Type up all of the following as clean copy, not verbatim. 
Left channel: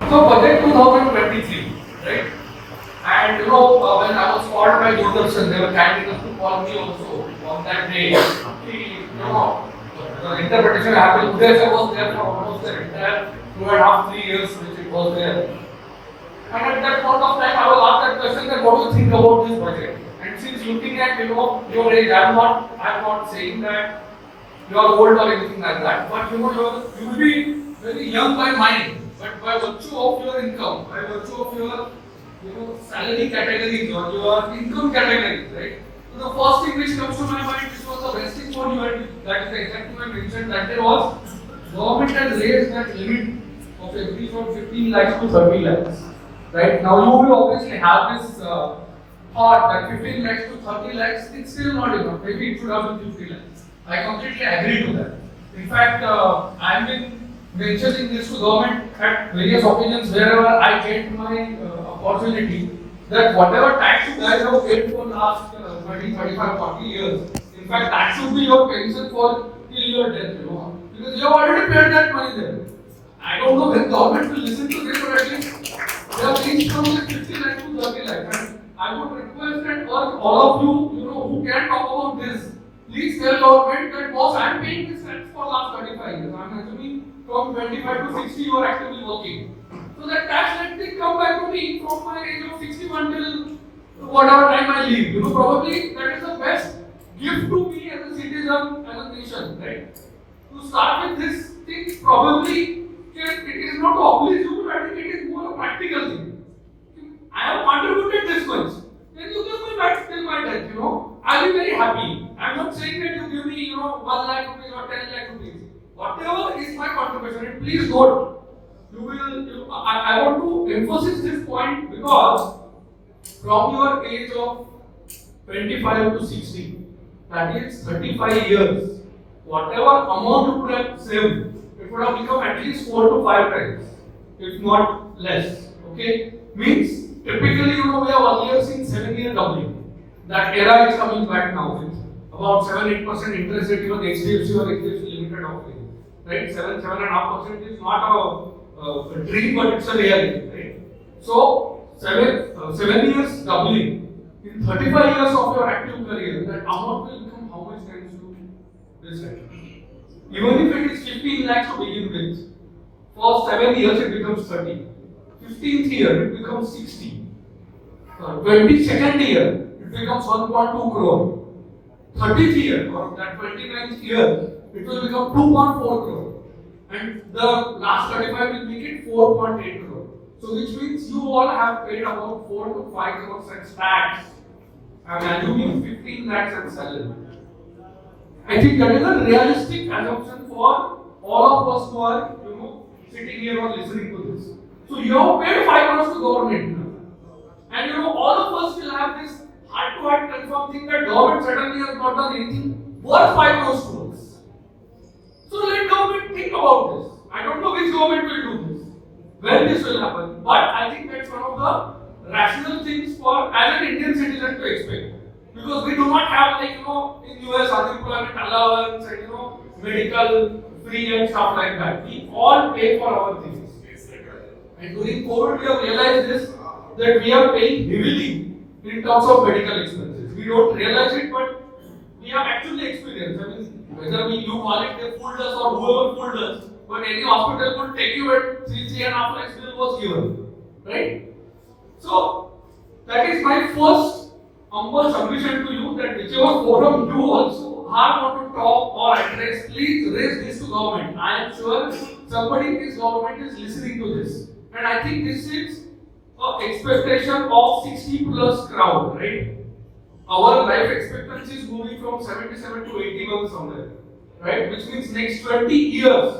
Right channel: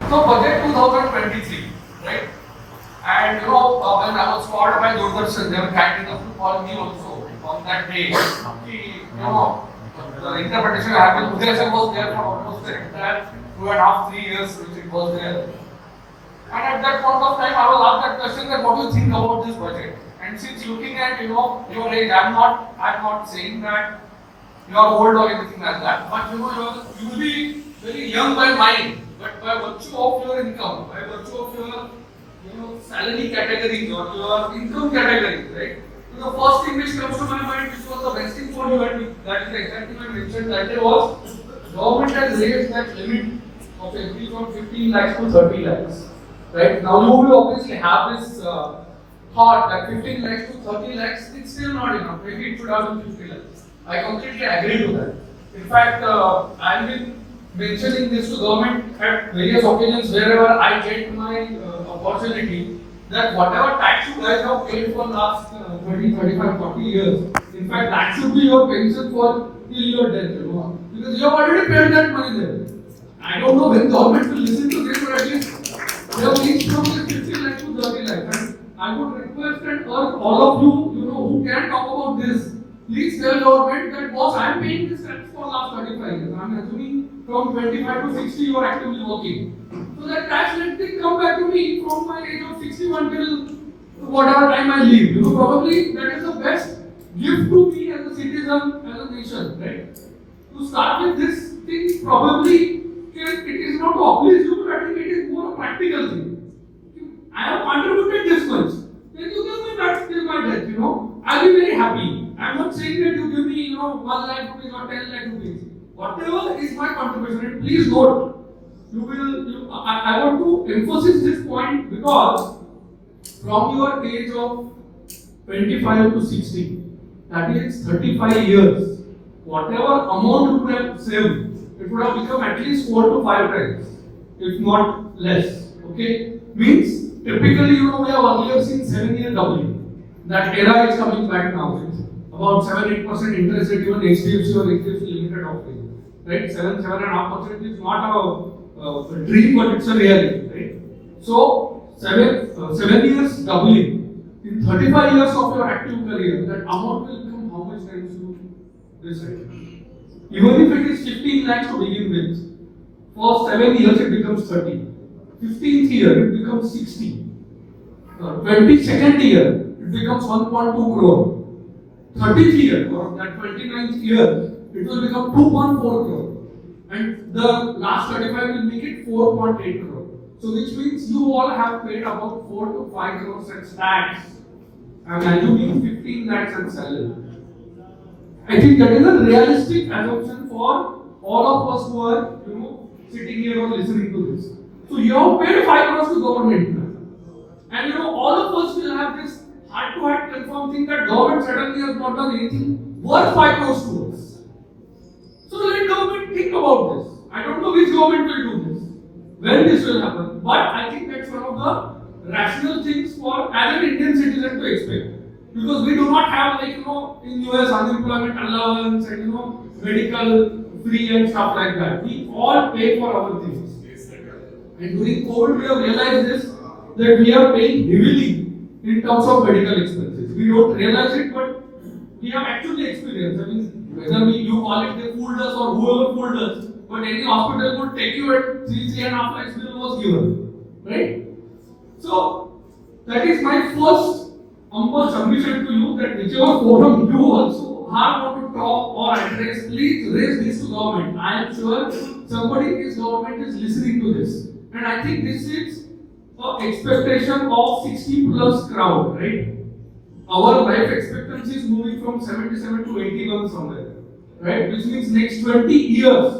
So budget 2023, right? And when I was called by Doordarshan, they were kind enough to call me also on that day. The interpretation happened. Uday sir was there for almost the entire 2.5, 3 years, which it was there. And at that point of time, I was asked that question that what do you think about this budget? And since looking at your age, I'm not saying that you are old or anything like that, but you will be very young by mind, but by virtue of your income, by virtue of your salary category or your income category, right? So the first thing which comes to my mind, which was the best thing for you, and that is the exact thing I mentioned that day was government has raised that limit of FD from 15 lakhs to 30 lakhs. Right now, you will obviously have this thought that 15 lakhs to 30 lakhs it's still not enough. Maybe it should have been 50 lakhs. I completely agree to that. In fact, I have been mentioning this to government at various occasions wherever I get my opportunity that whatever tax you guys have paid for last 20, 35, 40 years, in fact, that should be your pension for till your death, because you have already paid that money there. I don't know when government will listen to this, but at least they have reached from this 50 lakh to 30 lakh. And I would request and urge all of you, who can talk about this, please tell government that boss, I am paying this tax for last 35 years. I am assuming from 25 to 60 you are actively working. So that tax let it come back to me from my age of 61 till whatever time I leave. Probably that is the best gift to me as a citizen, as a nation, right? To start with this thing, probably it is not to oblige you, but I think it is more a practical thing. I have contributed this much. Then you give me back till my death, I'll be very happy. I'm not saying that you give me, 1 lakh rupees or 10 lakh rupees. Whatever is my contribution, and please note, I want to emphasize this point because from your age of 25 to 60, that is 35 years, whatever amount you would have saved, it would have become at least 4 to 5 times, if not less. Okay? Means, typically, we have earlier seen 7-year doubling. That era is coming back now with about 7-8% interest rate, even HDFC or HDFC Limited offering. Right? 7.5% is not a dream, but it's a reality. Right? So, 7 years doubling. In 35 years of your active career, that amount will become how much times you decide. Even if it is 15 lakhs to begin with, for 7 years it becomes 30. 15th year it becomes 60. 22nd year it becomes 1.2 crore. 30th year or that 29th year it will become 2.4 crore. And the last 35 will make it 4.8 crore. So which means you all have paid about 4 to 5 crores as tax. I'm assuming 15 lakhs as salary. I think that is a realistic assumption for all of us who are, sitting here or listening to this. So you have paid 5 crores to government. And all of us will have this heart-to-heart confirmed thing that government certainly has not done anything worth 5 crores to us. So let government think about this. I don't know which government will do this, when this will happen, but I think that's one of the rational things for as an Indian citizen to expect. Because we do not have in US unemployment allowance and medical free and stuff like that. We all pay for our things. And during COVID we have realized this, that we are paying heavily in terms of medical expenses. We don't realize it, but we have actually experienced. I mean, whether you call it they fooled us or whoever fooled us, but any hospital would take you at 3.5 lakhs bill was given. Right? So that is my first humble submission to you that whichever forum you also have not to talk or address, please raise this to government. I am sure somebody in this government is listening to this. And I think this is an expectation of 60 plus crowd, right? Our life expectancy is moving from 77 to 81 somewhere, right? Which means next 20 years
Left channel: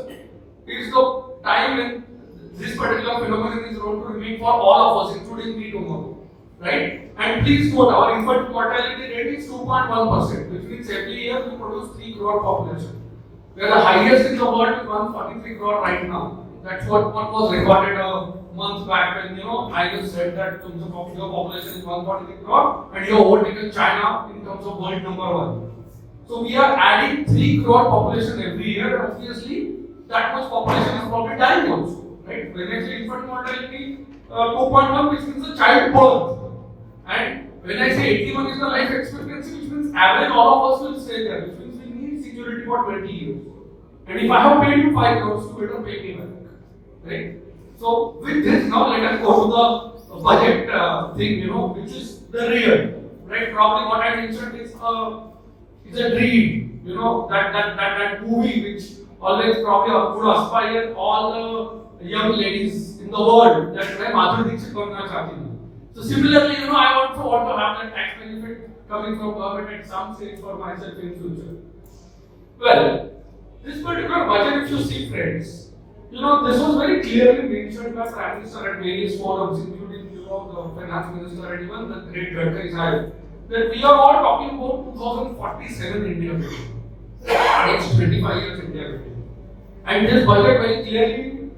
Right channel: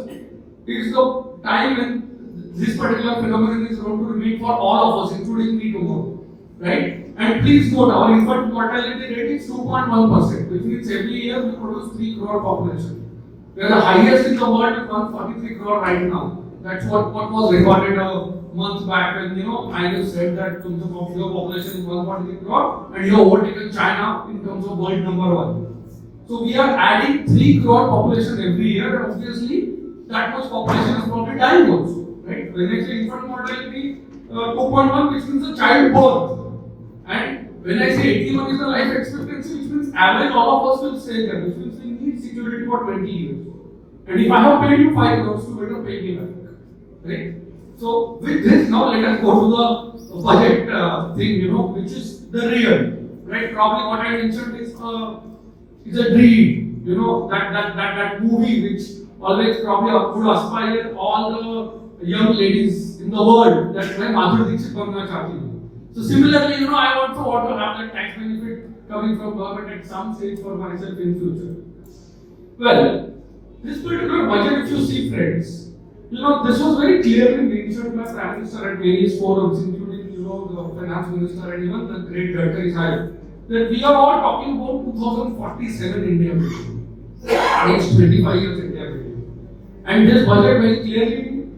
is the time when this particular phenomenon is going to remain for all of us, including me tomorrow, right? And please note, our infant mortality rate is 2.1%, which means every year we produce 3 crore population. We are the highest in the world with 143 crore right now. That's what was recorded a month back when I just said that your population is 143 crore and you have overtaken China in terms of world number 1. So we are adding 3 crore population every year, and obviously that much population is probably dying also, right? right? When I say infant mortality, 2.1, which means the child birth. And when I say 81 is the life expectancy, which means average all of us will stay there, which means we need security for 20 years. And if I have paid you 5 crores, you better pay me back. Right? So with this, now let us go to the budget thing, which is the real. Right? Probably what I mentioned is a dream. That movie which always probably would aspire all the young ladies in the world that मैं माधुरी दीक्षित बनना चाहती हूँ. So similarly, I also want to have that tax benefit coming from government at some stage for myself in future. Well, this particular budget, if you see, friends, this was very clearly mentioned by Prime Minister at various forums, including the Finance Minister and even the great Gadkari Sahib, that we are all talking about 2047 India vision, next 25 years India vision, and this budget very clearly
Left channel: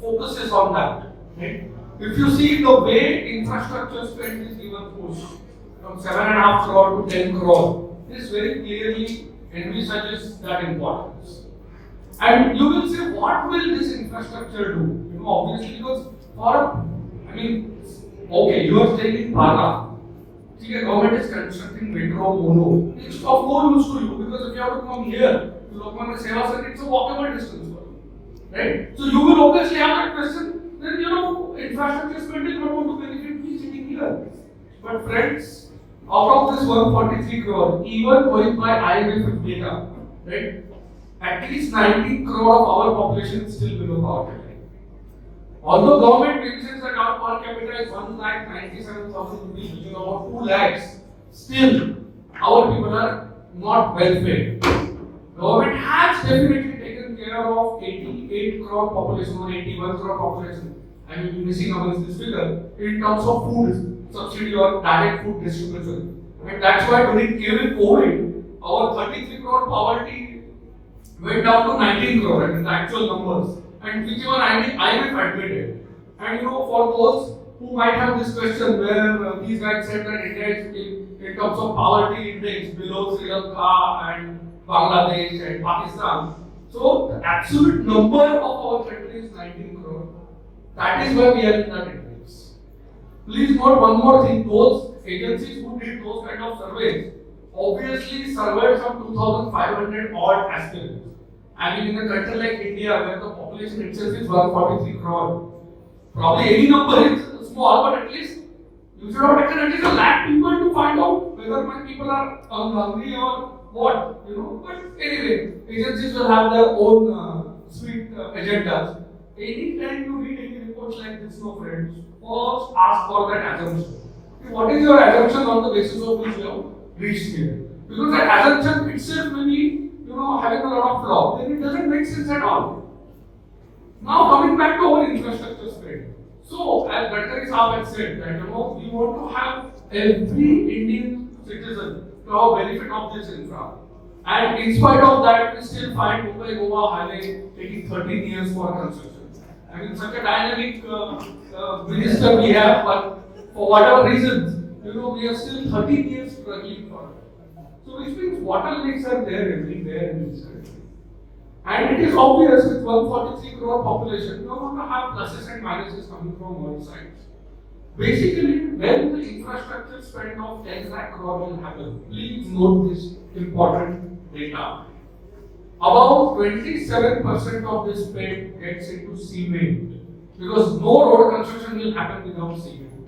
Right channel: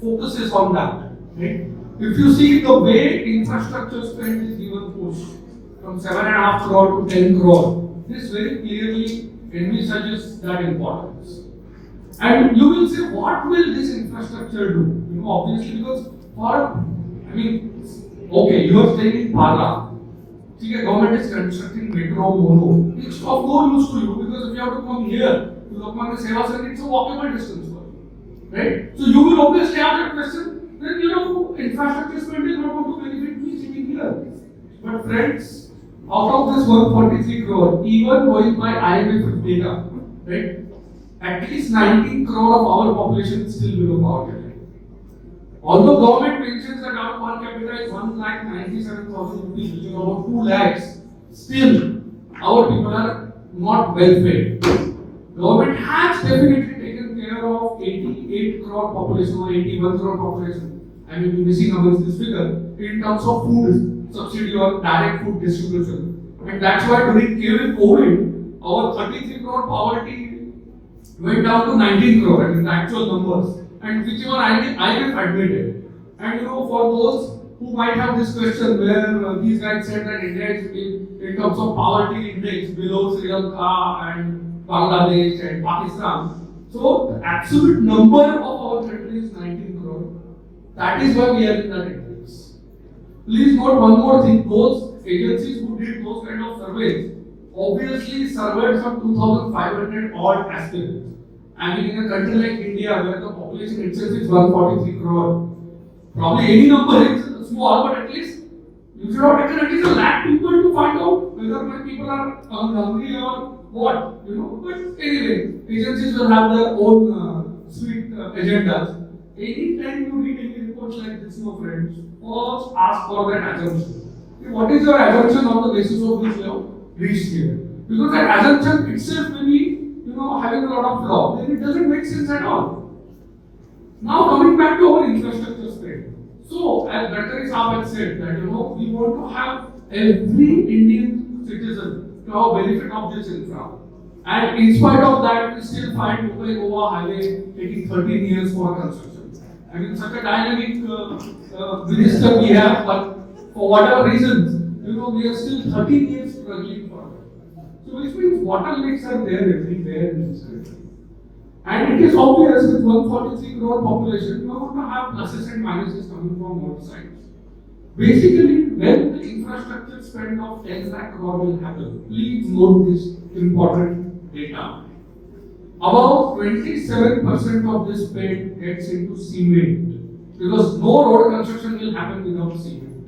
focuses on that. Right? If you see the way infrastructure spend is given push from 7.5 crore to 10 crore, this very clearly envisages that importance. And you will say, what will this infrastructure do? Obviously, because okay, you are staying in Bhagla. The government is constructing metro, mono. It's of no use to you because if you have to come here to Lokmanya Seva Center, it's a walkable distance for you. Right? So you will obviously have that question. Then infrastructure spend is not going to benefit me sitting here. But friends, out of this 143 crore, even going by IMF data, right, at least 19 crore of our population is still below poverty. Although government mentions that our per capita is 1,97,000 rupees, which is about 2 lakhs, still our people are not well fed. Government has definitely taken care of 88 crore population or 81 crore population. I may be missing amongst this figure in terms of food subsidy or direct food distribution. And that's why during COVID, our 33 crore poverty went down to 19 crore in the actual numbers, and which were IMF admitted. And for those who might have this question where these guys said that India is in terms of poverty index below Sri Lanka and Bangladesh and Pakistan. So the absolute number of our country is 19 crore. That is why we are in that index. Please note one more thing. Those agencies who did those kind of surveys obviously surveyed some 2,500 odd aspirants. I mean, in a country like India where the population itself is 143 crore, probably any number is small, but at least you should have taken at least 1 lakh people to find out whether my people are hungry or what, But anyway, agencies will have their own sweet agendas. Anytime you read any reports like this, friends, first ask for that assumption. What is your assumption on the basis of which you have reached here? Because that assumption itself may be, having a lot of flaw. Then it doesn't make sense at all. Now coming back to our infrastructure spend. So, as Gadkari Sahab had said that we want to have every Indian citizen to have benefit of this infra. And in spite of that, we still find Mumbai-Goa highway taking 13 years for construction. I mean, such a dynamic minister we have, but for whatever reasons, we are still 13 years struggling for that. So, which means bottlenecks are there everywhere in this country. And it is obvious with 143 crore population, we are going to have pluses and minuses coming from all sides. Basically, when the infrastructure spend of 10 lakh crore will happen, please note this important data. About 27% of this spend gets into cement, because no road construction will happen without cement.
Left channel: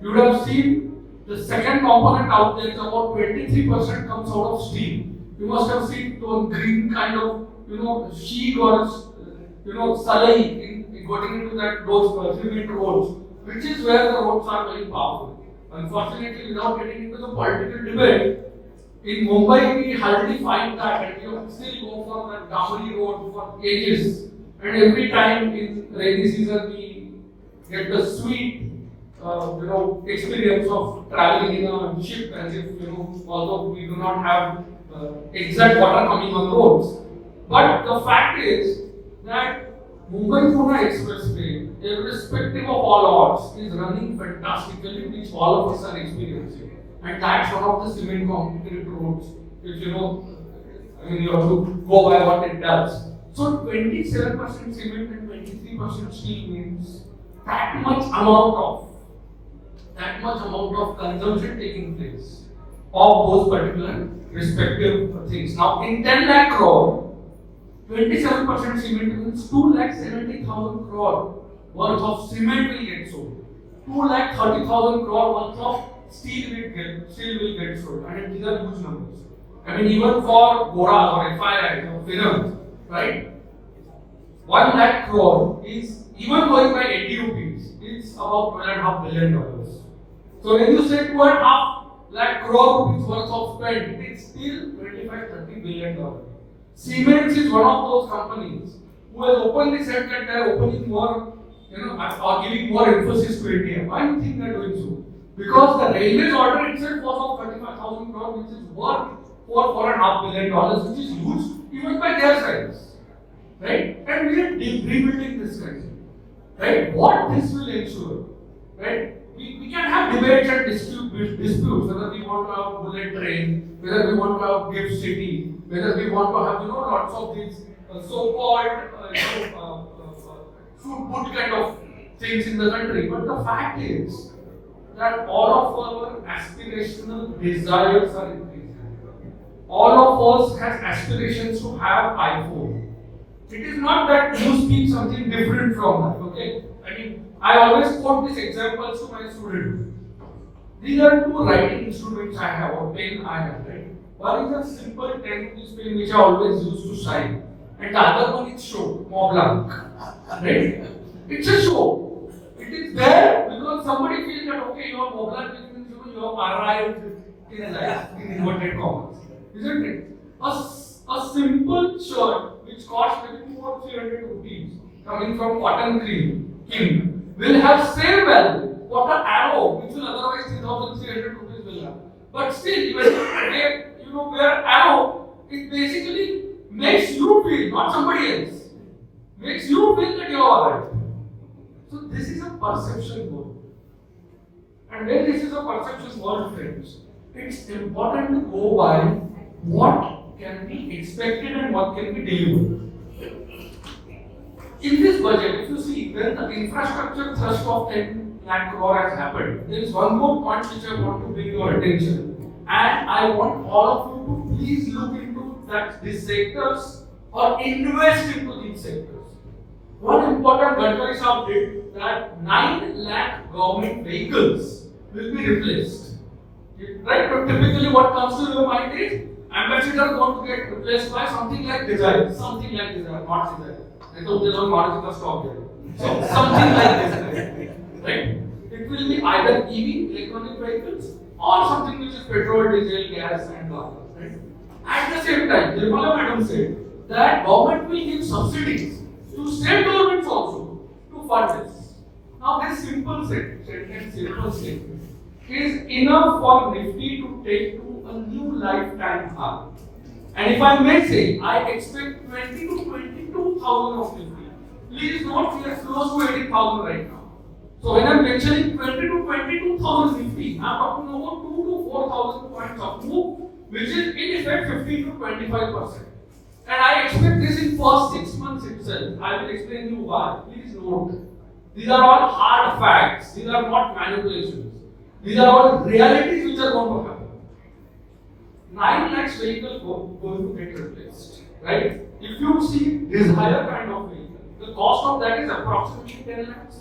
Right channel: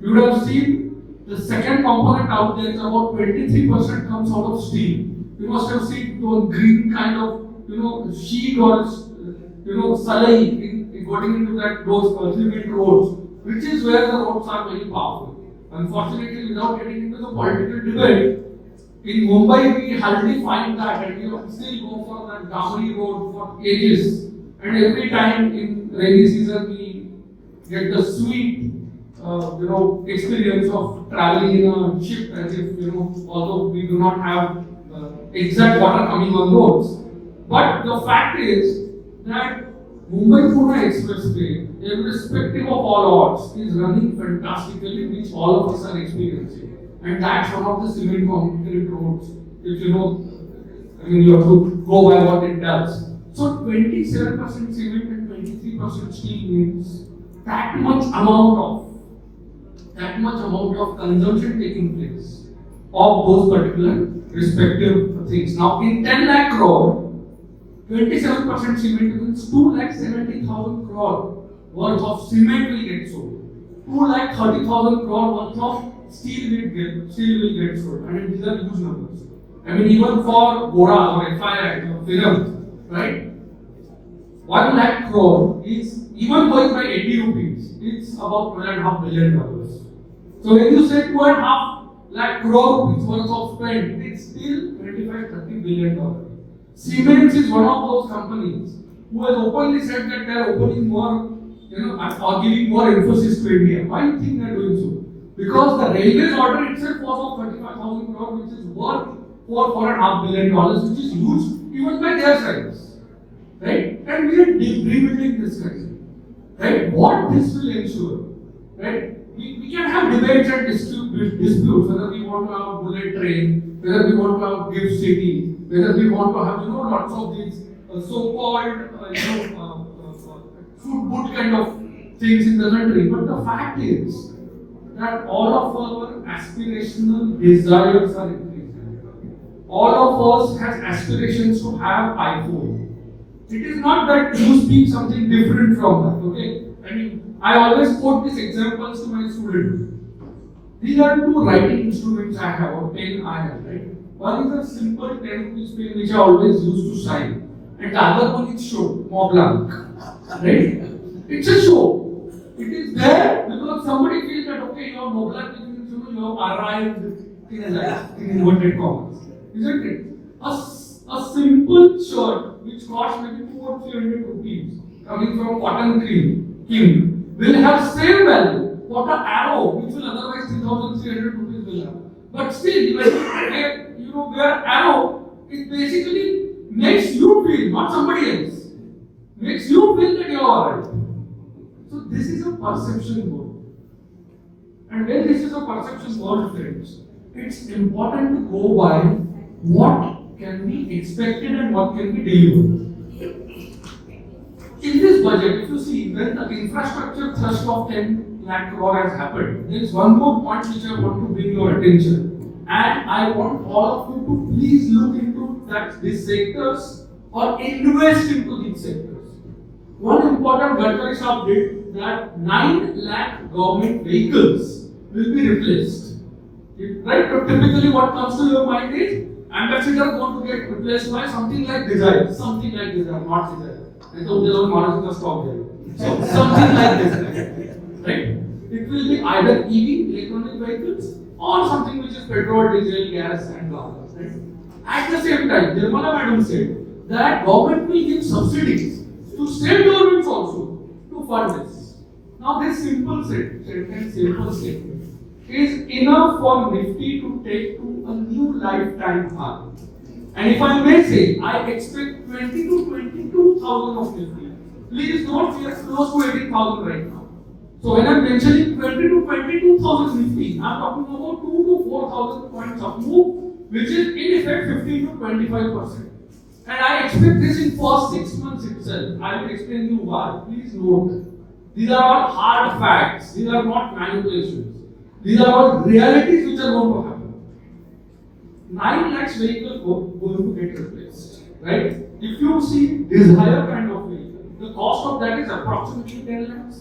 You would have seen the second component out there is about 23% comes out of steel. You must have seen those green kind of sheet or salai going into those cement roads, which is where the roads are very powerful. Unfortunately, without getting into the political debate, in Mumbai we hardly find that, and we still go for that Damri road for ages. And every time in rainy season we get the sweet, experience of traveling in a ship, as if although we do not have exact water coming on roads. But the fact is that Mumbai-Pune Expressway, irrespective of all odds, is running fantastically, which all of us are experiencing. And that's one of the cement concrete roads, which you have to go by what it does. So 27% cement and 23% 80% steel means that much amount of consumption taking place of those particular respective things. Now, in 10 lakh crore, 27% cement means 2,70,000 crore worth of cement will get sold. 2,30,000 crore worth of steel will get sold. I mean, these are huge numbers. I mean, even for Gora or FII or film, right? 1 lakh crore is even going by 80 rupees. It's about $12.5 billion. So when you say 2.5 lakh crore rupees worth of spend, it's still $25-30 billion. Siemens is one of those companies who has openly said that they are opening more, are giving more emphasis to India. Why do you think they are doing so? Because the railways order itself was of 35,000 crore, which is worth $4.5 billion, which is huge even by their size. Right? And we are rebuilding this country. Right? What this will ensure, right? We can have debates and disputes whether we want to have bullet train, whether we want to have gift city, whether we want to have lots of these so-called fruit boot kind of things in the country. But the fact is that all of our aspirational desires are increasing. All of us has aspirations to have iPhone. It is not that you speak something different from that, okay? I mean, I always quote these examples to my students. These are two writing instruments I have, or pen I have, right? One is a simple 10 rupees pen which I always use to sign, and the other one is show, Mont Blanc, right? It's a show. It is there because somebody feels that, okay, your Mont Blanc means you have arrived in inverted commas, isn't it? A simple shirt which costs maybe 200 or 300 rupees coming from Cotton King will have same value what an arrow which will otherwise 3,300 rupees will have. But still, when you wear arrow, it basically makes you feel, not somebody else, makes you feel that you are alright. So this is a perception world. And when this is a perception world, friends, it's important to go by what can be expected and what can be delivered. In this budget, if you see, when the infrastructure thrust of 10 lakh crore has happened, there is one more point which I want to bring your attention. And I want all of you to please look into these sectors or invest into these sectors. One important Gadkari Sahab did that 9 lakh government vehicles will be replaced. Right? But typically what comes to your mind is ambassador going to get replaced by something like Desire, not Desire. So something like this, right? It will be either EV, electronic vehicles, or something which is petrol, diesel, gas, and blah, right? At the same time, Nirmala Madam said that government will give subsidies to state governments also to fund this. Now, this simple statement is enough for Nifty to take to a new lifetime high. And if I may say, I expect 20 to 22,000 of Nifty. Please note we are close to 80,000 right now. So when I am mentioning 20 to 22,000 Nifty, I am talking about 2 to 4,000 points of move, which is in effect 15 to 25%. And I expect this in first 6 months itself. I will explain you why. Please note, these are all hard facts. These are not manipulations. These are all realities which are going to happen. 9 lakhs vehicle going to get replaced, right? If you see Desire kind of vehicle, the cost of that is approximately 10 lakhs,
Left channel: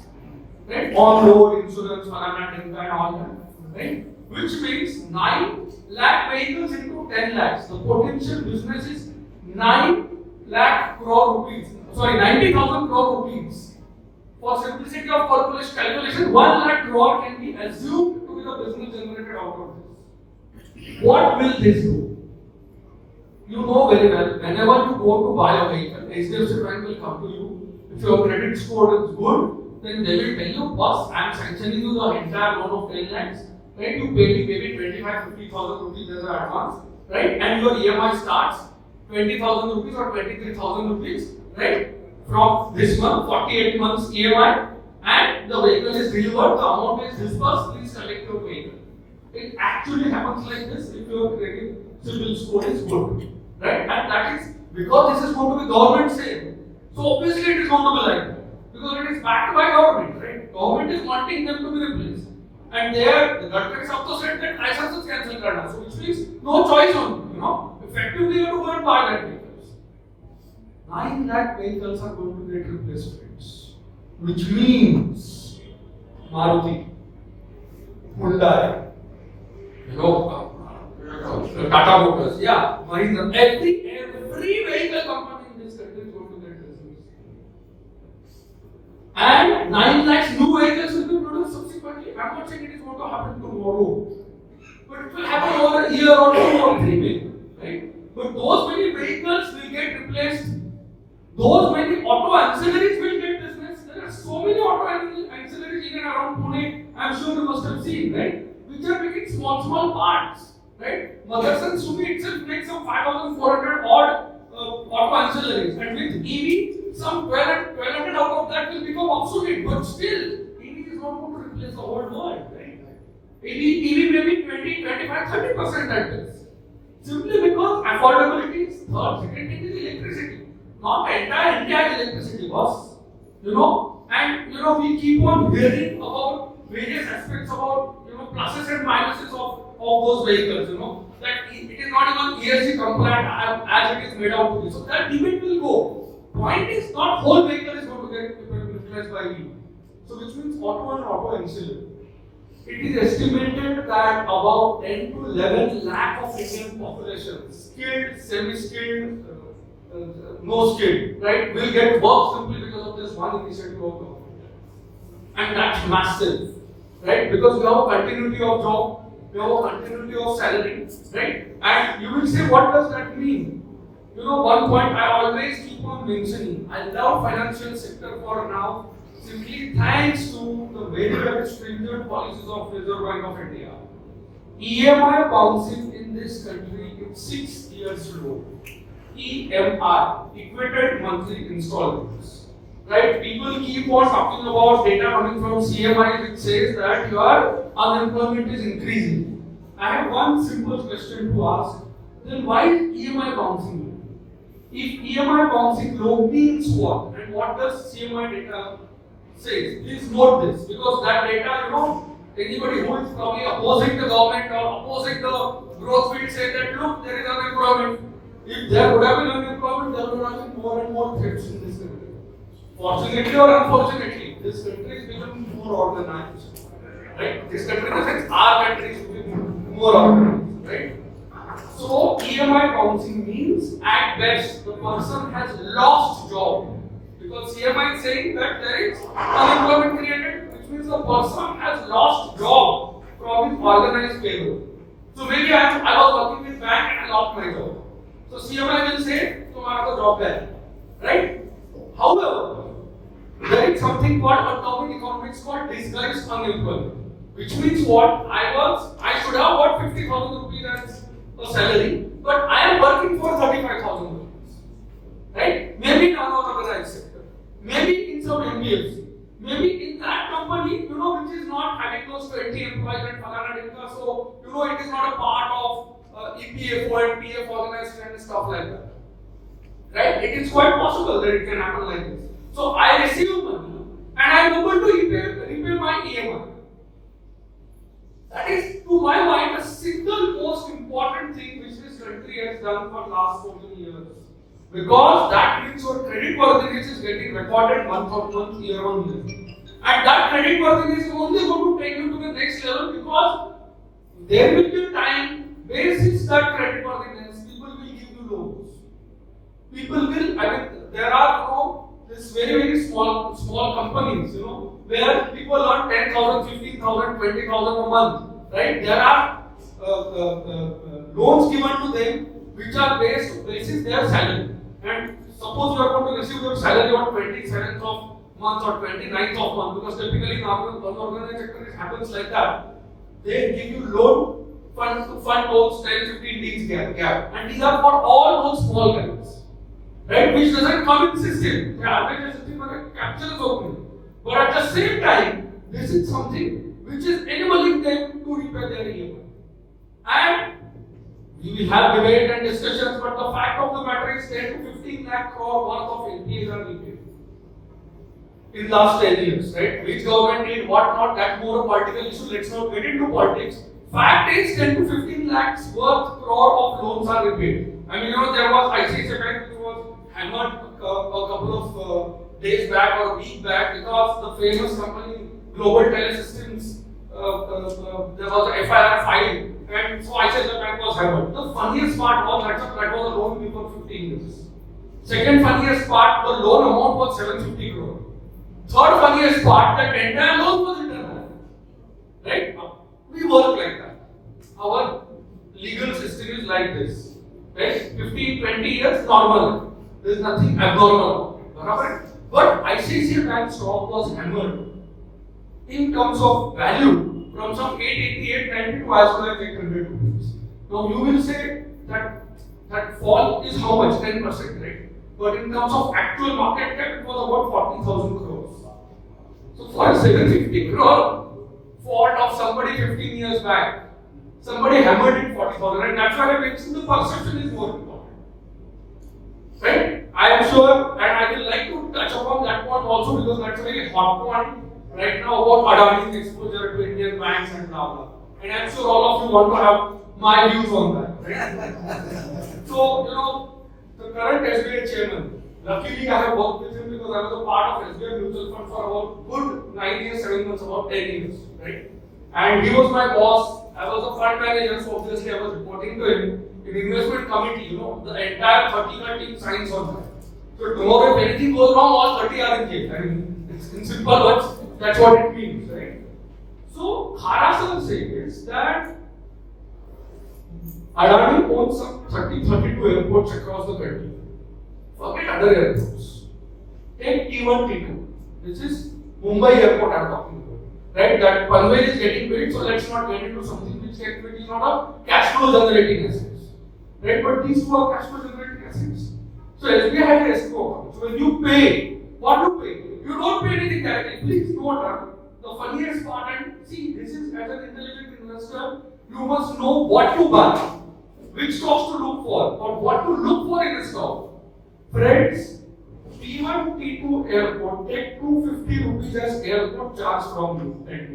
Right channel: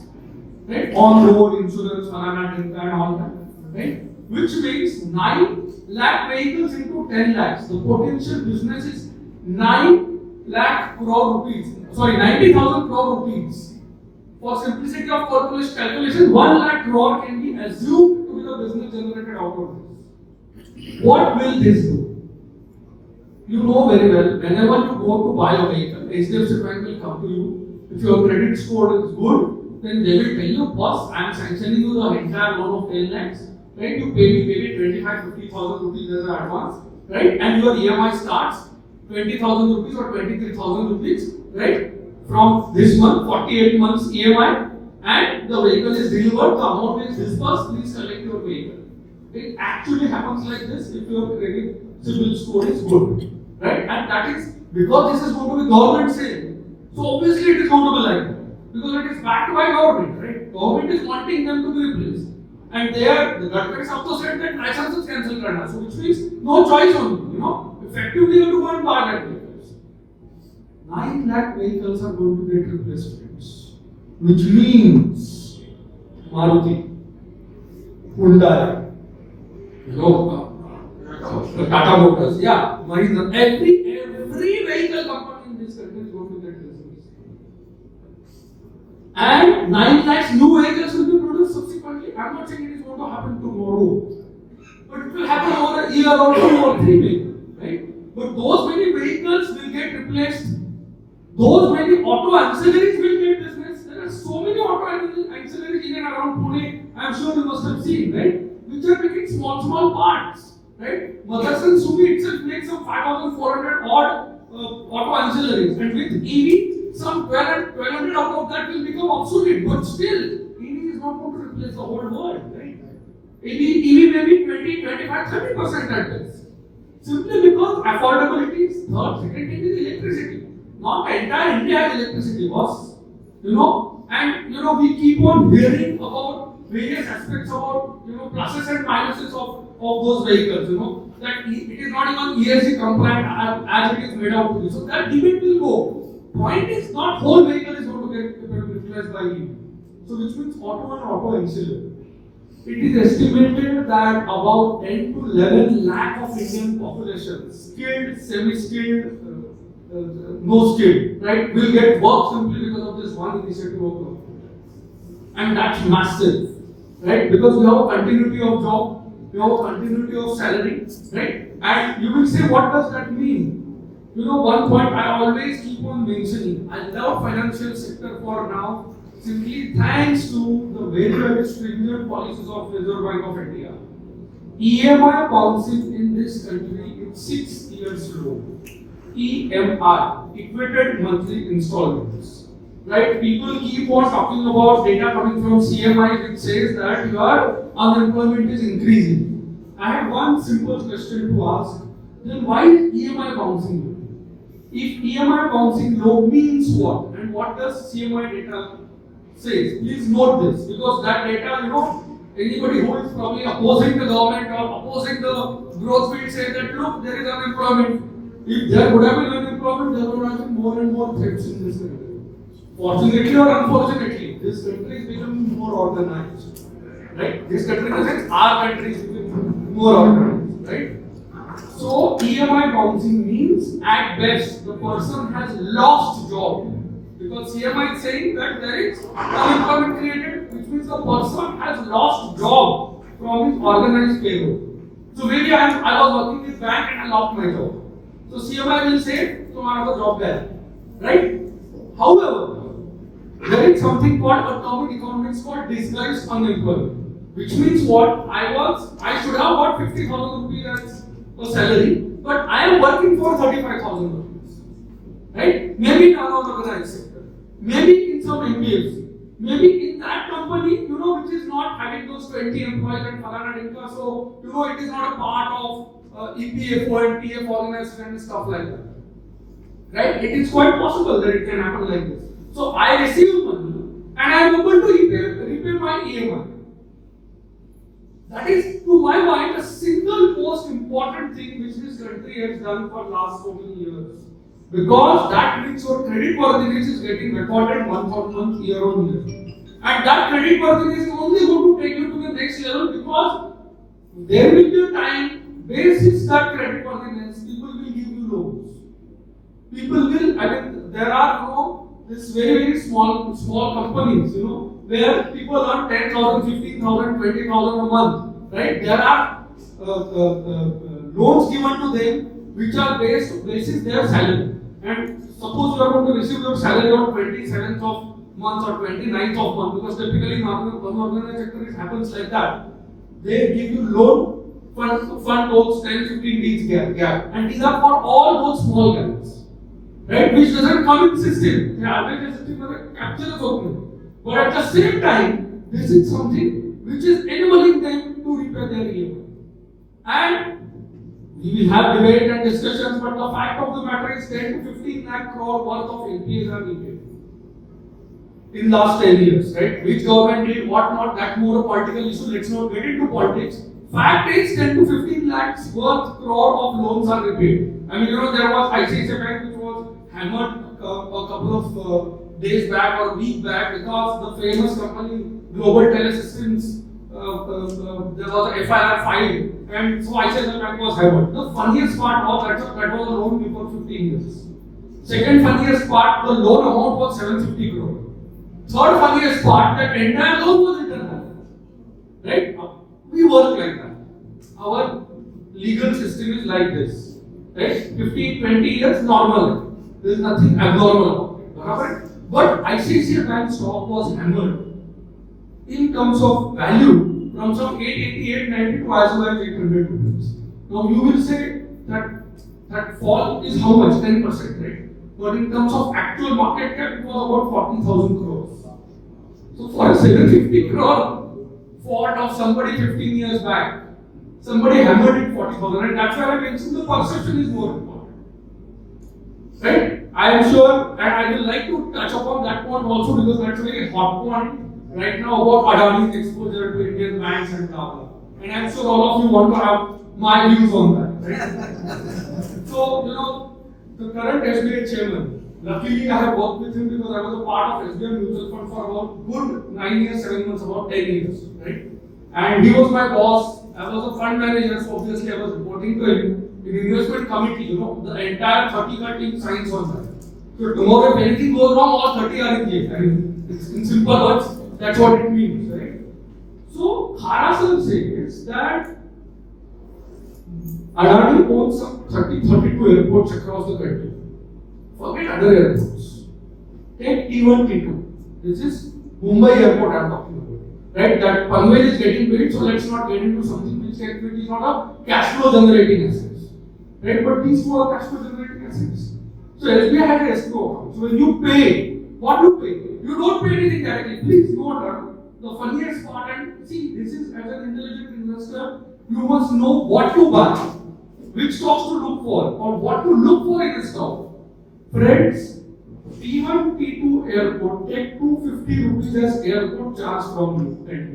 right? On road insurance, and all that, right? Which means 9 lakh vehicles into 10 lakhs. The potential business is 9 lakh crore rupees. Sorry, 90,000 crore rupees. For simplicity of calculation, 1 lakh crore can be assumed to be the business generated out of this. What will this do? You know very well, whenever you go to buy a vehicle, HDFC Bank will come to you. If your credit score is good, then they will tell you, plus I am sanctioning you the entire loan of 10 lakhs, right? You pay me maybe 25,000-50,000 rupees as an advance, right? And your EMI starts 20,000 rupees or 23,000 rupees, right? From this month, 48 months EMI, and the vehicle is delivered, the amount is disbursed, please collect your vehicle. It actually happens like this if your credit CIBIL score is good, right? And that is because this is going to be government sale. So obviously it is going to be like that. because it is backed by government, right? Government is wanting them to be replaced. And there, the Gadkari also said that license is cancelled karna, so which means no choice on, effectively you have to go and buy that vehicles. 9 lakh vehicles are going to get replaced, friends. Which means Maruti, Hyundai, Tata Motors, yeah, Mahindra, every vehicle company in this country is going to get business. And 9 lakhs new vehicles will be produced subsequently. I'm not saying it is going to happen tomorrow, but it will happen over a year or 2 or 3 maybe, right? But those many vehicles will get replaced. Those many auto ancillaries will get business. There are so many auto ancillaries in and around Pune. I'm sure you must have seen, right? Which are making small parts, right? Motherson Sumi itself makes some 5,400 odd auto ancillaries, and with EV, some 1,200 out of that will become obsolete. But still, EV is not going to replace the whole world, right? EV may be 20, 25, 30% at best. Simply because affordability is third. Second thing is electricity. Not the entire India is electricity, boss. And we keep on hearing about various aspects about pluses and minuses of those vehicles. That it is not even ESG compliant as it is made out to be. So that debate will go. Point is not whole vehicle is going to get utilized by EV. So which means auto and auto ancillary. It is estimated that about 10 to 11 lakh of Indian population, skilled, semi-skilled, no skilled, right, will get work simply because of this one initiative of government. And that's massive, right? Because we have a continuity of job, we have a continuity of salary, right? And you will say, what does that mean? One point I always keep on mentioning, I love financial sector for now, simply thanks to the very stringent policies of Reserve Bank of India. EMI bouncing in this country is 6 years low. EMI, equated monthly installments. Right? People keep on talking about data coming from CMI which says that your unemployment is increasing. I have one simple question to ask. Then why is EMI bouncing low? If EMI bouncing low means what? And what does CMI data say? Please note this, because that data, anybody who is probably opposing the government or opposing the growth will say that look, there is unemployment. If there would have been unemployment, there would have been more and more threats in this country. Fortunately or unfortunately, this country is becoming more organized. Right? This country, our country is becoming more organized. Right? So EMI bouncing means at best the person has lost job. Because CMI is saying that there is unemployment created, which means the person has lost job from his organized payroll. So maybe I was working with bank and I lost my job. So CMI will say, so I have a job there. Right? However, there is something called a term in economics called disguised unemployment. Which means what? I should have got 50,000 rupees as a salary, but I am working for 35,000 rupees. Right? Maybe in unorganized sector. Maybe in some NBFC. Maybe in that company, which is not having those 20 employees and Falana Dinka, so, it is not a part of EPFO and PF organization and stuff like that. Right? It is quite possible that it can happen like this. So I receive money and I am able to repay my EMI. That is, to my mind, the single most important thing which this country has done for last so many years. Because that means your credit worthiness is getting recorded month on month, year on year. And that credit worthiness is only going to take you to the next level because there will be a time, basis that credit worthiness, people will give you loans. People will, there are this very small companies, where people earn 10,000, 15,000, 20,000 a month, right? There are loans given to them which are basis their salary. And suppose you are going to receive your salary on 27th of month or 29th of month, because typically in unorganized sector it happens like that. They give you loan, fund those 10, 15 days gap. And these are for all those small guys. Right, which doesn't come in system. The average system will capture the opening. But at the same time, this is something which is enabling them to repay their EMI. And we will have debate and discussions, but the fact of the matter is 10 to 15 lakh crore worth of NPAs are repaid. in last 10 years, right? Which government did what not, that more a political issue, let's not get into politics. Fact is 10 to 15 lakhs worth crore of loans are repaid. I mean, there was ICICI Bank which was hammered a couple of days back or a week back because the famous company Global Telesystems, there was a FIR filed and so ICICI Bank was hammered. The funniest part was that was a loan before 15 years. Second funniest part, the loan amount was 750 crore. Third funniest part, that entire loan was written off. Right? We work like that. Our legal system is like this. Right? 15, 20 years, normal. There is nothing abnormal. Right? But ICICI Bank stock was hammered in terms of value from some 888, 90 to as low as 800 rupees. Now you will say that fall is how much? 10%, right? But in terms of actual market cap, it was about 40,000 crores. So for a 750 crore fault of somebody 15 years back, somebody hammered it 40,000, and that's why I mentioned the perception is more important. Right? I am sure, and I will like to touch upon that point also because that's a very hot point right now about Adani's exposure to Indian banks and blah blah. And I'm sure all of you want to have my views on that. Right? So, the current SBI chairman, luckily I have worked with him because I was a part of SBI Mutual Fund for about good 9 years, 7 months, about 10 years. Right? And he was my boss. I was a fund manager, so obviously I was reporting to him. In investment committee, the entire 30 team signs on that. So tomorrow if anything goes wrong, all 30 are in jail. I mean, it's in simple words, that's what it means, right? So Kharasan says that Adani owns some 32 airports across the country. Forget other airports. Take T1, T2. This is Mumbai airport I'm talking about. Right? That Panvel is getting paid, so let's not get into something which is not a cash flow generating assets. Right? But these two are cash flow generating assets. So SBI has an escrow account. So when you pay, what you pay? You don't pay anything directly. Please note that. The funniest part, and see, this is as an intelligent investor, you must know what to buy, which stocks to look for, or what to look for in a stock. Friends, T1, T2 airport take 250 rupees as airport charge from you,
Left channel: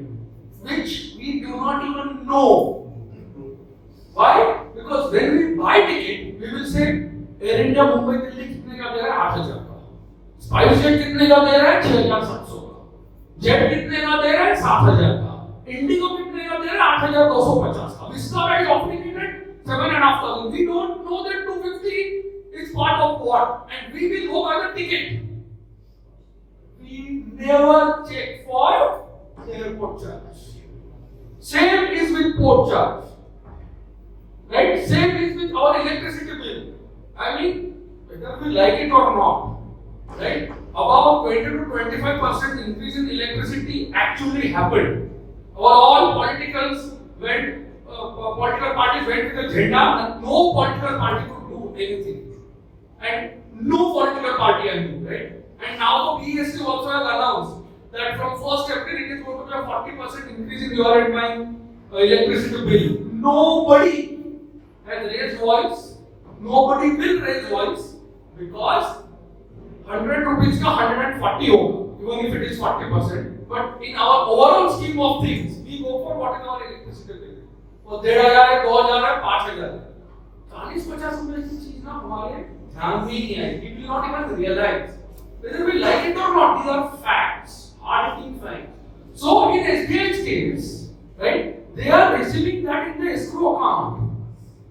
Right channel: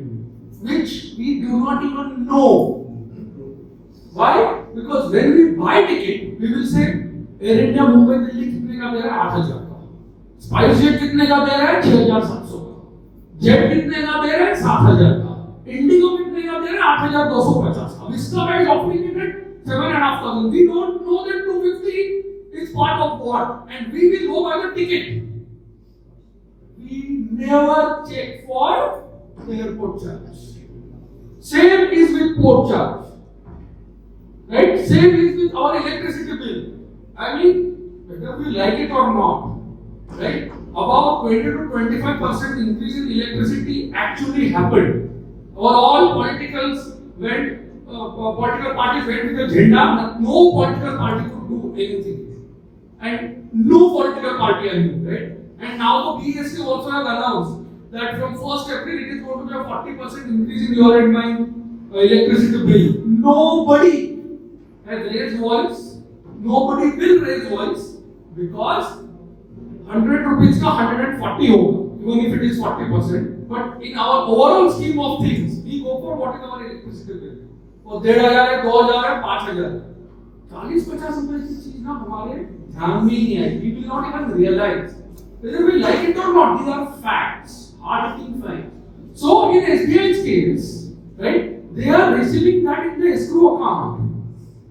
which we do not even know. Why? Because when we buy ticket, we will say Air India Mumbai Delhi कितने का दे रहा है 8,000 का, SpiceJet कितने का दे रहा है 6,700 का, जेट कितने का दे रहा है 7,000 का, इंडिगो कितने का दे रहा है 8,250 का. इसका price offering it 7,500. We don't know that 250 is part of what, and we will go by the ticket. We never check for airport charge. Same is with port charge. Right? Same is with our electricity bill. I mean, whether we like it or not, right? About 20 to 25% increase in electricity actually happened. All politicals went, political parties went with the agenda, but no political party could do anything. And no political party I knew, right? And now the BSC also has announced that from 1st April it is going to be a 40% increase in your and my electricity bill. Nobody has raised voice. Nobody will raise voice because 100 rupees ka 140 hoga, even if it is 40%. But in our overall scheme of things, we go for what is our electricity bill. वो 1,500 है, 2,000 है, 5,000. 40-50 रुपए की चीज ना हमारे ध्यान में ही नहीं आई. We will not even realize whether we like it or not. These are facts, hard-hitting facts. So in SBI's case, right, they are receiving that in the escrow account.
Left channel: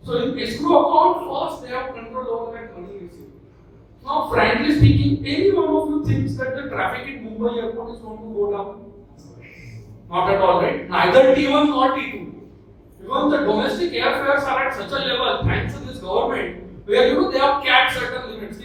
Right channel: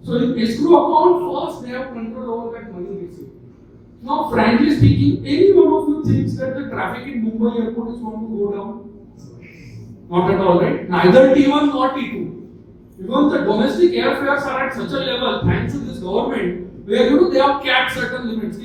So in escrow account, first they have control over that money received. Now, frankly speaking, any one of you thinks that the traffic in Mumbai airport is going to go down? Not at all, right? Neither T1 nor T2. Because the domestic airfares are at such a level, thanks to this government, where they have capped certain limits.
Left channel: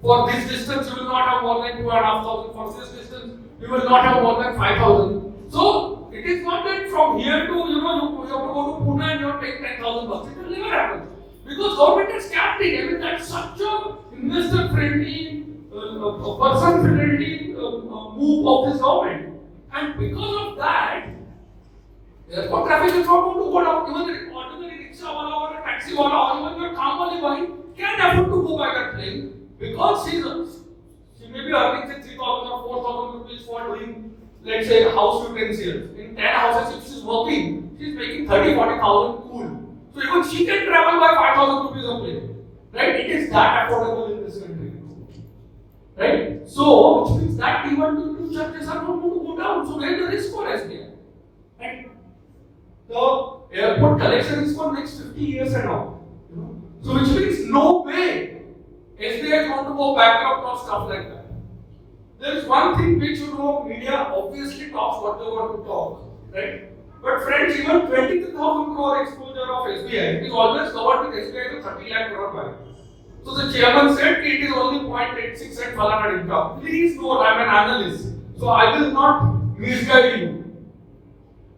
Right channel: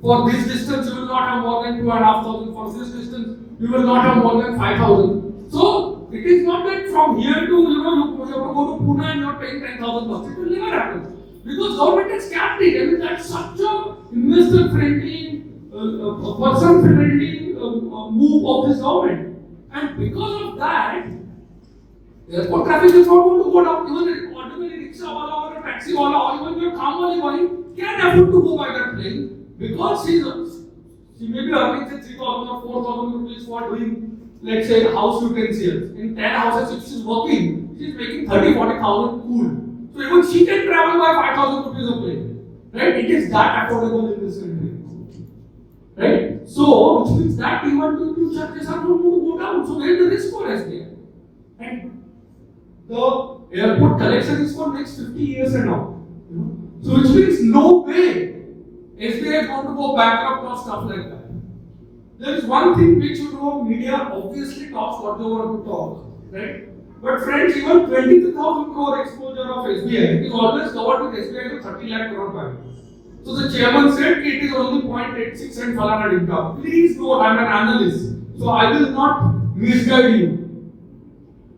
For this distance, you will not have more than 2,500. For this distance, you will not have more than 5,000. So it is not like from here to you have to go to Pune and you are paying 10,000 bucks. It will never happen because government has capped it. I mean that's such a investor friendly, person friendly move of this government, and because of that, airport traffic is not going to go down. Even the ordinary rickshaw wala or a taxi wala or even your kaam wali boy can afford to go by that plane because his She may be earning say 3,000 or 4,000 rupees for doing, let's say, house utensils. In 10 houses, if she's working, she's making 30,000-40,000 cool. So even she can travel by 5,000 rupees a plane. Right? It is that affordable in this country. Right? So, which means that even to charges are not going to go down. So, where is the risk for SBI? And the airport collection is for next 50 years and all. So, which means no way SBI is going to go bankrupt or stuff like that. There is one thing which media obviously talks what they want to talk, right? But friends, even 23,000 crore exposure of SBI is always covered with SBI to 30 lakh crore balance. So the chairman said it is only 0.86 and fallen income. Please note, I am an analyst, so I will not misguide you.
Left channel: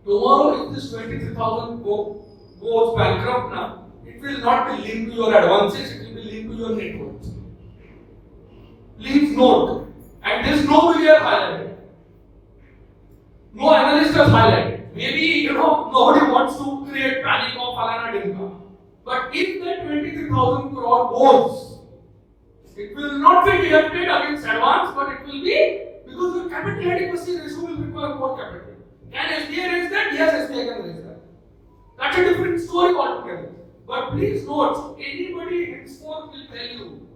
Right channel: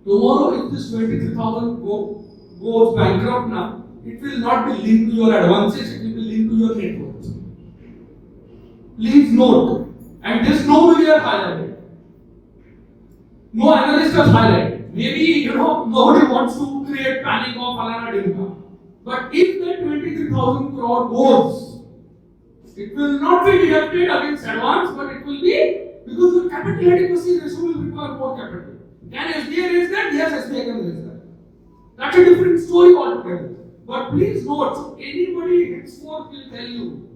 Tomorrow, if this 23,000 goes bankrupt now, it will not be linked to your advances, it will be linked to your net worth. Please note, and this nobody has highlighted. No analyst has highlighted. Maybe nobody wants to create panic of fallen income. But if that 23,000 crore goes, it will not be deducted against advance, but it will be because your capital adequacy ratio will require more capital. Can SBI raise that? Yes, SBI can raise that. That's a different story altogether. But please note, anybody henceforth will tell you,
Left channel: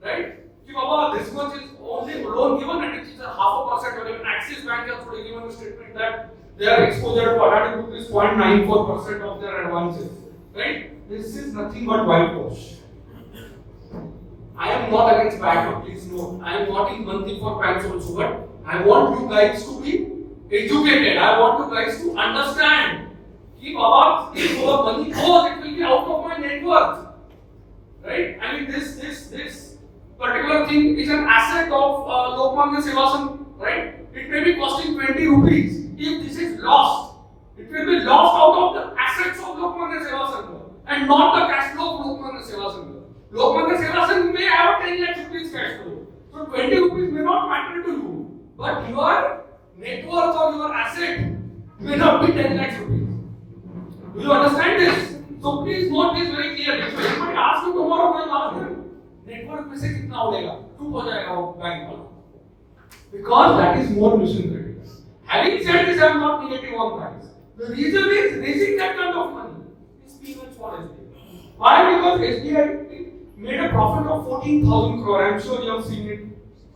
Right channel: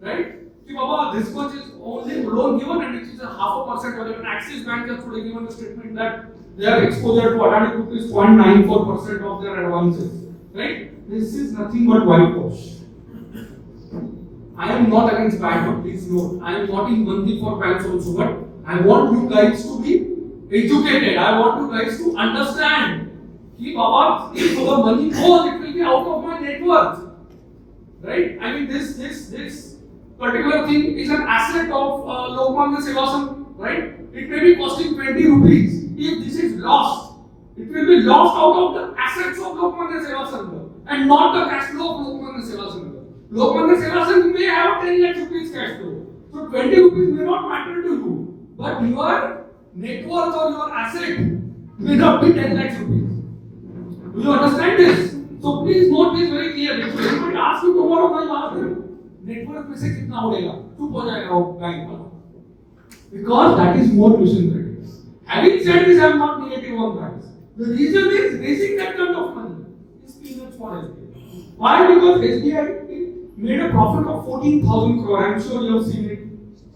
right? Baba, this much is only loan given and it is a 0.5% or even Axis Bank has today given a statement that their exposure to Adani Group is 0.94% of their advances. Right? This is nothing but whitewash. I am not against bank, please note. I am not in money for banks also, but I want you guys to be educated. I want you guys to understand. Baba, if the money goes, it will be out of my net worth. Right? I mean, this particular thing is an asset of Lokmanya Seva, right? It may be costing 20 rupees. If this is lost, it will be lost out of the assets of Lokmanya Seva and not the cash flow of Lokmanya Seva. Lokmanya Seva may have 10 lakh rupees cash flow. So 20 rupees may not matter to you, but your net worth or your asset may not be 10 lakh rupees. Do you understand this? So please note this very clearly. So if I ask you tomorrow, I will ask you, net worth में से कितना उड़ेगा? चुप हो जाएगा वो bank वाला. Because that is more mission critical. Having said this, I am not negative on banks. The reason is raising that kind of money is peanuts for SBI. Why? Because SBI made a profit of 14,000 crore. I am sure you have seen it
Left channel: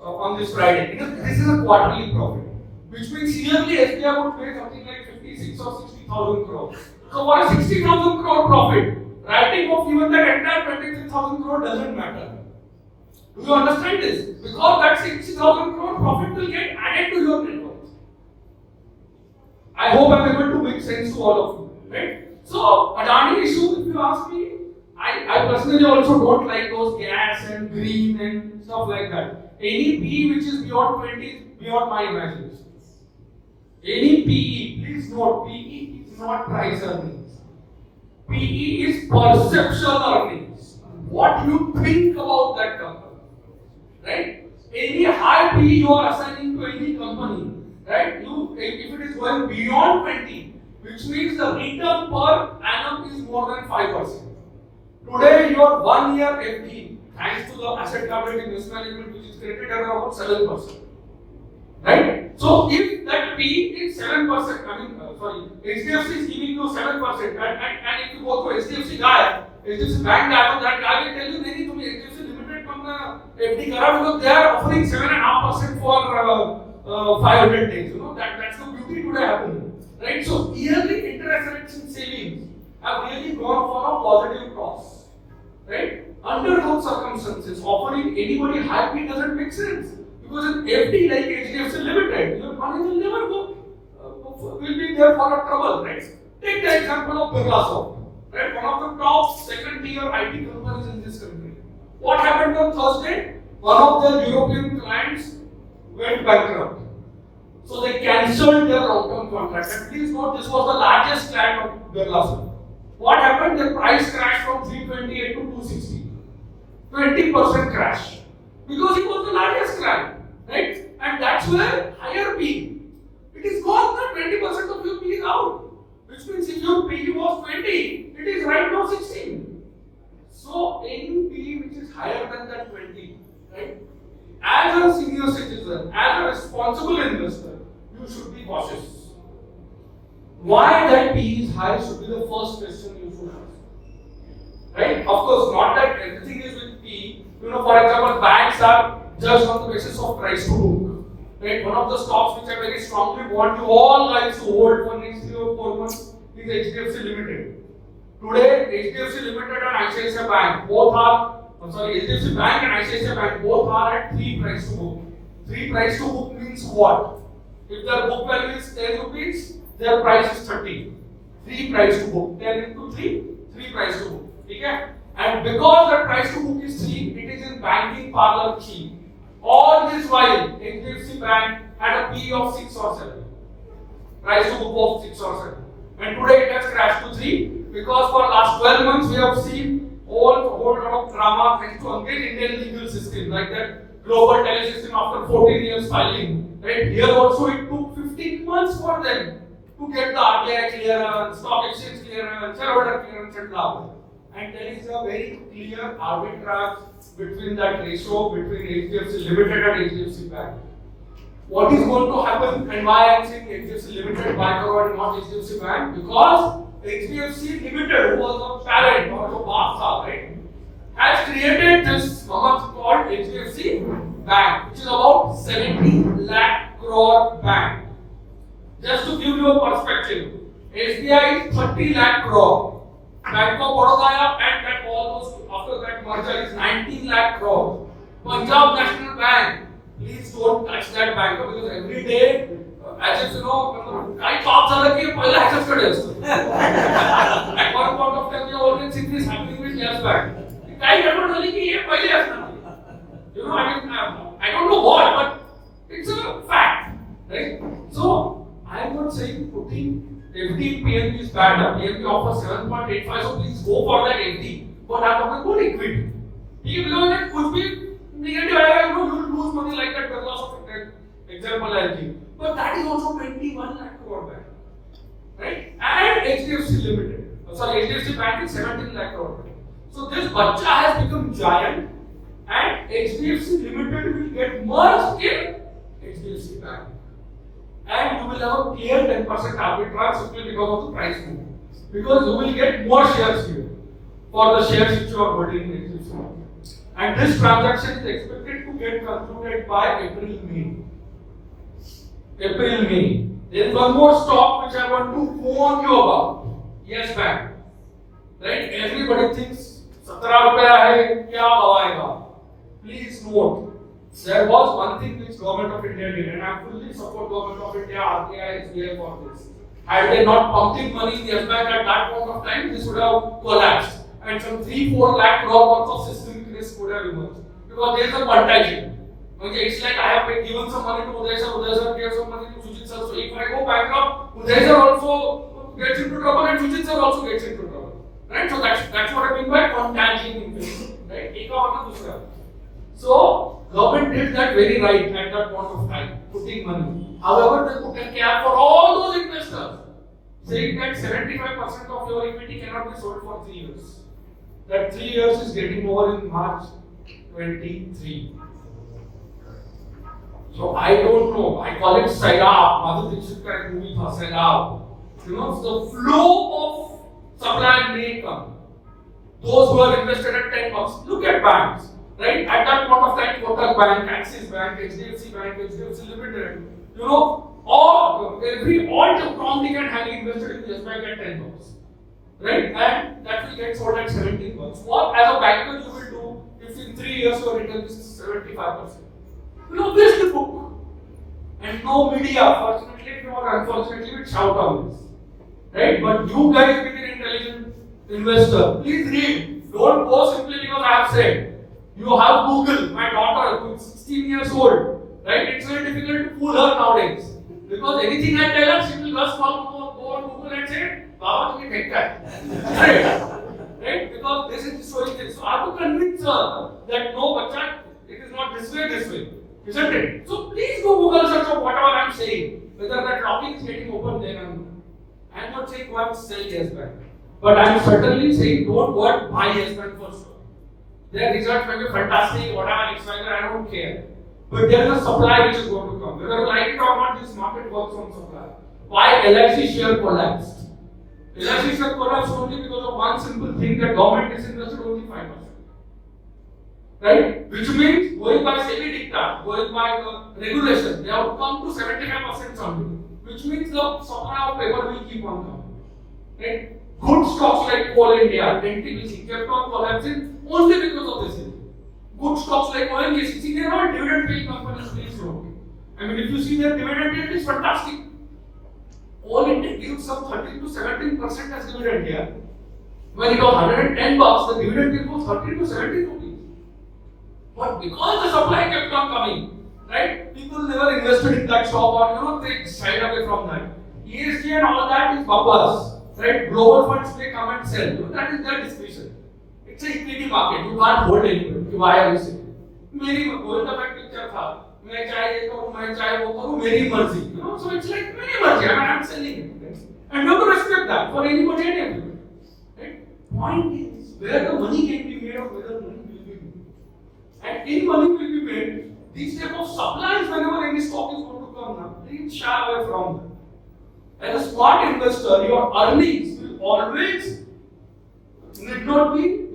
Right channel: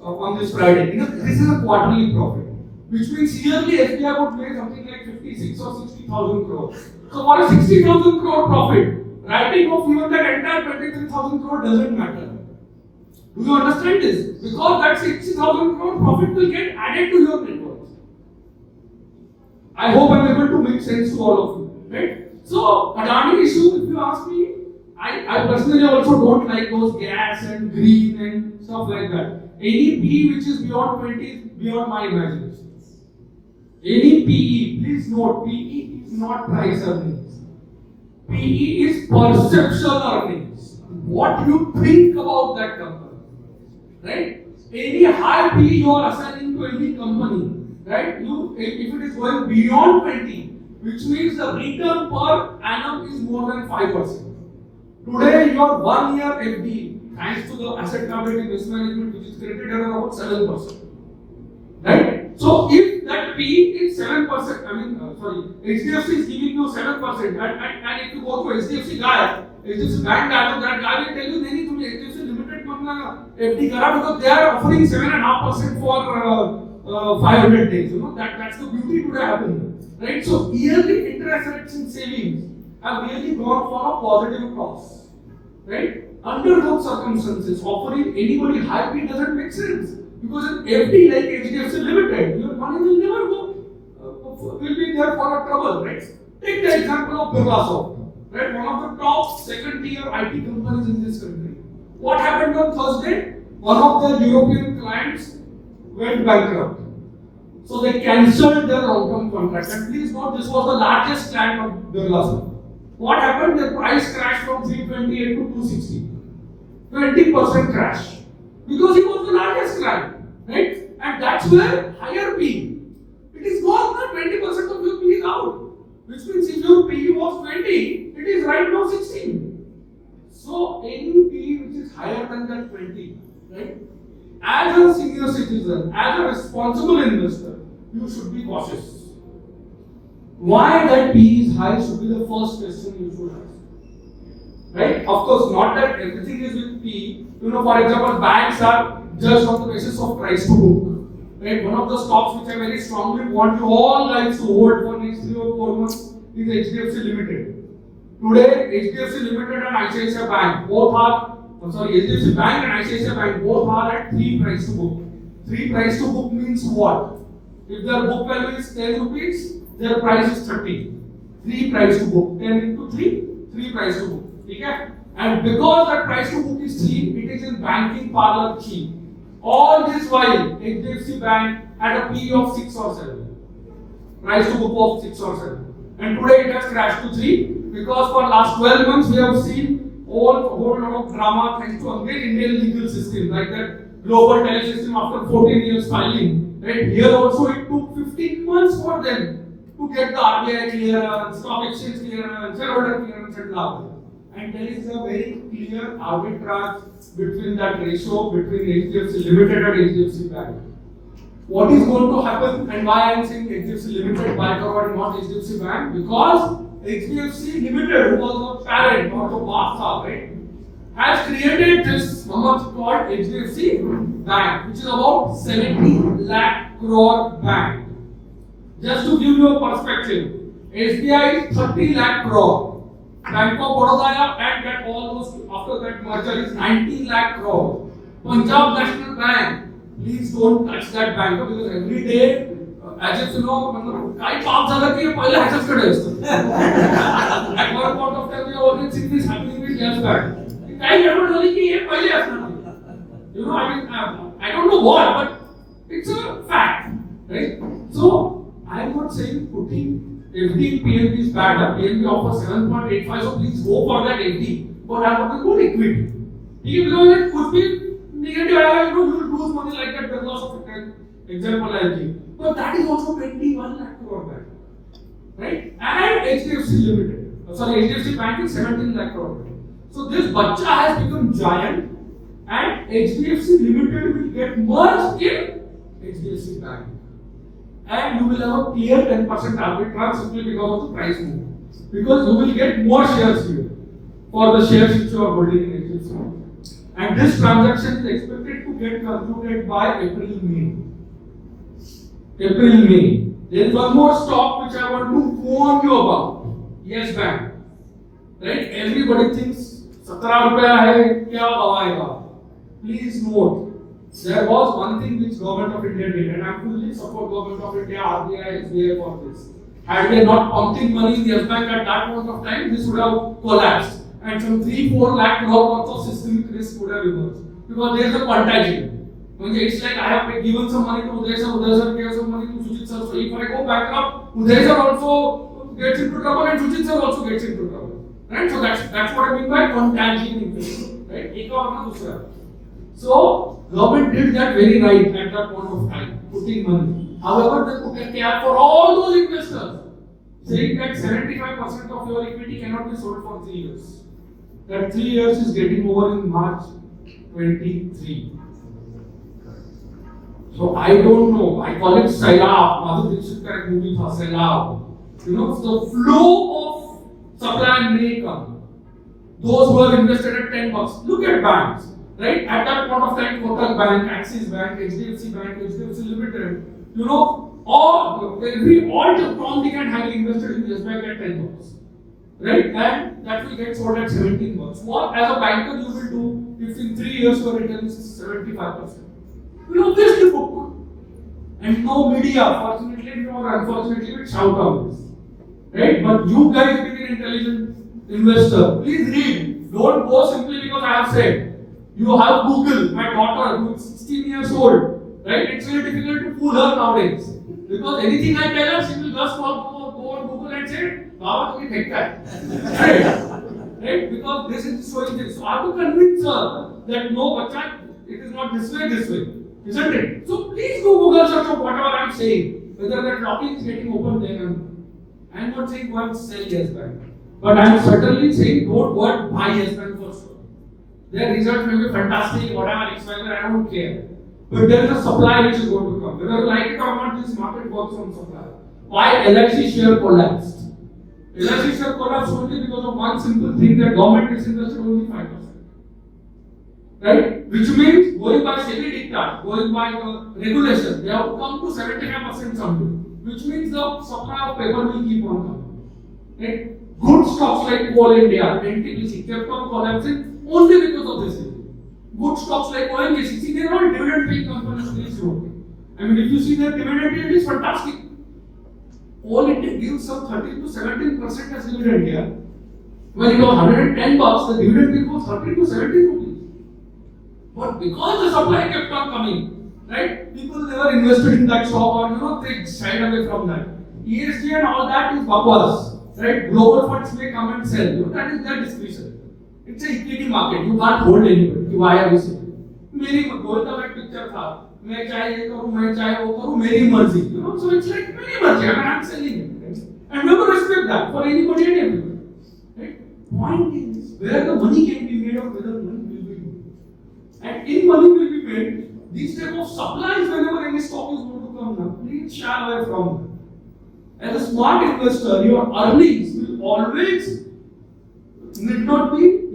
on this Friday. This is a quarterly profit, which means yearly SBI would make something like 56 or 60,000 crore. So for a 60,000 crore profit, writing off even that entire 23,000 crore doesn't matter. Do you understand this? Because that 60,000 crore profit will get added to your net worth. I hope I am able to make sense to all of you, right? So, Adani issue, if you ask me, I personally also don't like those gas and green and stuff like that. Any PE which is beyond 20 is beyond my imagination. Any PE, please note, PE is not price earnings. PE is perceptual earnings. What you think about that company. Right? Any high PE you are assigning to any company, right? If it is going beyond 20, which means the return per annum is more than 5%. Today, your 1 year FD, thanks to the asset liability risk management, which is created at about 7%. Right? So, if that PE is 7%, HDFC is giving you 7%, and if you go to HDFC guy, HDFC bank guy, that guy will tell you, नहीं तुम्हें HDFC limited को अपना FD करा because they are offering 7.5% for 500 days. That's the beauty today happening, right? So yearly interest rates in savings have really gone for a positive cross, right? Under those circumstances, offering anybody high PE doesn't make sense because in FD like HDFC Limited, your money will never go, will be there for a trouble, right? Take the example of Birlasoft. Right, one of the top second-tier IT companies in this country. What happened on Thursday? One of their European clients went bankrupt. So they cancelled their long-term contract. And please note, this was the largest client of Birlasoft. What happened? Their price crashed from 328 to 260. 20% crash. Because he was the largest client. Right? And that's where higher P. It is gone now, 20% of your P is out. Which means if your PE was 20, it is right now 16. So any PE which is higher than that 20, right? as a senior citizen, as a responsible investor, you should be cautious. Why that PE is high should be the first question you should ask. Right? Of course, not that everything is with PE. For example, banks are judged on the basis of price to book. Right? One of the stocks which I very strongly want you all guys to hold for next 3 or 4 months is HDFC Limited. Today, HDFC Limited and ICICI Bank both are, HDFC Bank and ICICI Bank both are at 3 price to book. 3 price to book means what? If their book value is 10 rupees, their price is 30. 3 price to book. 10 into 3, 3 price to book. Okay? And because that price to book is 3, it is in banking parlor cheap. All this while, HDFC Bank had a PE of 6 or 7. Price to book of 6 or 7. And today it has crashed to 3 because for last 12 months we have seen whole lot of drama thanks to again Indian legal system, like that global tele system after 14 years filing. Right? Here also it took 15 months for them to get the RBI clearance, stock exchange clearance, shareholder clearance and now. And there is a very clear arbitrage between that ratio between HDFC Limited and HDFC Bank. What is going to happen and why I am saying HDFC Limited Bank and not HDFC Bank? Because HDFC Limited, who was the parent or the Basta, right, has created this called HDFC Bank, which is about 70 lakh crore bank. Just to give you a perspective, SBI is 30 lakh crore. Bank of Baroda and that almost after that merger is 19 lakh crore. Punjab National Bank, please don't touch that bank because every day, as if काही पाप झालं की पहिले ह्याच्याकडे असतं. At one point of time, we have already seen this happening with Yes Bank. काही गडबड झाली की हे पहिले असणार. I don't know what, but it's a fact, right? So I'm not saying putting FD in PNB is bad. PNB offers 7.85, so please go for that FD. But I'm talking about equity. Because it could be negative, you will lose money like that because of example LG. But that is also 21 lakh crore bank, right? And HDFC Limited, HDFC Bank is 17 lakh crore. So this bacha has become giant, and HDFC Limited will get merged in HDFC Bank. And you will have a clear 10% arbitrage simply because of the price move. Because you will get more shares here for the shares which you are holding in HDFC Bank. And this transaction is expected to get concluded by April-May. April-May. There is one more stock which I want to warn you about. Yes Bank. Right? Everybody thinks 17 रुपया है क्या गवाएगा? Please note. There was one thing which Government of India did, and I fully support Government of India, RBI, SBI for this. Had they not pumped in money in the bank at that point of time, this would have collapsed, and some 3-4 lakh crore worth of systemic risk would have emerged. Because there is a contagion. Okay, it's like I have given some money to Uday sir gave some money to Sujit sir. So if I go bankrupt, Uday sir also gets into trouble, and Sujit sir also gets into trouble. Right? So that's what I mean by contagion investment. Right? एक का मतलब दूसरा. So government did that very right at that point of time, putting money. However, they put a cap for all those investors, saying that 75% of your equity cannot be sold for 3 years. That 3 years is getting over in March 23. So I don't know. I call it Sailab. Madhu Dixit ka ek movie tha Sailab. The flow of supply and may come. Those who are invested at $10. Look at banks. Right? At that point of time, Kotak Bank, Axis Bank, HDFC Bank, HDFC Limited, all Tom, Dick and Harry invested in Yes Bank at $10. Right? And that will get sold at $17. What as a banker you will do if in 3 years your return is 75%? You will obviously book. And no media, fortunately or unfortunately, will shout on this. Right? But you guys being an intelligent investor, please read. Don't go simply because I have said. You have Google, my daughter who is 16 years old, right? It's very difficult to fool her nowadays. Because anything I tell her, she will just go on Google and say, Baba, you can right? Because this is showing this. So I have to convince her that no, bacha, it is not this way, isn't it? So please do Google search of whatever I am saying. Whether that topic is getting open, then I am not saying go and sell Yes Bank. But I am certainly saying don't go and buy Yes Bank for sure. Their results may be fantastic, whatever, I don't care. but there is a supply which is going to come. Whether like it or not, this market works on supply. Why LIC share collapsed? LIC share collapsed only because of one simple thing, that government is invested only 5%. Right? Which means going by SEBI diktat, going by the regulation, they have to come to 75% something. Which means the supply of paper will keep on coming. Right? Good stocks like Coal India, NTPC kept on collapsing only because of this issue. Good stocks like ONGC, they are not dividend paying companies, please note. I mean, if you see their dividend yield is fantastic. Coal India gives some 13 to 17% as dividend here. When it was 110 bucks, the dividend yield was 13 to 17 rupees. But because the supply kept on coming, right? People never invested in that stock, or they shied away from that. ESG and all that is bakwas, right? Global funds may come and sell. That is their discretion. It's an equity market. You can't hold anybody. Why are you saying? मेरी going to that picture था. मैं चाहे ये करूँ, मैं चाहे वो करूँ, मेरी मर्जी. So it's like मेरी मर्जी. I mean, I'm selling it, right? And we have to respect that for anybody and everybody. Right? Point is where the money can be made of whether money will be made. And in money will be made, these type of supplies whenever any stock is going to come now, please shy away from them. As a smart investor, your earnings will always need not be,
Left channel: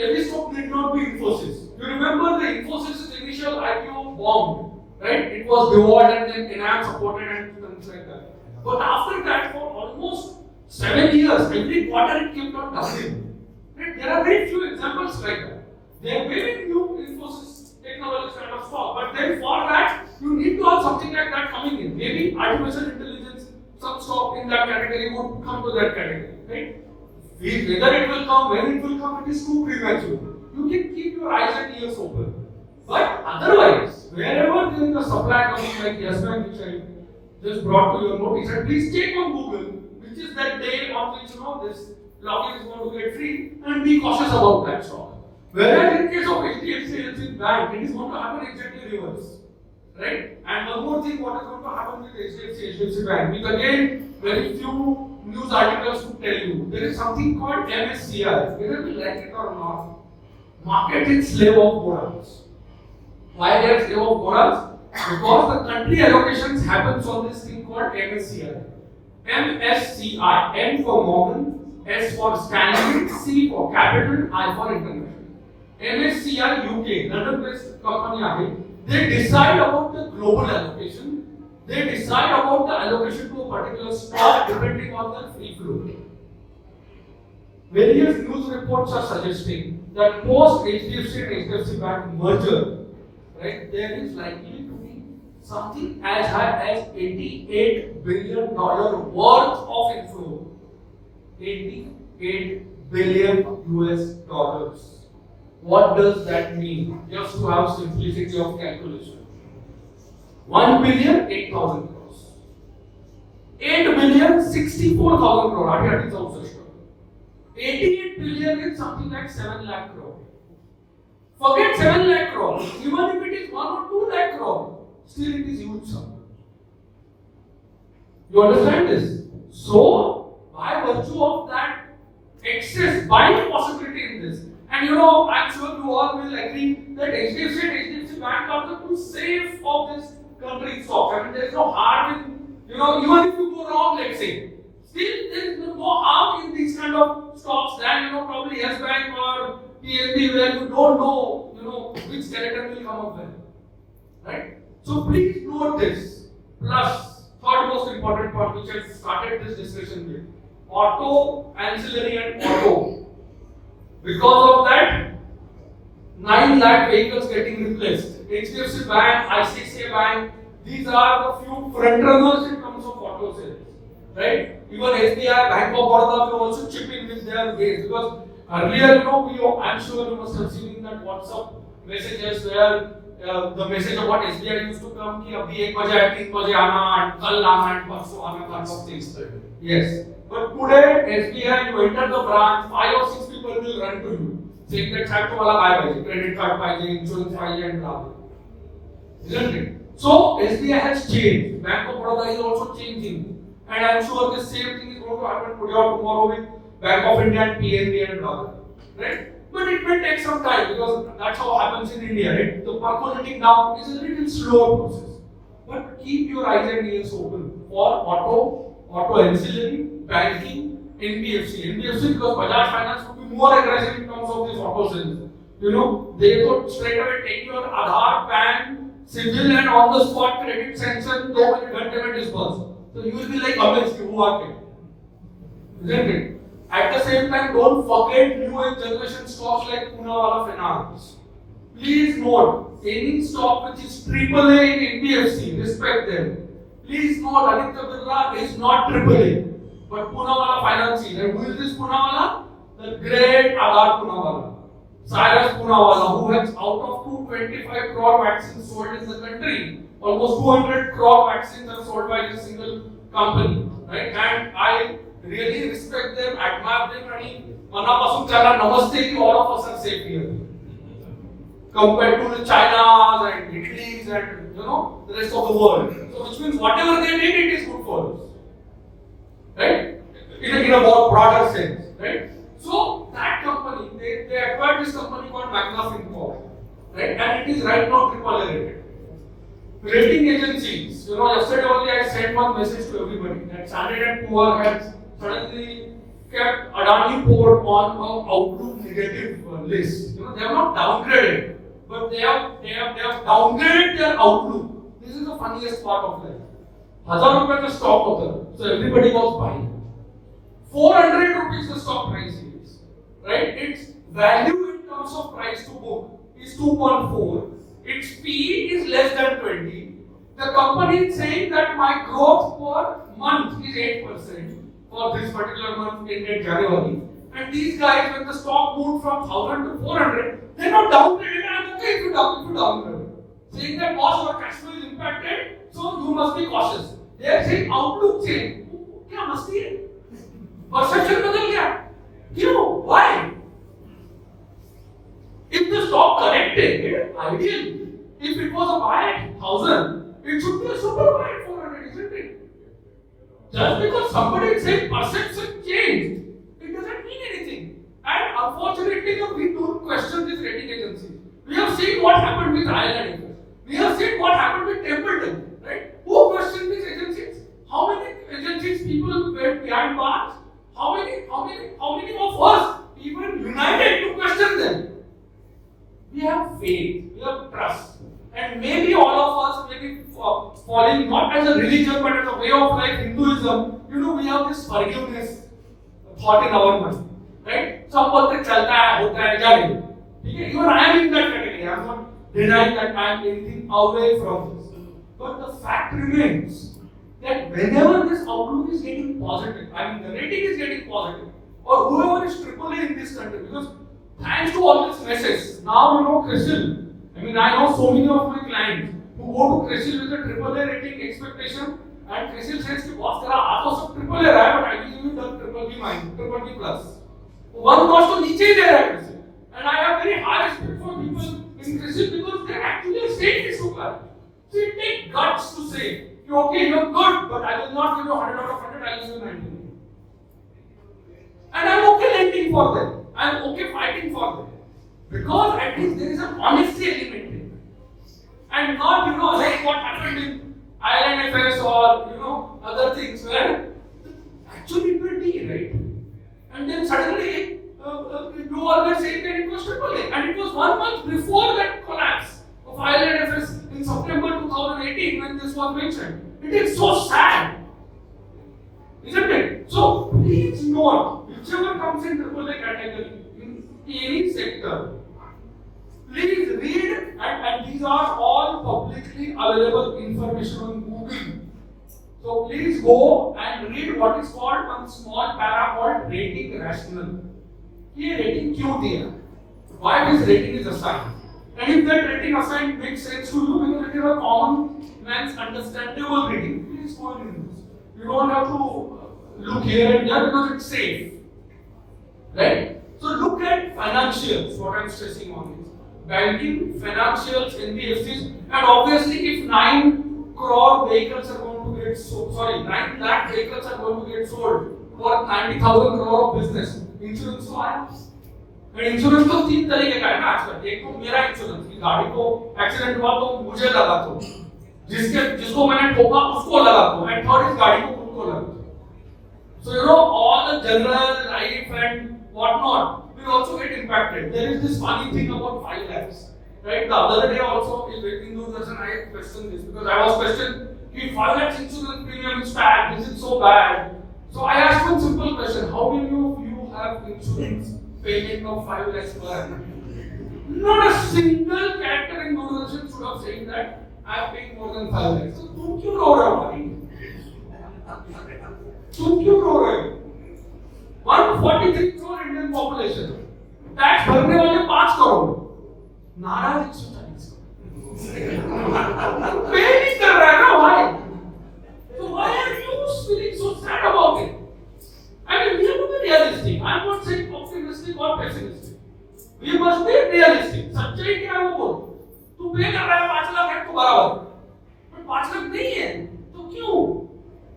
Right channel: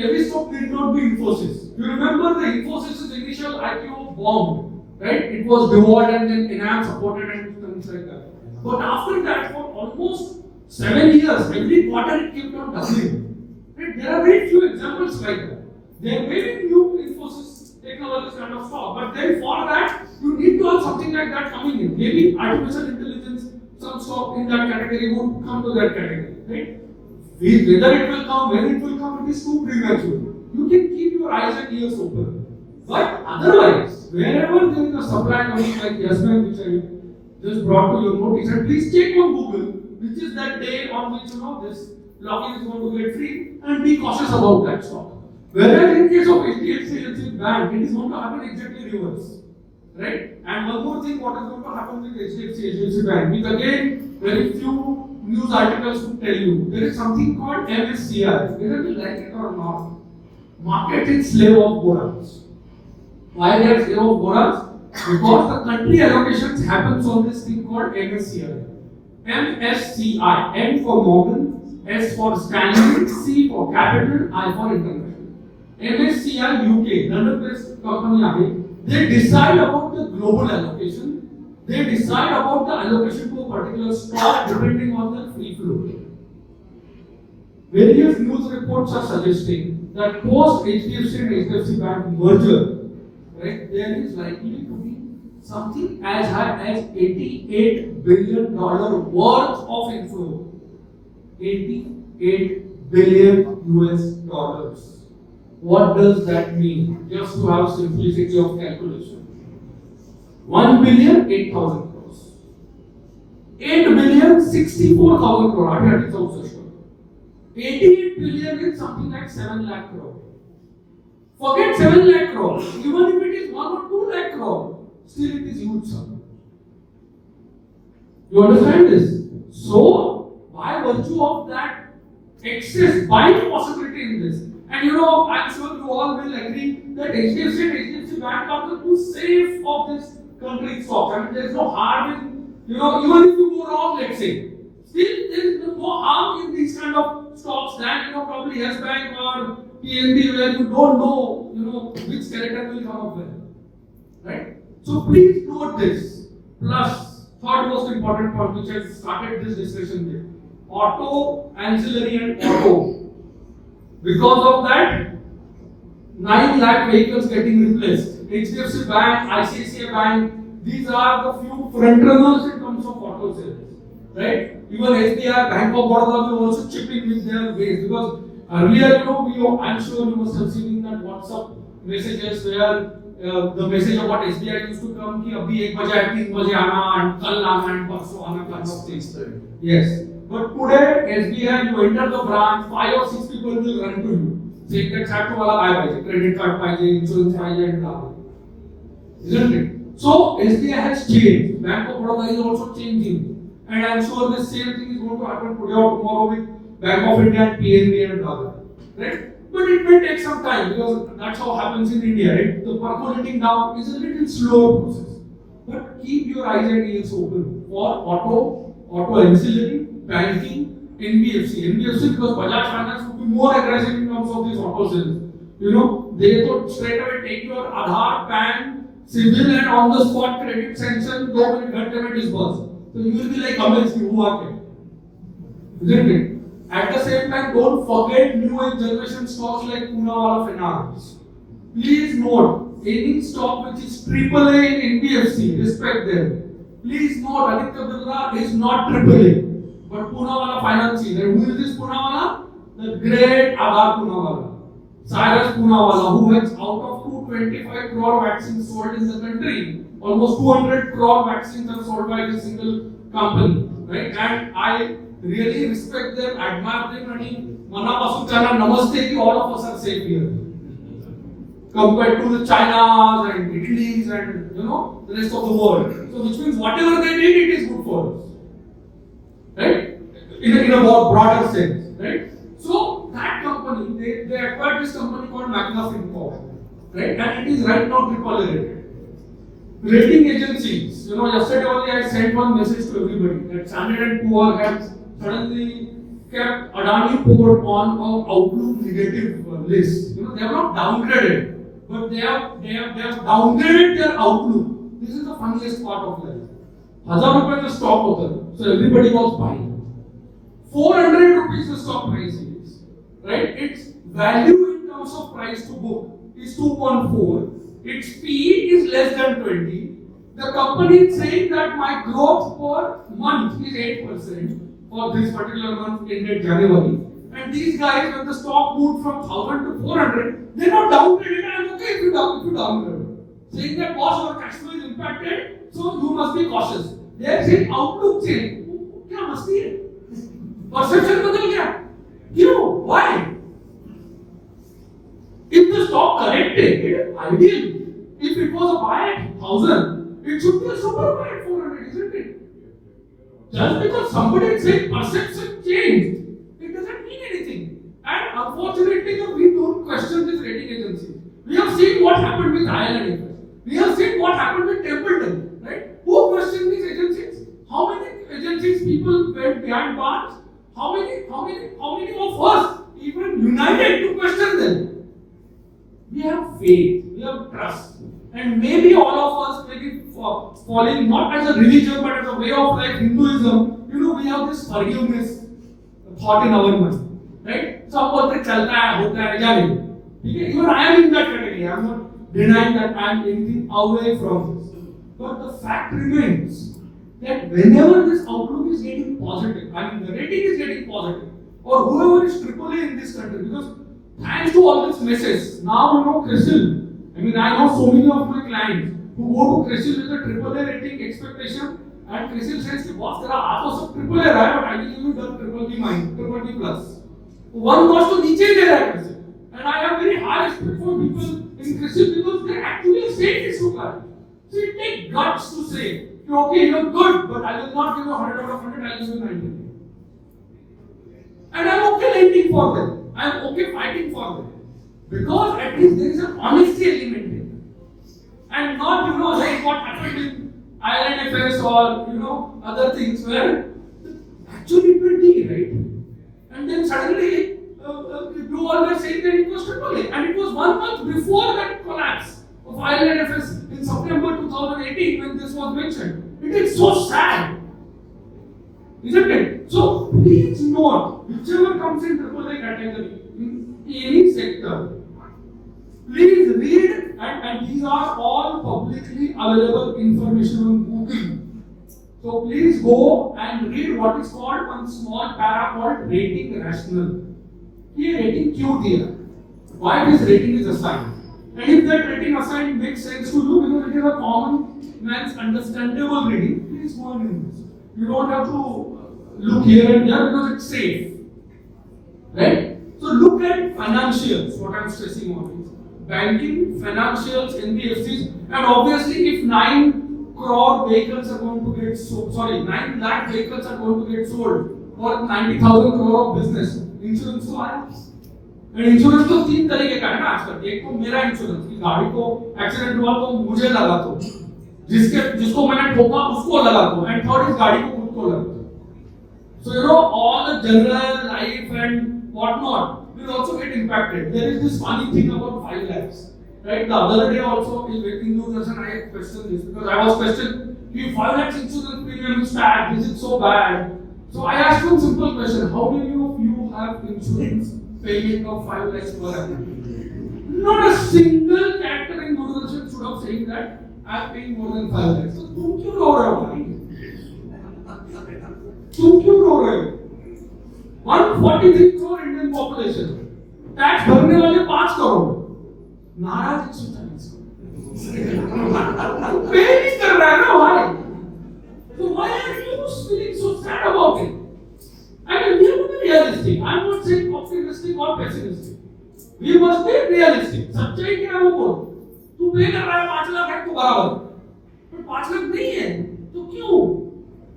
every stock need not be Infosys. You remember the Infosys' initial IPO bombed, right? It was reward and then enhanced, supported and things like that. But after that, for almost 7 years, every quarter it kept on doubling. Right? There are very few examples like that. There are very few Infosys technologies kind of stock, but then for that, you need to have something like that coming in. Maybe artificial intelligence, some stock in that category would come to that category, right? Whether it will come, when it will come, it is too premature. You can keep your eyes and ears open. But otherwise, wherever there is a supply coming like Yes Bank, which I just brought to your notice, and please check on Google, which is that day on which this login is going to get free, and be cautious about that stock. Whereas in case of HDFC Bank, it is going to happen exactly reverse. Right? And one more thing, what is going to happen with HDFC Bank, which again, very few news articles would tell you, there is something called MSCI, whether we like it or not, market is slave of bonds. Why they are slave of bonds? Because the country allocations happens on this thing called MSCI. MSCI, M for Morgan, S for Stanley, C for Capital, I for International. MSCI UK, London-based company, they decide about the global allocation. They decide about the allocation to a particular stock depending on the free float. Various news reports are suggesting that post HDFC and HDFC Bank merger, right, there is likely to be something as high as $88 billion worth of inflow. $88 billion US. What does that mean? Just to have simplicity of calculation. 1 billion, 8,000 crores. 8 billion, 64,000 crores. That is also sure. 88 billion is something like 7 lakh crore. Forget 7 lakh crore. Even if it is 1 or 2 lakh crore, still it is huge sum. You understand this? So, by virtue of that excess buying possibility in this, and I'm sure you all will agree that HDFC and HDFC Bank are the two safe of this country stock. I mean, there's no harm in, even if you go wrong, let's say, still there's no harm in these kind of stocks than, probably Yes Bank or PNB where you don't know, which character will come up with. Right? So please note this. Plus, third most important point which I started this discussion with. Auto, ancillary and auto. Because of that, 9 lakh vehicles getting replaced. HDFC Bank, ICICI Bank, these are the few front runners in terms of auto sales. Right? Even SBI, Bank of Baroda will also chip in with their ways. Because earlier, I'm sure you must have seen that WhatsApp messages where the message about SBI used to come कि अभी 1 बजे 3 बजे आना and कल आना and परसों आना kind of things. Yes. But today, SBI, you enter the branch, 5 or 6 people will run to you. Saying that Chapter wala buy credit card insurance and all. Isn't it? So, SBI has changed. Bank of Baroda is also changing. And I am sure the same thing is going to happen today or tomorrow with Bank of India and PNB and all. Right? But it may take some time because that's how happens in India, right? The percolating down is a little slower process. But keep your eyes and ears open for auto ancillary, banking, NBFC because Bajaj Finance would be more aggressive in terms of these auto sales. They could straight away take your Aadhaar, PAN, civil and on the spot credit sanction, 2 minutes में disburse. So you will be like amazed, who are they? Isn't it? At the same time, don't forget new age generation stocks like Poonawalla Finance. Please note, any stock which is AAA in NBFC, respect them. Please note, Aditya Birla is not AAA, but Poonawalla Finance is. And who is this Poonawalla? The great Aadhar Poonawalla, Cyrus Poonawalla, who has out of 225 crore vaccines sold in the country, almost 200 crore vaccines are sold by a single company, right? And I really respect them, admire them, and manapasun chala namaste ki all of us are safe here. Compared to the Chinas and Italy's and the rest of the world. So which means whatever they did, it is good for us. Right? In a more broader sense. Right? So that company, they acquired this company called Magna Fincorp. Right? And it is right now AAA rated. Rating agencies, yesterday only I sent one message to everybody that Standard & Poor has suddenly kept Adani Port on an outlook negative list. They have not downgraded, but they have downgraded their outlook. This is the funniest part of life. 1000 rupees the stock hota, so everybody was buying. 400 rupees the stock price is, right? Its value in terms of price to book is 2.4. Its PE is less than 20. The company is saying that my growth per month is 8% for this particular month ended January. And these guys, when the stock moved from 1000 to 400, they're not downgraded. I'm okay if you downgrade. Saying that boss, your cash flow is impacted, so you must be cautious. They are saying outlook change. क्या मस्ती है? Perception बदल गया. Why? If the stock corrected, ideally, if it was a buy at 1000, it should be a super buy at 400, isn't it? Just because somebody is saying perception changed, it doesn't mean anything. And unfortunately, we don't question this rating agency. We have seen what happened with IL&FS. We have seen what happened with Templeton, right? Who questioned these agencies? How many agencies people went behind bars? How many of us even united to question them? We have faith, we have trust. And maybe all of us may be falling not as a religion but as a way of life, Hinduism, we have this forgiveness thought in our mind. Right? So बोलते चलता है, होता है, या नहीं? Even I am in that category. I am not denying that I am anything away from this. But the fact remains that whenever this outlook is getting positive, the rating is getting positive, or whoever is AAA in this country, because thanks to all this message, now CRISIL. I know so many of my clients who go to CRISIL with a AAA rating expectation, and CRISIL says, boss, तेरा आ तो सब AAA रहा है, but I will give you the BBB plus. One notch to नीचे ही दे रहा है CRISIL. And I have very high respect for people in CRISIL because they actually say this to clients. So it takes guts to say, okay, you're good, but I will not give you 100 out of 100, I will give you 90. And I'm okay lending for them. I'm okay fighting for them. Because at least there is an honesty element in it. And not, like what happened with IL&FS or, other things where actually it will be, right? And then suddenly, you all were saying that it was AAA. And it was 1 month before that collapse of IL&FS in September 2018 when this was mentioned. It is so sad. Isn't it? So please note, whichever comes in AAA category, in any sector, please read, and these are all publicly available information on Google. So please go and read what is called one small para called rating rational. ये rating क्यों दिया? Why this rating is assigned? And if that rating assigned makes sense to you because it is a common man's understandable reading, please go and read this. You don't have to look here and there because it's safe. Right? So look at financials, what I'm stressing on is banking, financials, NBFCs, and obviously if 9 crore vehicles are going to get sold, 9 lakh vehicles are going to get sold for 90,000 crore of business, insurance to and insurance तो तीन तरीके का है ना आजकल। एक तो मेरा इंश्योरेंस कि गाड़ी को एक्सीडेंट हुआ तो मुझे लगा दो, जिसको मैंने ठोका उसको लगा दो, एंड थर्ड इज गाड़ी को खुद को लगा दो. So you know all the general life and whatnot will also get impacted. There is this funny thing about 5 lakhs. Right? The other day also in waiting to person I questioned this because I was questioned if 5 lakhs insurance premium is bad, is it so bad? So I asked one simple question: how many of you have insurance payment of 5 lakhs per annum? Not a single character in Doordarshan should have said that I am paying more than 5 lakhs. So तुम क्यों रो रहे हो भाई? तुम क्यों रो रहे हो? 143 crore Indian population, tax भरने वाले 5 करोड़, नाराज 140 पे नहीं कर रहा है ना भाई. So why are you feeling so sad about it? I mean, we have to be realistic. I am not saying optimistic or pessimistic. We must be realistic. सच्चाई क्या है वो बोल. तू पे कर रहा है 5 लाख है तो बराबर, पर 5 लाख नहीं है तो क्यों?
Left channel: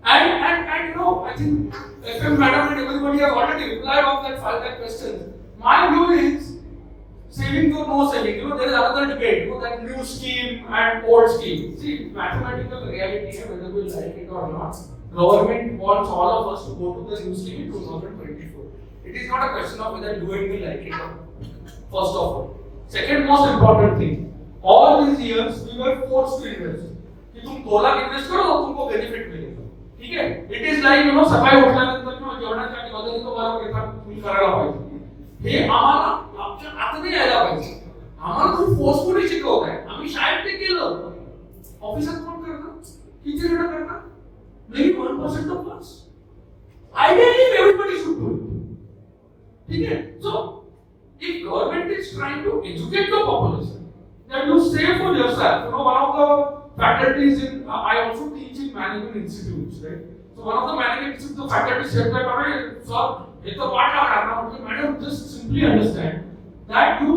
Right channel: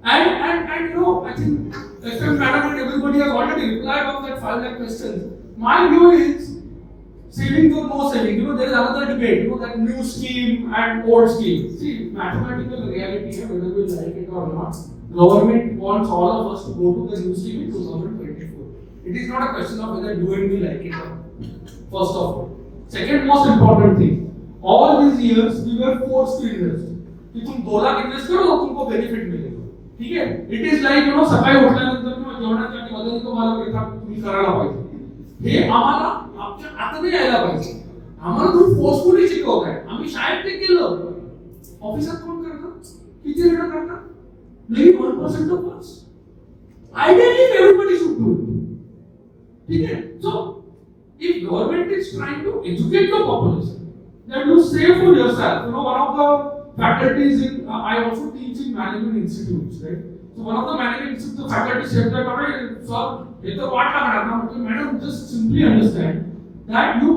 And you know, I think FM madam and everybody have already replied on that 5 lakh question. My view is saving or no saving. You know, there is another debate. You know, that new scheme and old scheme. See, mathematical reality, whether we like it or not, government wants all of us to go to the new scheme in 2024. It is not a question of whether you and me like it or not. First of all. Second most important thing, all these years we were forced to invest. कि तुम 2 lakh invest करो तो तुमको benefit मिलेगा. ठीक है, it is like you know सकाळी उठल्यानंतर किंवा जेवणासाठी बदल तो मला घेता तुम्ही करायला पाहिजे. हे आम्हाला आता नाही यायला पाहिजे. आम्हाला खूप फोर्सफुली शिकवत आहे. आम्ही शाळेत ते केलं. ऑफिसात कोण करतं? किती वेळा करतात? Maybe 1% of class. Ideally everybody should do it. ठीक है, सो if government is trying to educate the population that you save for yourself, you know, one of the faculties in I also teach in management institutes, right? So one of the management institutes, the faculty said that, alright sir, it's a part of madam, madam just simply understand that you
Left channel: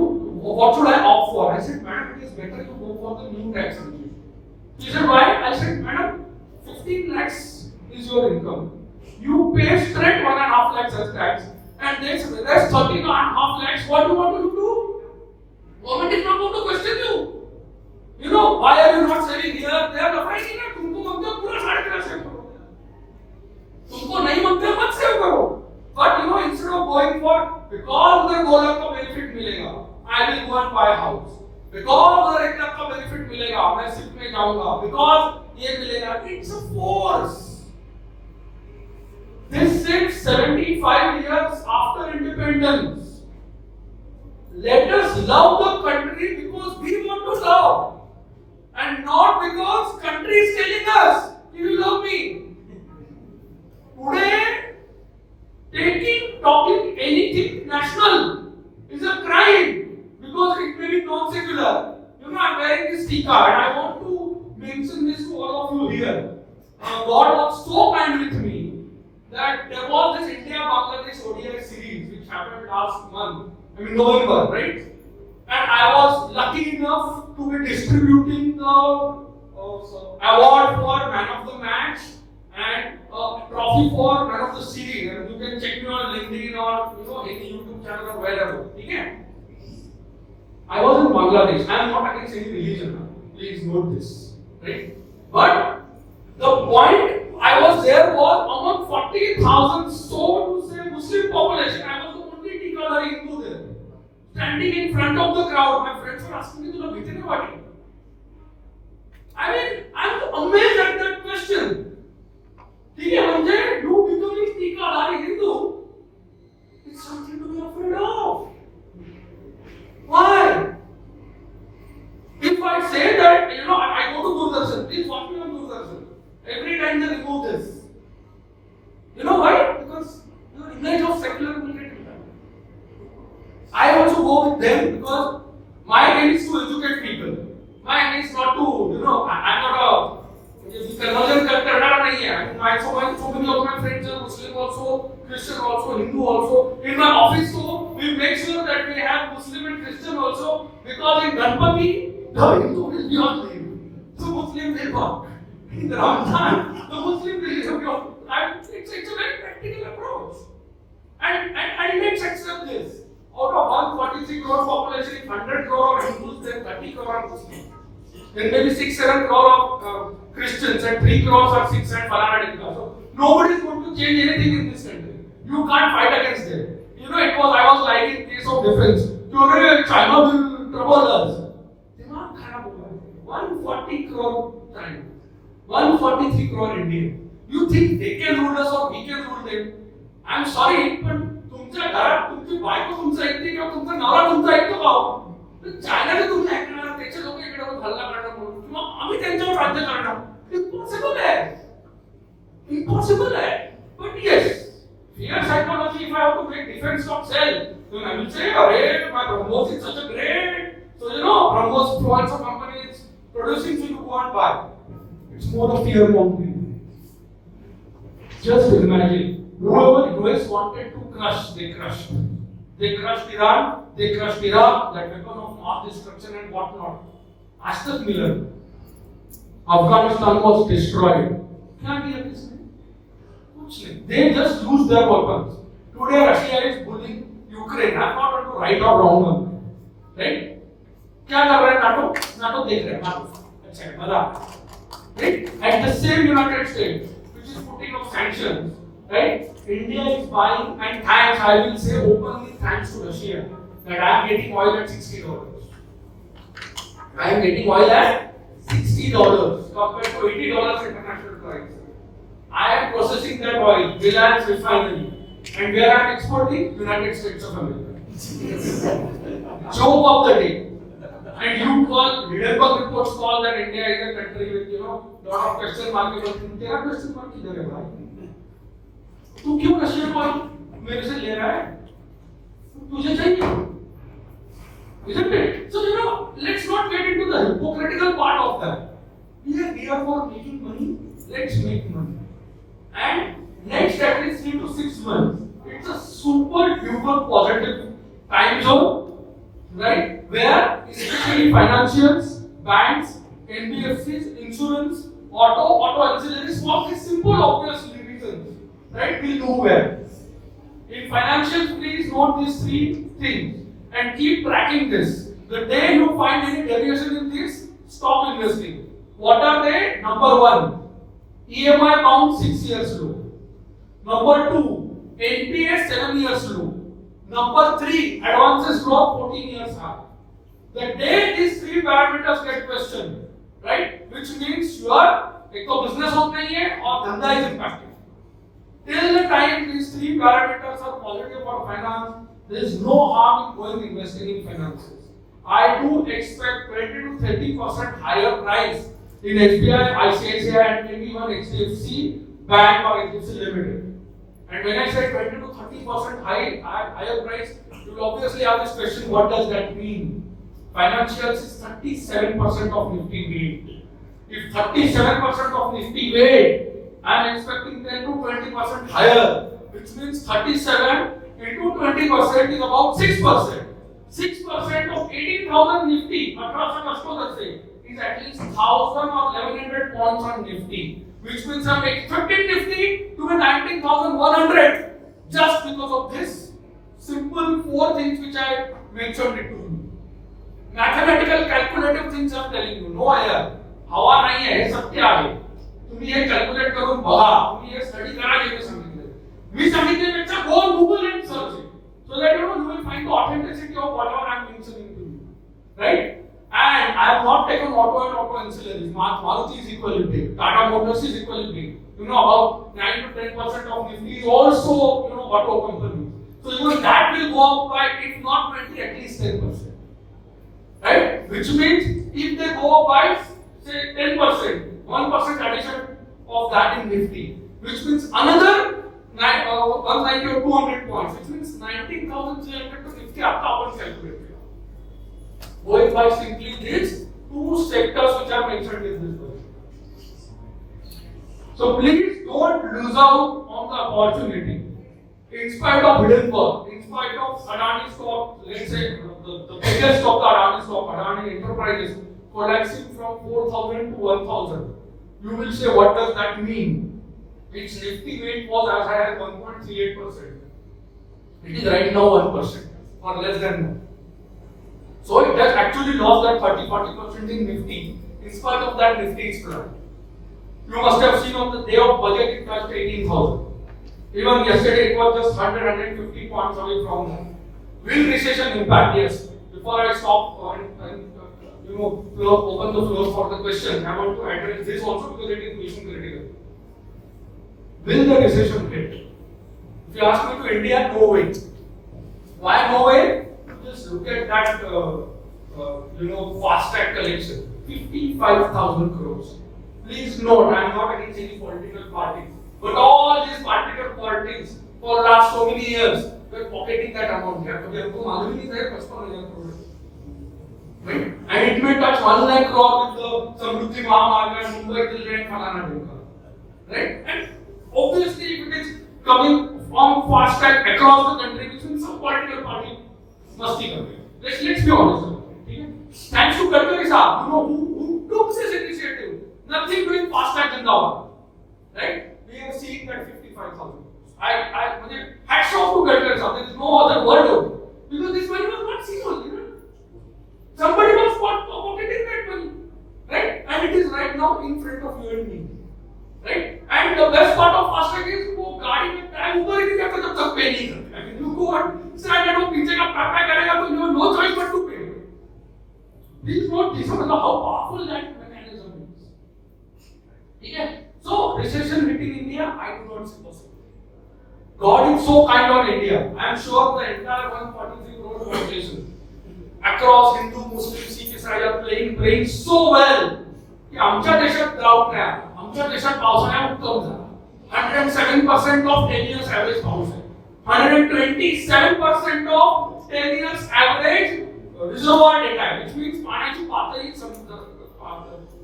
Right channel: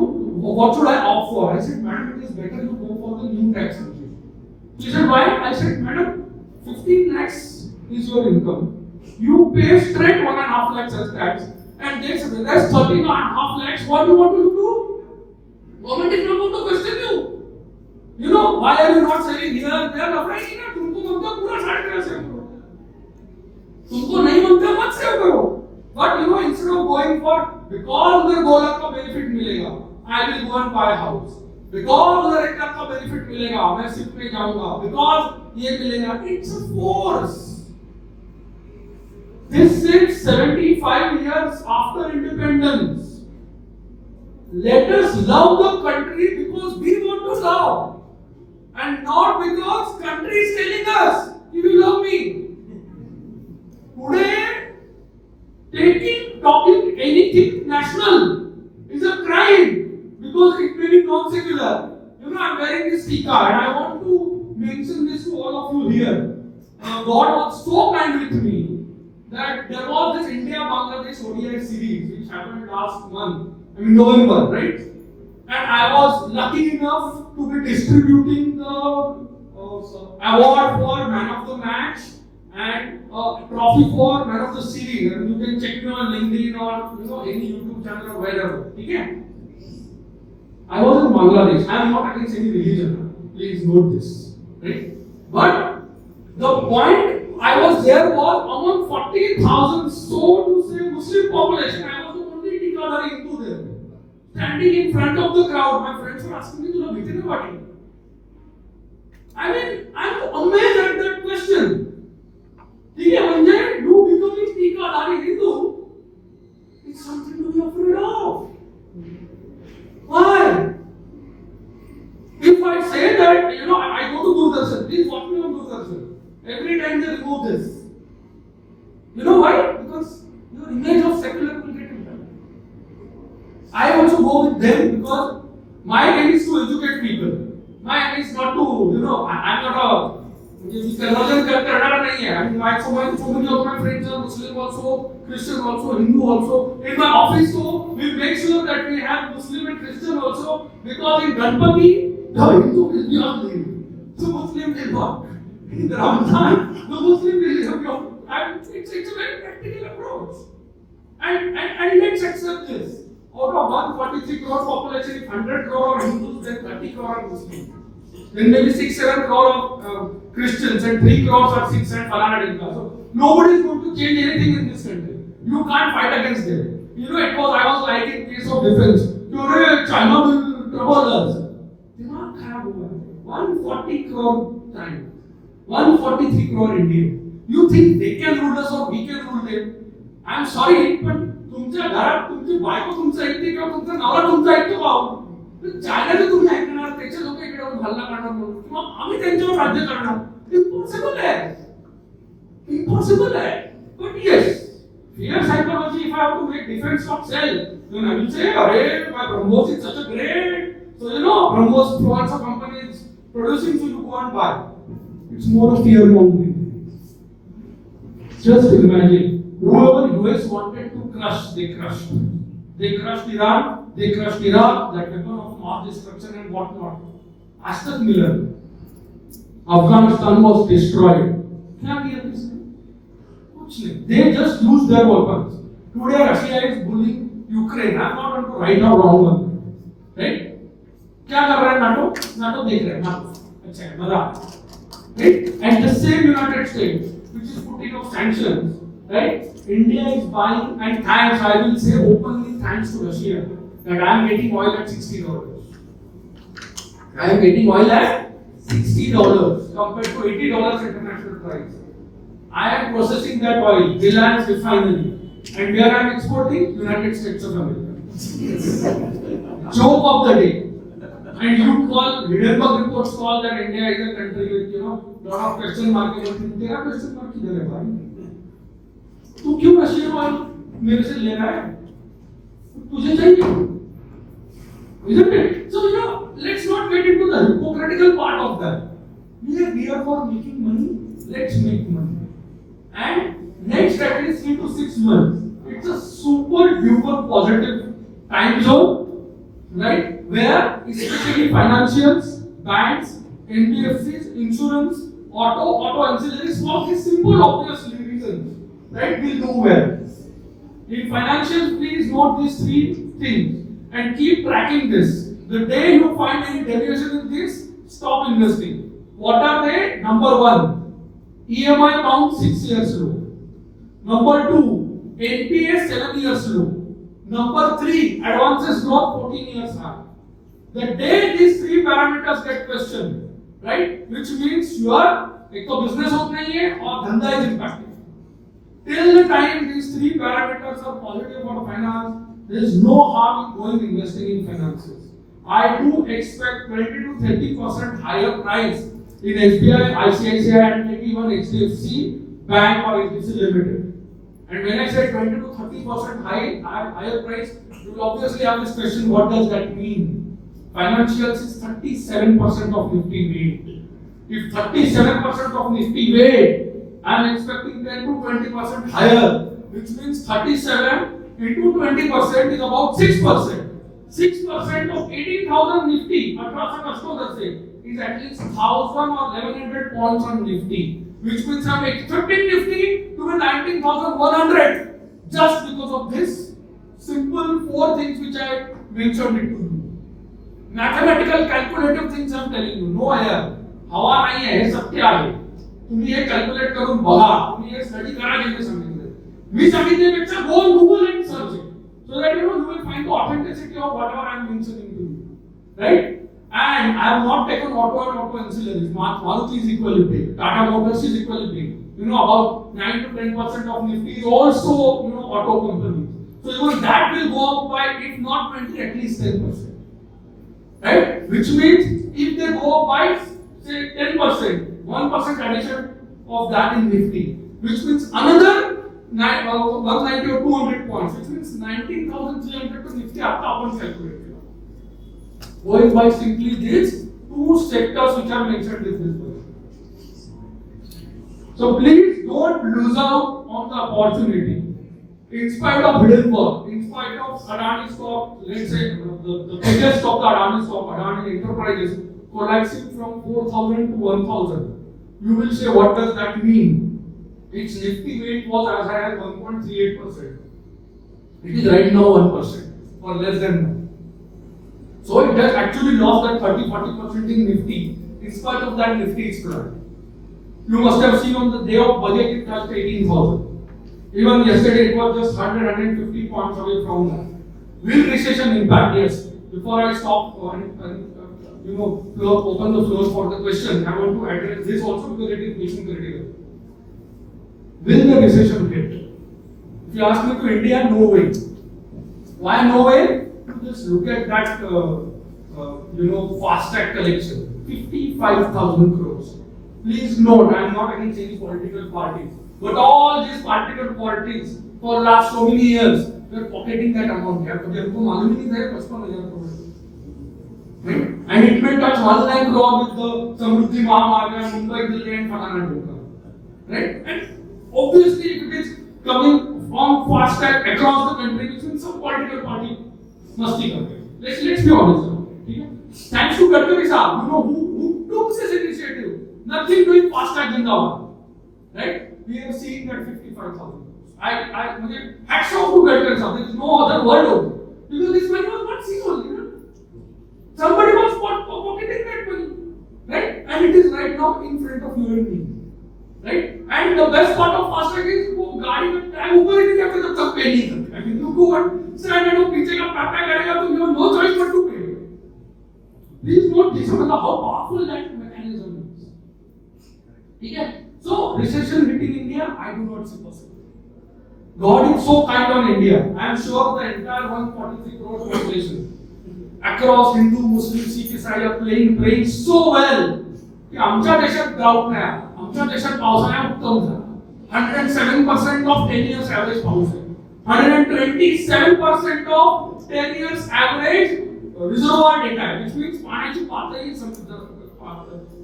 what should I opt for? I said, madam, it is better you go for the new tax regime. She said, why? I said, madam, 15 lakhs is your income, you pay straight 1.5 lakhs as tax. And that's 13.5 lakhs. What do you want to do? Government is not going to question you. You know, why are you not selling here? They are afraid that तुमको मंगता पूरा 3.5 save करो. तुमको नहीं मंगता मत save करो. But you know, instead of going for because उधर 2 लाख का benefit मिलेगा, I will go and buy a house. Because उधर 1 लाख का बेनिफिट मिलेगा, मैं शिफ्ट में जाऊंगा. Because ये मिलेगा. It's a force. This is 75 years after independence. Let us love the country because we want to love, and not because country is telling us you love me. Today, talking anything national is a crime because it may be non-secular. You know, I am wearing this tika and I want to mention this to all of you here. God was so kind with me that there was this India-Bangladesh ODI series which happened last month, I mean November, right? And I was lucky enough to be distributing the award for man of the match and a trophy for man of the series. And you can check me on LinkedIn or any YouTube channel or wherever. Okay? I was in Bangladesh. I am not against any religion. Please note this, right? But the point I was there was among 40,000 so to say Muslim population. I was the only Tikadari Hindu there. Standing in front of the crowd, my friends were asking me, "Tula bhite nahi wati?" I mean, I'm amazed at that question. ठीक है, Anjay, you becoming Tikadari Hindu, it's something to be afraid of. Why? If I say that, you know, I go to Doordarshan, please watch me on Doordarshan. Every time they remove this. You know why? Because your image of secular will get impacted. I also go with them because my aim is to educate people. My aim is not to, you know, I'm not a conversion करना नहीं है. I mean, so many of my friends are Muslim also, Christian also, Hindu also. In my office, so we make sure that we have Muslim and Christian also because in Ganpati, the Hindu will be on leave, so Muslim will work. In Ramadan, the Muslim religion, it's a very practical approach. And let's accept this. Out of 143 crore population, if 100 crore are Hindus, then 30 crore are Muslims. Then maybe 6-7 crore of Christians and 3 crores or 6 and banana. So nobody is going to change anything in this country. You can't fight against them. You know, I was like in case of defense. China will trouble us. 140 crore China, 143 crore India. You think they can rule us or we can rule them? I am sorry, but तुमच्या घरात तुमची बायको तुमचं ऐकते किंवा तुमचा नवरा तुमचं ऐकतो का? चायनाचं तुम्ही ऐकणार, त्याचे लोक इकडे हल्ला करणार किंवा आम्ही त्यांच्यावर राज्य करणार. इम्पॉसिबल आहे. Impossible, right? But yes, fear psychology, if I have to make defense of self, then I will say, "Arey, my BrahMos is such a great." So you know, BrahMos once a company is producing, so you go and buy. It's more of fear mongering. Just imagine, whoever US wanted to crush, they crushed. They crushed Iran, they crushed Iraq, that weapon of mass destruction and whatnot. Ashton Miller, Afghanistan was destroyed. क्या किया किसने? कुछ नहीं. They just used their weapons. Today Russia is bullying Ukraine. I'm not going to right or wrong on that. Right? क्या कर रहा है NATO? NATO देख रहा है नाटो. अच्छा है मजा. Right? And the same United States, which is putting up sanctions, right? India is buying, and thanks, I will say openly thanks to Russia, that I am getting oil at $60. I am getting oil at $60 compared to $80 international price. I am processing that oil, Reliance refinery, and where I am exporting? United States of America. Joke of the day. And you call, Hindenburg reports call that India is a country with, lot of question mark. तेरा question mark किधर है भाई? तू क्यों Russian oil मेरे से ले रहा है? तुझे चाहिए? Isn't it? So let's not get into the hypocritical part of that. We are here for making money. Let's make money. And next at least 3 to 6 months, it's a super duper positive time zone. Right? Where especially financials, banks, NBFCs, insurance, auto ancillaries, for these simple obvious reasons, right, will do well. In financials, please note these 3 things and keep tracking this. The day you find any deviation in this, stop investing. What are they? Number 1, EMI bound 6 years low. Number 2, NPA 7 years low. Number 3, advances drop 14 years high. The day these 3 parameters get questioned, right, which means you are, एक तो business होता नहीं है और धंधा is impacted. Till the time these 3 parameters are positive for finance, there is no harm in going investing in finances. I do expect 20 to 30% higher price in SBI, ICICI, and maybe even HDFC Bank or HDFC Limited. And when I say 20 to 30% higher price, you will obviously have this question: what does that mean? Financials is 37% of Nifty weight. If 37% of Nifty weight, I am expecting 10 to 20% higher, which means 37 into 20% is about 6%. 6% of 18,000 Nifty, 1800 से, is at least 1,000 or 1,100 points on Nifty, which means I am expecting Nifty to be 19,100 just because of this simple 4 things which I mentioned it to you. Mathematical calculative things I am telling you. No यार, हवा नहीं है, सत्य आहे. तुम्ही हे calculate करून बघा. तुम्ही हे स्टडी करा जे मी सांगितलं. मी सांगितल्यापेक्षा go on Google and search it, so that you will find the authenticity of whatever I am mentioning to you. Right? And I have not taken auto and auto ancillaries. Maruti is equally big. Tata Motors is equally big. About 9 to 10% of Nifty is also, auto companies. So even that will go up by, if not 20, at least 10%. Right? Which means if they go up by, say 10%, 1% addition of that in Nifty, which means another 190 or 200 points, which means 19,300 to Nifty after one calculated. Going by simply these 2 sectors which are mentioned in this book. So please don't lose out on the opportunity. In spite of Hindenburg, in spite of Adani stock, let's say the biggest stock, Adani stock, Adani Enterprises, collapsing from 4,000 to 1,000. You will say, what does that mean? Its Nifty weight was as high as 1.38%. It is right now 1%. or less than that. So it has actually lost that 30-40% in Nifty. In spite of that, Nifty is flat. You must have seen on the day of budget it touched 18,000. Even yesterday it was just 150 points away from that. Will recession impact? Yes. Before I stop open the floor for the question, I want to address this also because it is mission critical. Will the recession hit? If you ask me to India, no way. Why no way? Just look at that, fast track collection, 55,000 crores. Please note, I am not against any political party, but all these political parties for the last so many years were pocketing that amount. And it may touch 1 lakh crore with the Samruddhi Mahamarga and Mumbai Delhi and Phanana. Right? And obviously, if it is coming from fast track across the country, which means some political party must be coming. Let's be honest. Thanks to Gadkari Saab, who took this initiative. Nothing doing fast track Jindabad. Right? We have seen that 55,000. Hats off to Gadkari Saab. There is no other word of it. Because this money was not seen only. Somebody was pocketing that money. Right? And it is right now in front of you and me. Right? And the best part of fast track is वो गाड़ी में time ऊपर ही नहीं जाता जब तक पे नहीं करते. I mean, you go and stand and पीछे का टाटा करेगा तो you have no choice but to pay. Please note this, how powerful that mechanism is. Okay? So recession hitting India, I do not see possible. God is so kind on India. I am sure the entire 143 crore population across Hindu, Muslim, Sikh, Isai are playing so well. कि आमच्या देशात drought नाही आला. आमच्या देशात पावसाळ्यात उत्तम झाला. 107% of 10 years average पाऊस आहे. 127% of 10 years average reservoir data, which means पाण्याची पातळी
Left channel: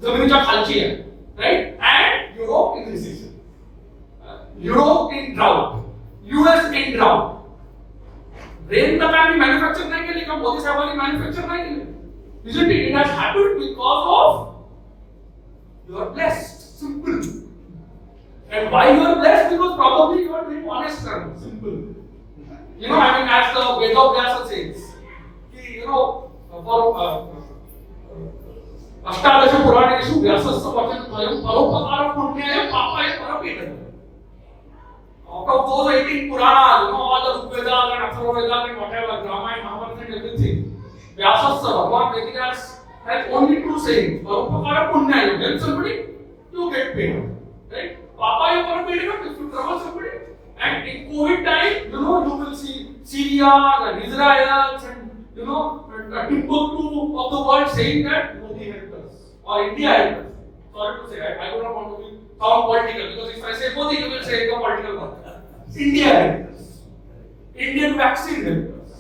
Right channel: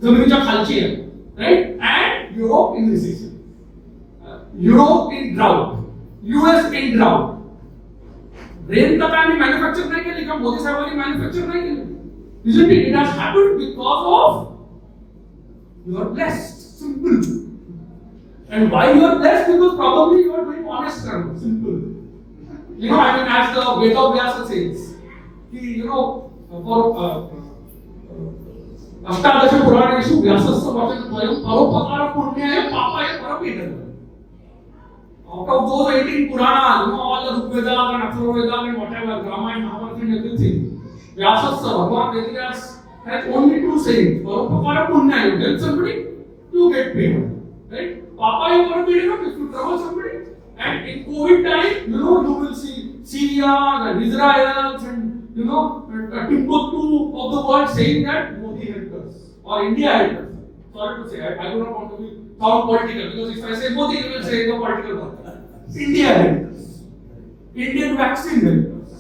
जमिनीच्या खालची आहे. Right? And Europe in recession. Europe in drought. US in drought. Rain तर आम्ही मॅन्युफॅक्चर नाही केली का मोदी साहेबांनी मॅन्युफॅक्चर नाही केली. Isn't it? It has happened because of you are blessed. Simple. And why you are blessed? Because probably you are very honest and simple. As the Vedo Vyasa says, for Ashtadasha Puraneshu Vyasasya Vachanadvayam Paropakara Punyaya Papaya Parapeta. Out of those 18 Puranas, all the Vedas and Atharvavedas and whatever, Ramayana, Mahabharata and everything, Vyasasya, Bhagavan Vedas has only 2 sayings. Paropakara Punyaya, you help somebody, you get paid. Right? Papaya Parapeta, if you trouble somebody. And in COVID time, you will see Syria and Israel and Timbuktu of the world saying that Modi helped us or India helped us. Sorry to say, I do not want to be sound political because if I say Modi, they will say the political word. India helped us. Indian vaccine helped us.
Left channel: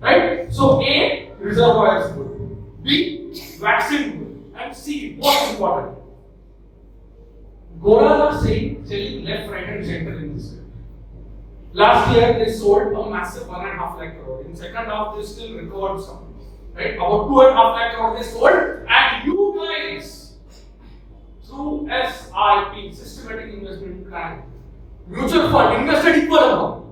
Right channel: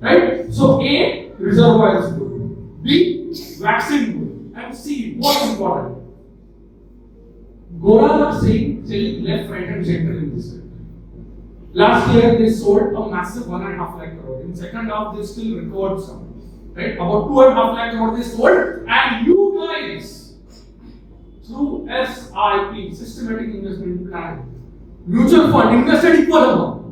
Right? So A, reservoir is good. B, vaccine good. And C, most important. Goras are selling left, right, and center in this country. Last year they sold a massive 1.5 lakh crore. In second half they still recovered some. Right? About 2.5 lakh crore they sold. And you guys, through SIP, Systematic Investment Plan, mutual fund, invested equal amount.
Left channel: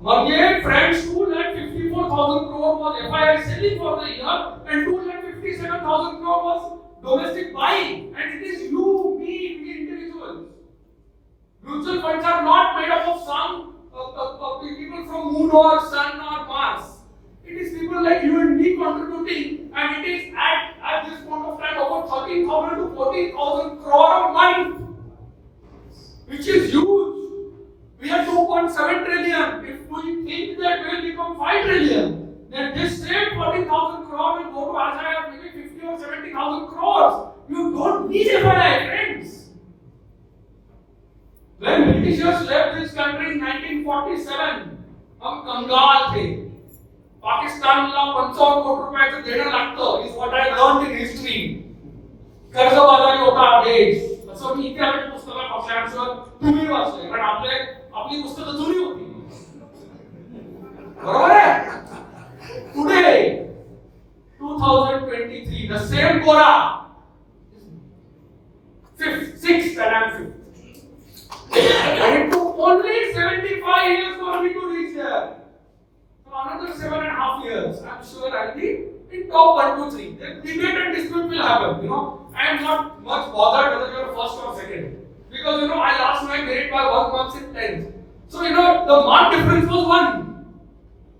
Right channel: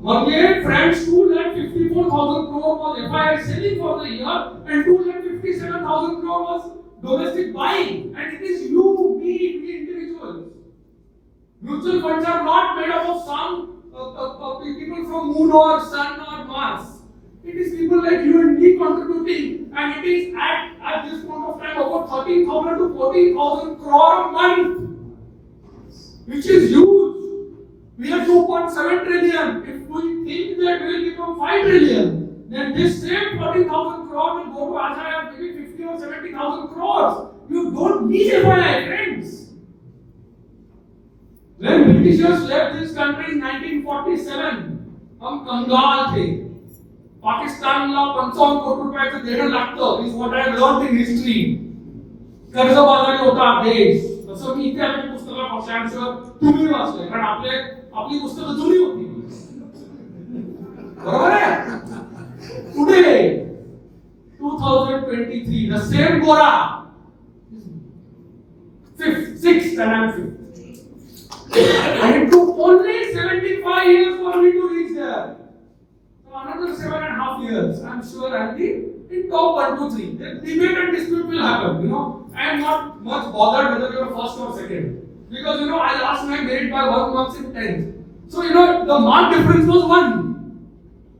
One year, friends, 2,54,000 crore was FII selling for the year and 2,57,000 crore was domestic buying. And it is you, me, individuals. Mutual funds are not made up of some people from Moon or Sun or Mars. It is people like you and me contributing, and it is at this point of time about 13,000 to 14,000 crore a month, which is huge. We are 2.7 trillion. If we think that we will become 5 trillion, then this same 14,000 crore will go to as high as maybe 50 or 70,000 crores. You don't need FII, friends. When Britishers left this country in 1947, हम कंगाल थे. पाकिस्तानला 55 कोटी रुपयाचं देणं लागतं is what I learned in history. कर्जबाजारी होता देश. तसं की इथे आपल्या पुस्तकात वाचल्यानंतर तुम्ही वाचलंय कारण आपली पुस्तकं जुनी होती. बरोबर आहे? Today, 2023, the same Gora, sixth and I'm fifth. And it took only 75 years for me to reach there. So another 7.5 years, I'm sure I'll be in top 1 to 3. The debate and dispute will happen, I am not much bothered whether you're first or second. Because, I lost my grade by 1 mark in 10th. So, the mark difference was 1.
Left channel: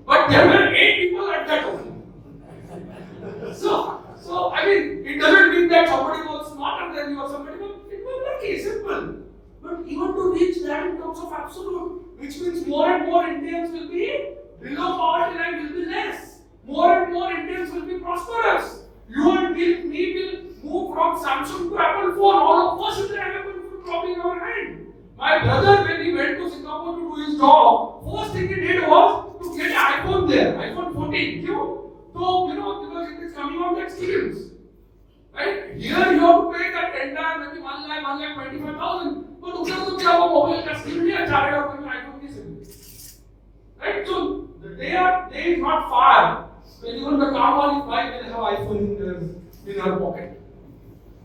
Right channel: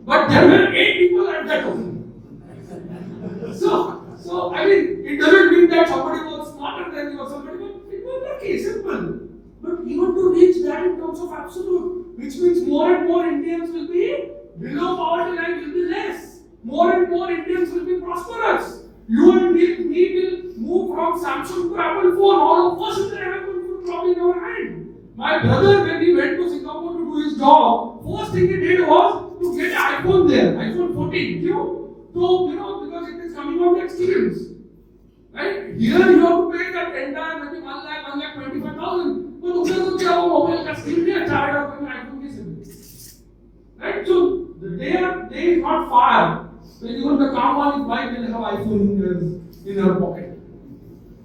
But there were 8 people at that one. So, I mean, it doesn't mean that somebody was smarter than you or somebody, but it was okay, simple. But even to reach that in terms of absolute, which means more and more Indians will be below poverty line, will be less. More and more Indians will be prosperous. You and me will move from Samsung to Apple phone. All of us will have Apple phone probably in our hand. My brother, when he went to Singapore to do his job, first thing he did was to get an iPhone there, iPhone 14. So, because it is coming out the experience. Right? Here you have to pay that entire maybe 1 lakh 25,000. But दूसरे को क्या वो mobile का screen भी अच्छा है और कोई iPhone की SIM. Right? So the day is not far when even the Kamali's wife will have iPhone in her pocket.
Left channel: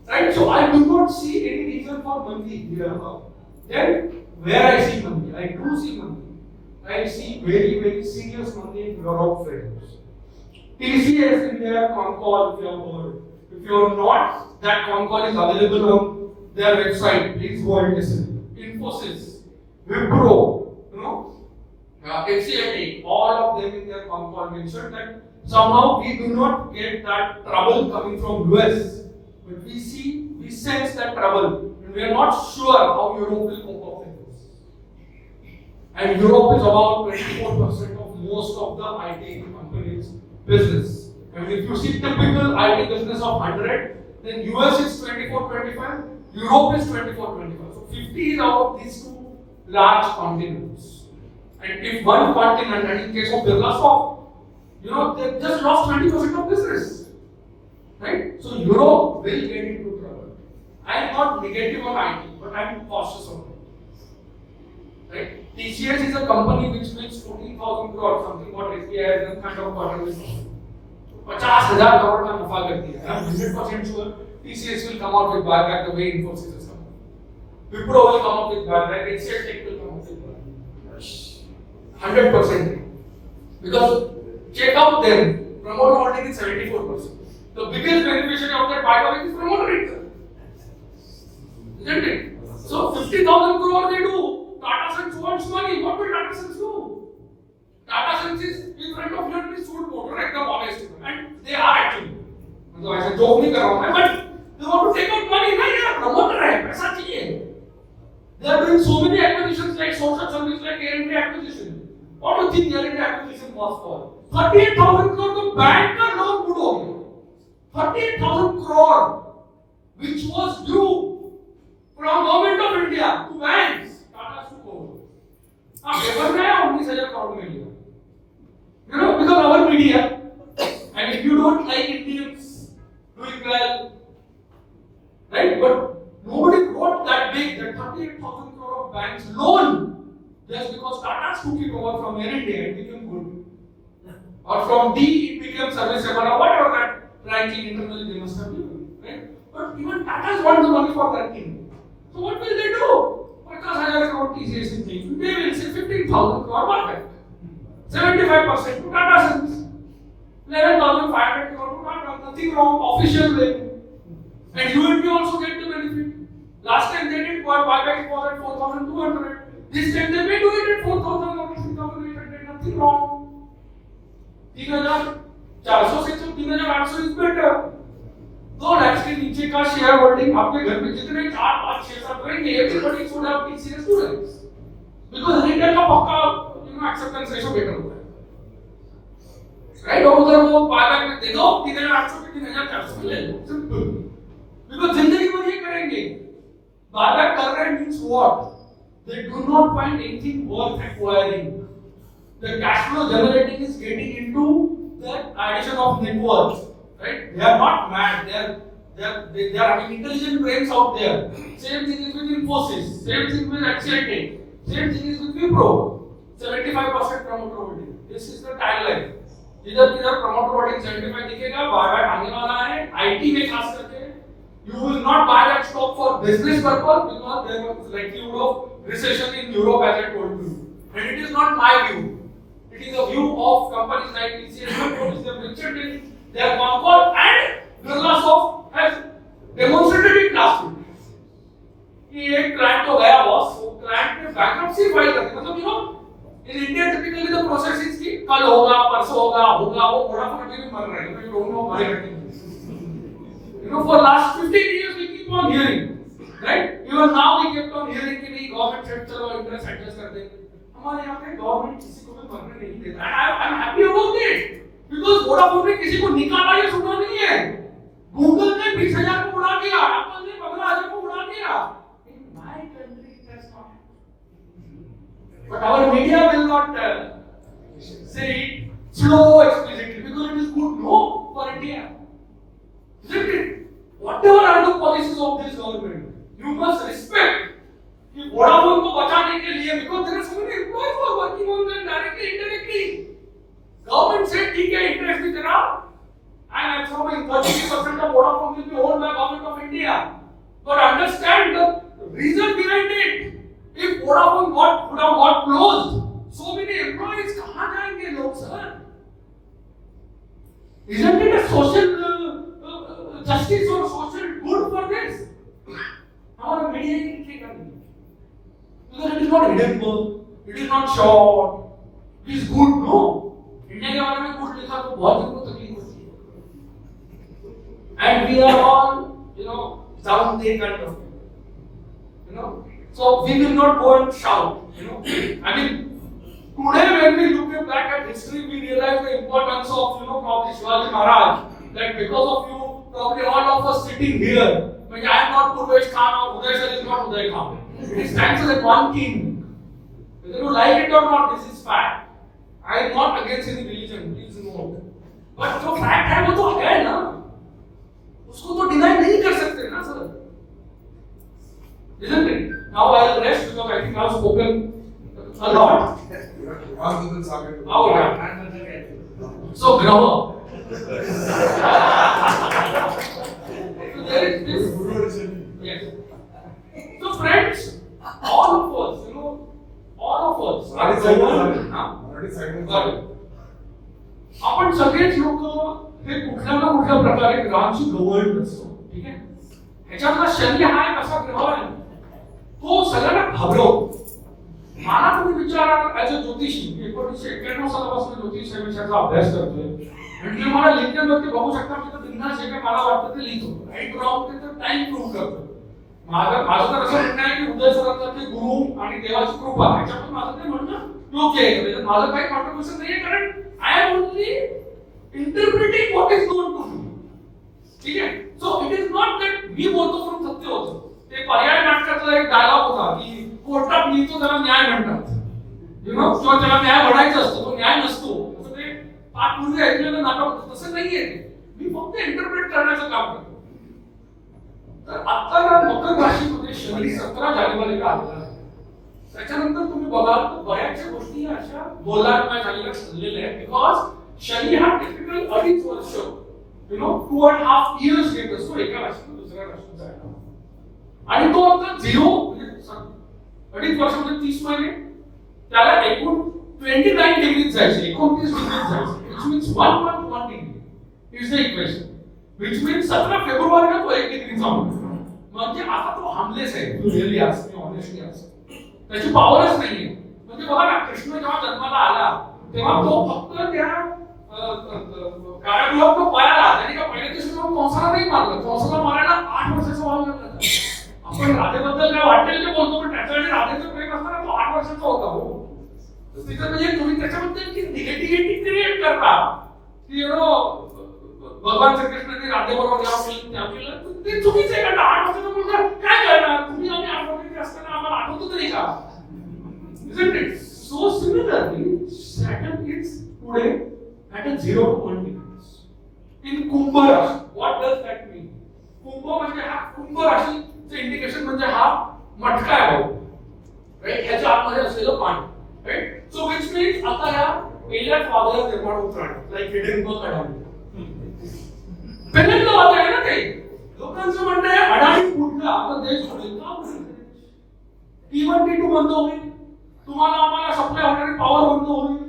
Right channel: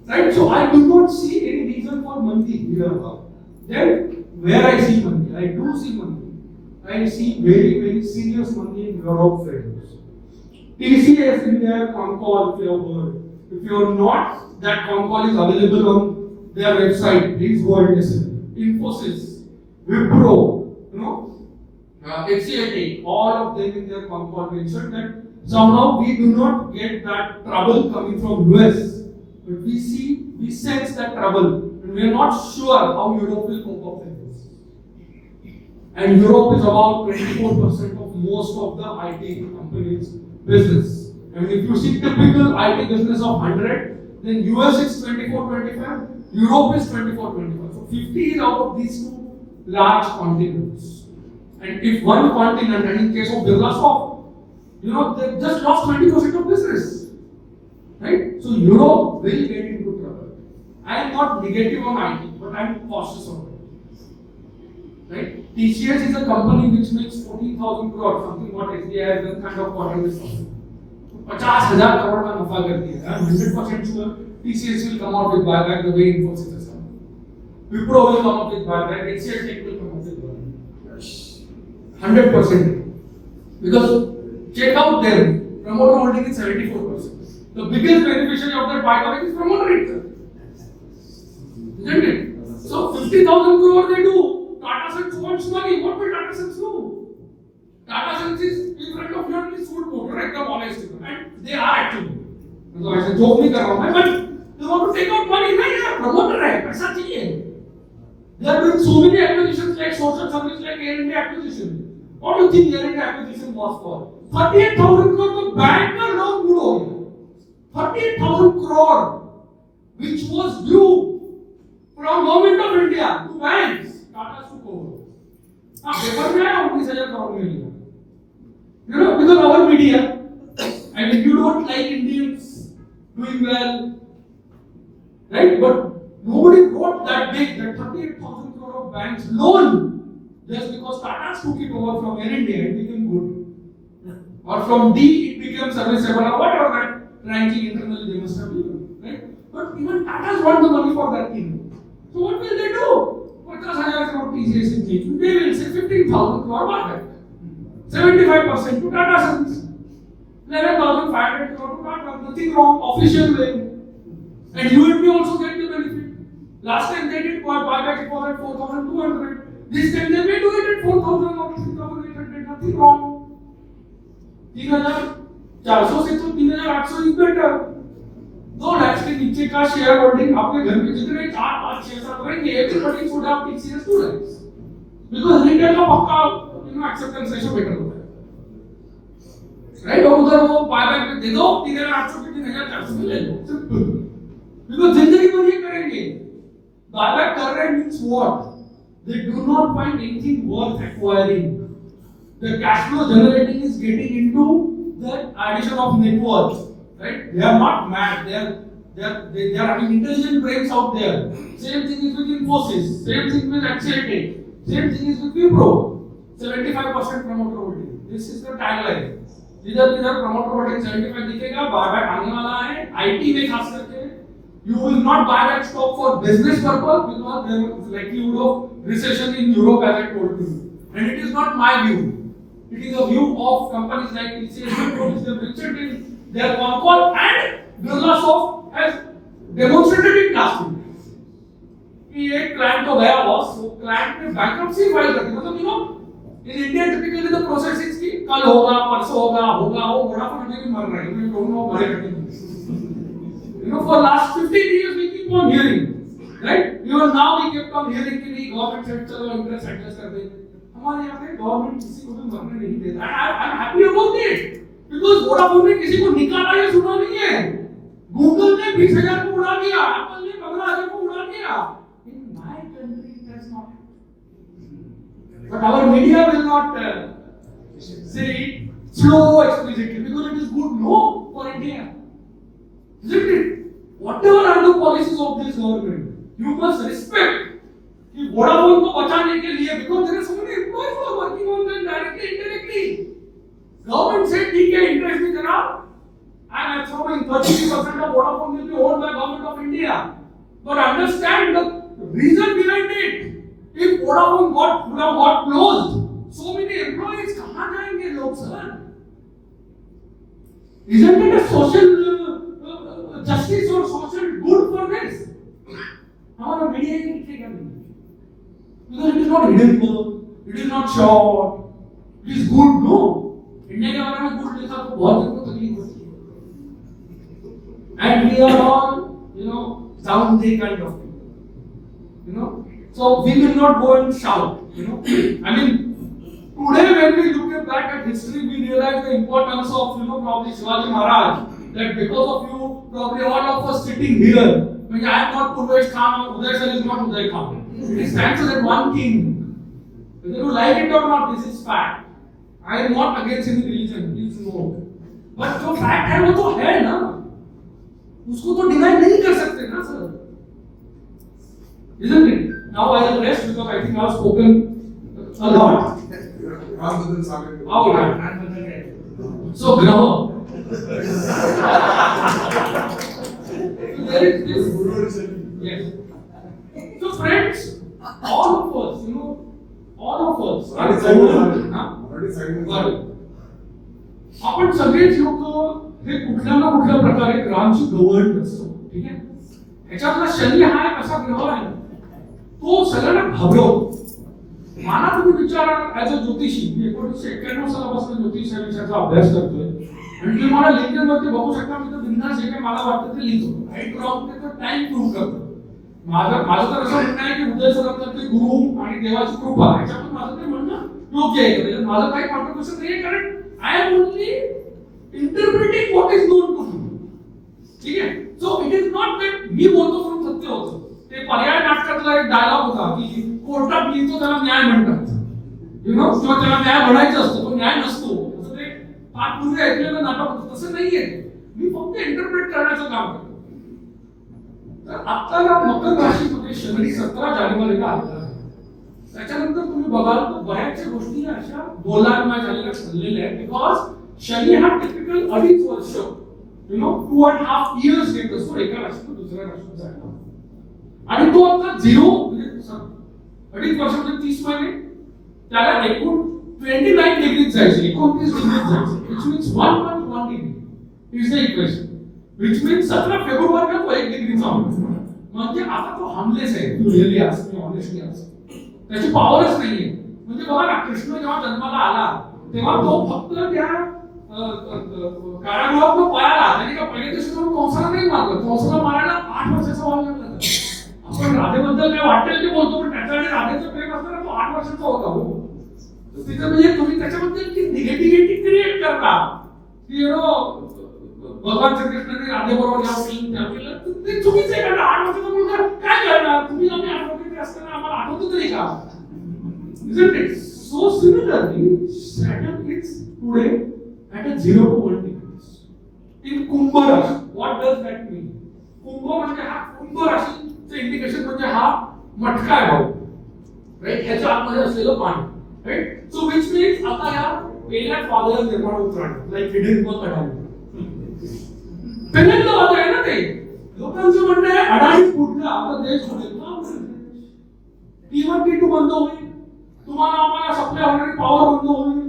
Right? So I do not see any reason for money here. Then where I see money, I do see money. I see very, very serious money in Europe, friends. TCS in their con-call, if you have heard. If you have not, that con-call is available on their website. Please go and listen. Infosys, Wipro, HCLT, all of them in their con-call mentioned that somehow we do not get that trouble coming from US, but we sense that trouble, and we are not sure how Europe will cope up with this. And Europe is about 24% of most of the IT companies' business. And if you see typical IT business of 100, then US is 24-25, Europe is 24-25. So 50 is out of these two large continents. And if one continent, and in case of Birlasoft, they just lost 20% of business. Right? So Europe will get into trouble. I am not negative on IT, but I am cautious on it. Right? TCS is a company which makes 14,000 crore, something what SBI has kind of quarterly. 50,000 crore का नफा करती है. I am 100% sure TCS will come out with buyback the way Infosys has come. Wipro will come up with buyback. HCLTech will come up with buyback. 100%. Because check out them. Promoter holding is 74%. The biggest beneficiary of that buyback is promoter itself. Isn't it? So 50,000 crore they do. Tata Sons wants money. What will Tata Sons do? Tata Sons is in front of your suit motor, like the policy, and they are active. So I said, joke नहीं कर रहा हूँ, but they want to take out money. नहीं यार, promoter है, पैसा चाहिए. They are doing so many acquisitions like social service, like Air India acquisition. What do you think Air India acquisition was for? 38,000 crore तो bank का loan बुड़ हो गया. 38,000 crore, which was due from government of India to banks. Tata took over. हाँ, paper में आया 19,000 crore मिल गया. Because our media, and if you don't like Indians doing well, right? But nobody wrote that big, that 38,000 crore of banks loan, just because Tata took it over from Air India, it became good. Or from D, it became serviceable, or whatever that ranking internally they must have given, right? But even Tata's want the money for that thing. So what will they do? 50,000 crore TCS in change. They will say 15,000 crore buyback. 75% to Tata Sons. 11,500 crore to Tata. Nothing wrong. Official way. And you and me also get the benefit. Last time they did buyback, it was at 4,200. This time they may do it at 4,000 or 3,800. Nothing wrong. 3,400 से तो 3,800 is better. 2 lakhs के नीचे का share holding आपके घर में जितने 4, 5, 6, 7 रहेंगे, everybody should have TCS 2 lakhs. Because retail का पक्का acceptance ratio better होता है. Right? और उधर वो buyback में दे दो 3,800 के 3,400 में ले लो. Simple. Because जिंदगी में ये करेंगे. Buyback कर रहे means what? They do not find anything worth acquiring. The cash flow generating is getting into the addition of net worth. Right? They are not mad. They are having intelligent brains out there. Same thing is with Infosys. Same thing with HCLTech. Same thing is with Wipro. 75% promoter holding. This is the tagline. इधर promoter holding 75 दिखेगा, buyback आने वाला है. IT में खास करके, you will not buy that stock for business purpose because there was likelihood of recession in Europe, as I told you. And it is not my view. It is a view of companies like TCS, which they pictured in their concord, and Birlasoft has demonstrated it last week. कि एक client तो गया boss, वो client ने bankruptcy file कर दी, मतलब you know, in India typically the process is कि कल होगा, परसों होगा, वो Vodafone भी मर रहा है, you don't know why. You know, for last 15 years we keep on hearing, right? Even now we kept on hearing कि नहीं government से चलो interest adjust कर दे. हमारे यहाँ पे government किसी को भी मरने नहीं देता है. I'm happy about it because Vodafone ने किसी को निकाला ये सुना नहीं है. Google ने 20,000 को उड़ा दिया, Apple ने 15,000 को उड़ा दिया. In my country it has not. But our media will not say it slow explicitly because it is good no for India. Isn't it? Whatever are the policies of this government, you must respect. कि Vodafone को बचाने के लिए because there are so many employees who are working on that directly, indirectly. Government said ठीक है interest भी देना, and assuming 33% of Vodafone will be owned by government of India. But understand the reason behind it. If Vodafone would have got closed, so many employees कहाँ जाएंगे लोग sir? Isn't it a social justice or social good for this? हमारा media ही नहीं करनी. Because it is not hidden, it is not short, it is good, no. India के बारे में good लिखा तो बहुत जन को तकलीफ होती है. And we are all, you know, down there kind of people. You know, so we will not go and shout. You know, I mean, today when we look back at history, we realize the importance of, you know, probably Shivaji Maharaj. That because of you, probably all of us sitting here, because I am not Purvesh Khan or Uday Sir is not Uday Khan. It stands as one king. Whether you like it or not, this is fact. I am not against any religion, please know. But जो fact है वो तो है ना, उसको तो deny नहीं कर सकते ना sir. Isn't it? Now I will rest because I think I have spoken a lot. How right? So grammar. So there is this. Yes. So friends, all of us, you know, all of us. आपण सगळेच लोक हे कुठल्या ना कुठल्या प्रकारे ग्रहांशी govern असतो, ठीक आहे. ह्याच्यातला शनी हा एक असा ग्रह आहे तो सगळ्यांना घाबरवतो. मला तुम्ही विचारा ऍज अ ज्योतिषी, मी 1991 सालापासून ज्योतिष या विषयाचा अभ्यास करतोय आणि तुम्ही मला लिंक्डइन वरती बघू शकता. मी तर बिंदास जे काही मला वाटतं ते लिहितो. राईट राऊंड ते टाइम प्रूव्ह करतो. माझं तर असं म्हणणं आहे की उदय सरांचं ते गुरु आणि देवाची कृपा ह्याच्यातून माझं ते म्हणणं योग्य आहे. म्हणजे माझं काही कॉन्ट्रिब्युशन नाही आहे, कारण I am only interpreting what is known to me. ठीक आहे. So it is not that मी बोलतो म्हणून सत्य होतं. ते पर्याय नाटकातला एक डायलॉग होता की कोर्टात लिहितो त्याला न्याय म्हणतात, यु नो, किंवा त्याला न्याय म्हणायचा असतो, तो न्याय नसतो. असं ते फार पूर्वी ऐकलेलं नाटक होतं. तसं नाहीये ते. मी फक्त इंटरप्रेट करण्याचं काम करतो. तर आता मकर राशीमध्ये शनी 17 जानेवारीला आलेला आहे. त्याच्यानंतर तुम्ही बघाल तर बऱ्याचशा गोष्टी अशा दोलायमान झालेल्या चाललेल्या आहेत. बिकॉज शनी हा टिपिकल 2.5 वर्ष, यु नो, 2.5 years घेत असतो एका राशीतून दुसऱ्या राशीत जायला. आणि तो आता 0 म्हणजे 2.5 वर्षामध्ये 30 महिने त्याला एकूण 29 डिग्रीज जायचे, 29 डिग्रीज जायचे. which means 1.1 degree is the equation. which means 17 फेब्रुवारीला तो 1 डिग्रीचा होतो. म्हणजे आता तो हार्मलेस आहे. तू really ask me honestly ask, त्याची पॉवरच नाहीये. म्हणजे बघा ना, कृष्ण जेव्हा जन्माला आला तेव्हा तो फक्त त्या काळागृहात पळाला. त्याने का पहिले तर कंसाला नाही मारलं. कंसाला मारायला 8 वर्षाचा व्हावा लागला. आपण राधेबद्दल काय वाटेल ते बोलतो, पण त्याचा आणि राधेचं प्रेम असताना तो 8 वर्षाचा होता. हो, तिथं म्हणजे तुम्ही त्याच्याबद्दल की निगेटिव्हिटी क्रिएट करता, यु नो, भगवान श्रीकृष्णाने राधेबरोबर या फिल्म त्या केलं, ते चुकीचं आहे. कारण 8 वर्षाचा मुलगा काय करणार? तुम्ही आम्ही 8 वर्षाचे असताना आम्हाला आठवतं तरी का? Isn't it? So similarly, Saturn is today at a 0 to 1 degrees in कुंभ राशी. What does that mean? कुंभ म्हणजे हा कुंभ राशीचं इंडिकेशन म्हणजे हा मटका आहे, राईट, याच्या आतमध्ये असलेलं पाणी, राईट. सो विच मीन्स आता या पहिल्या पावसाला निर्माण होत राहणार, लाईक हिडन बग अडाणी. पहिल्यांदा होत आहे ना ते. लोकांचं म्हणणं आहे अडाणी फुटला आता देश होईल का? T1 T2 बंद होईल, तुम्हाला आम्हाला सप्लाय होणारी पॉवर बंद होईल,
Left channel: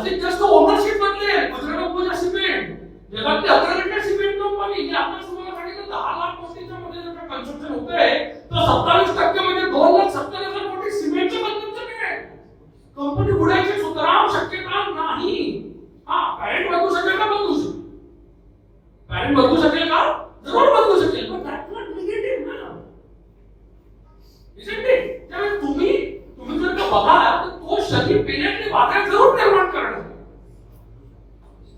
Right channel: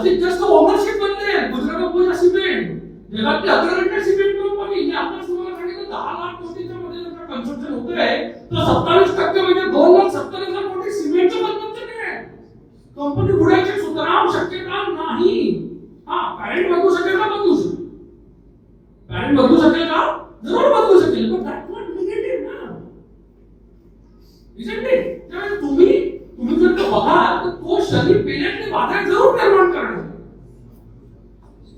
जास्तीत जास्त ओनरशिप बनले गुजरात अंबुजा सिमेंट, जगातली अग्रगण्य सिमेंट कंपनी. ही आता तुम्हाला सांगितलं 10,00,000 कोटीच्या मध्ये जर कन्स्ट्रक्शन होतंय तर 27% म्हणजे 2,70,000 कोटी सिमेंटचं कन्स्ट्रक्शन आहे. कंपनी बुडायची सुतराम शक्यता नाही. हा पॅरेंट बदलू शकेल का? बदलू शकेल. पॅरेंट बदलू शकेल का? जरूर बदलू शकेल. पण दॅट नॉट निगेटिव्ह ना, इजंट इट? त्यामुळे तुम्ही जर का बघाल तर तो शरीर पेल्यातले वादळ जरूर निर्माण करणार आहे.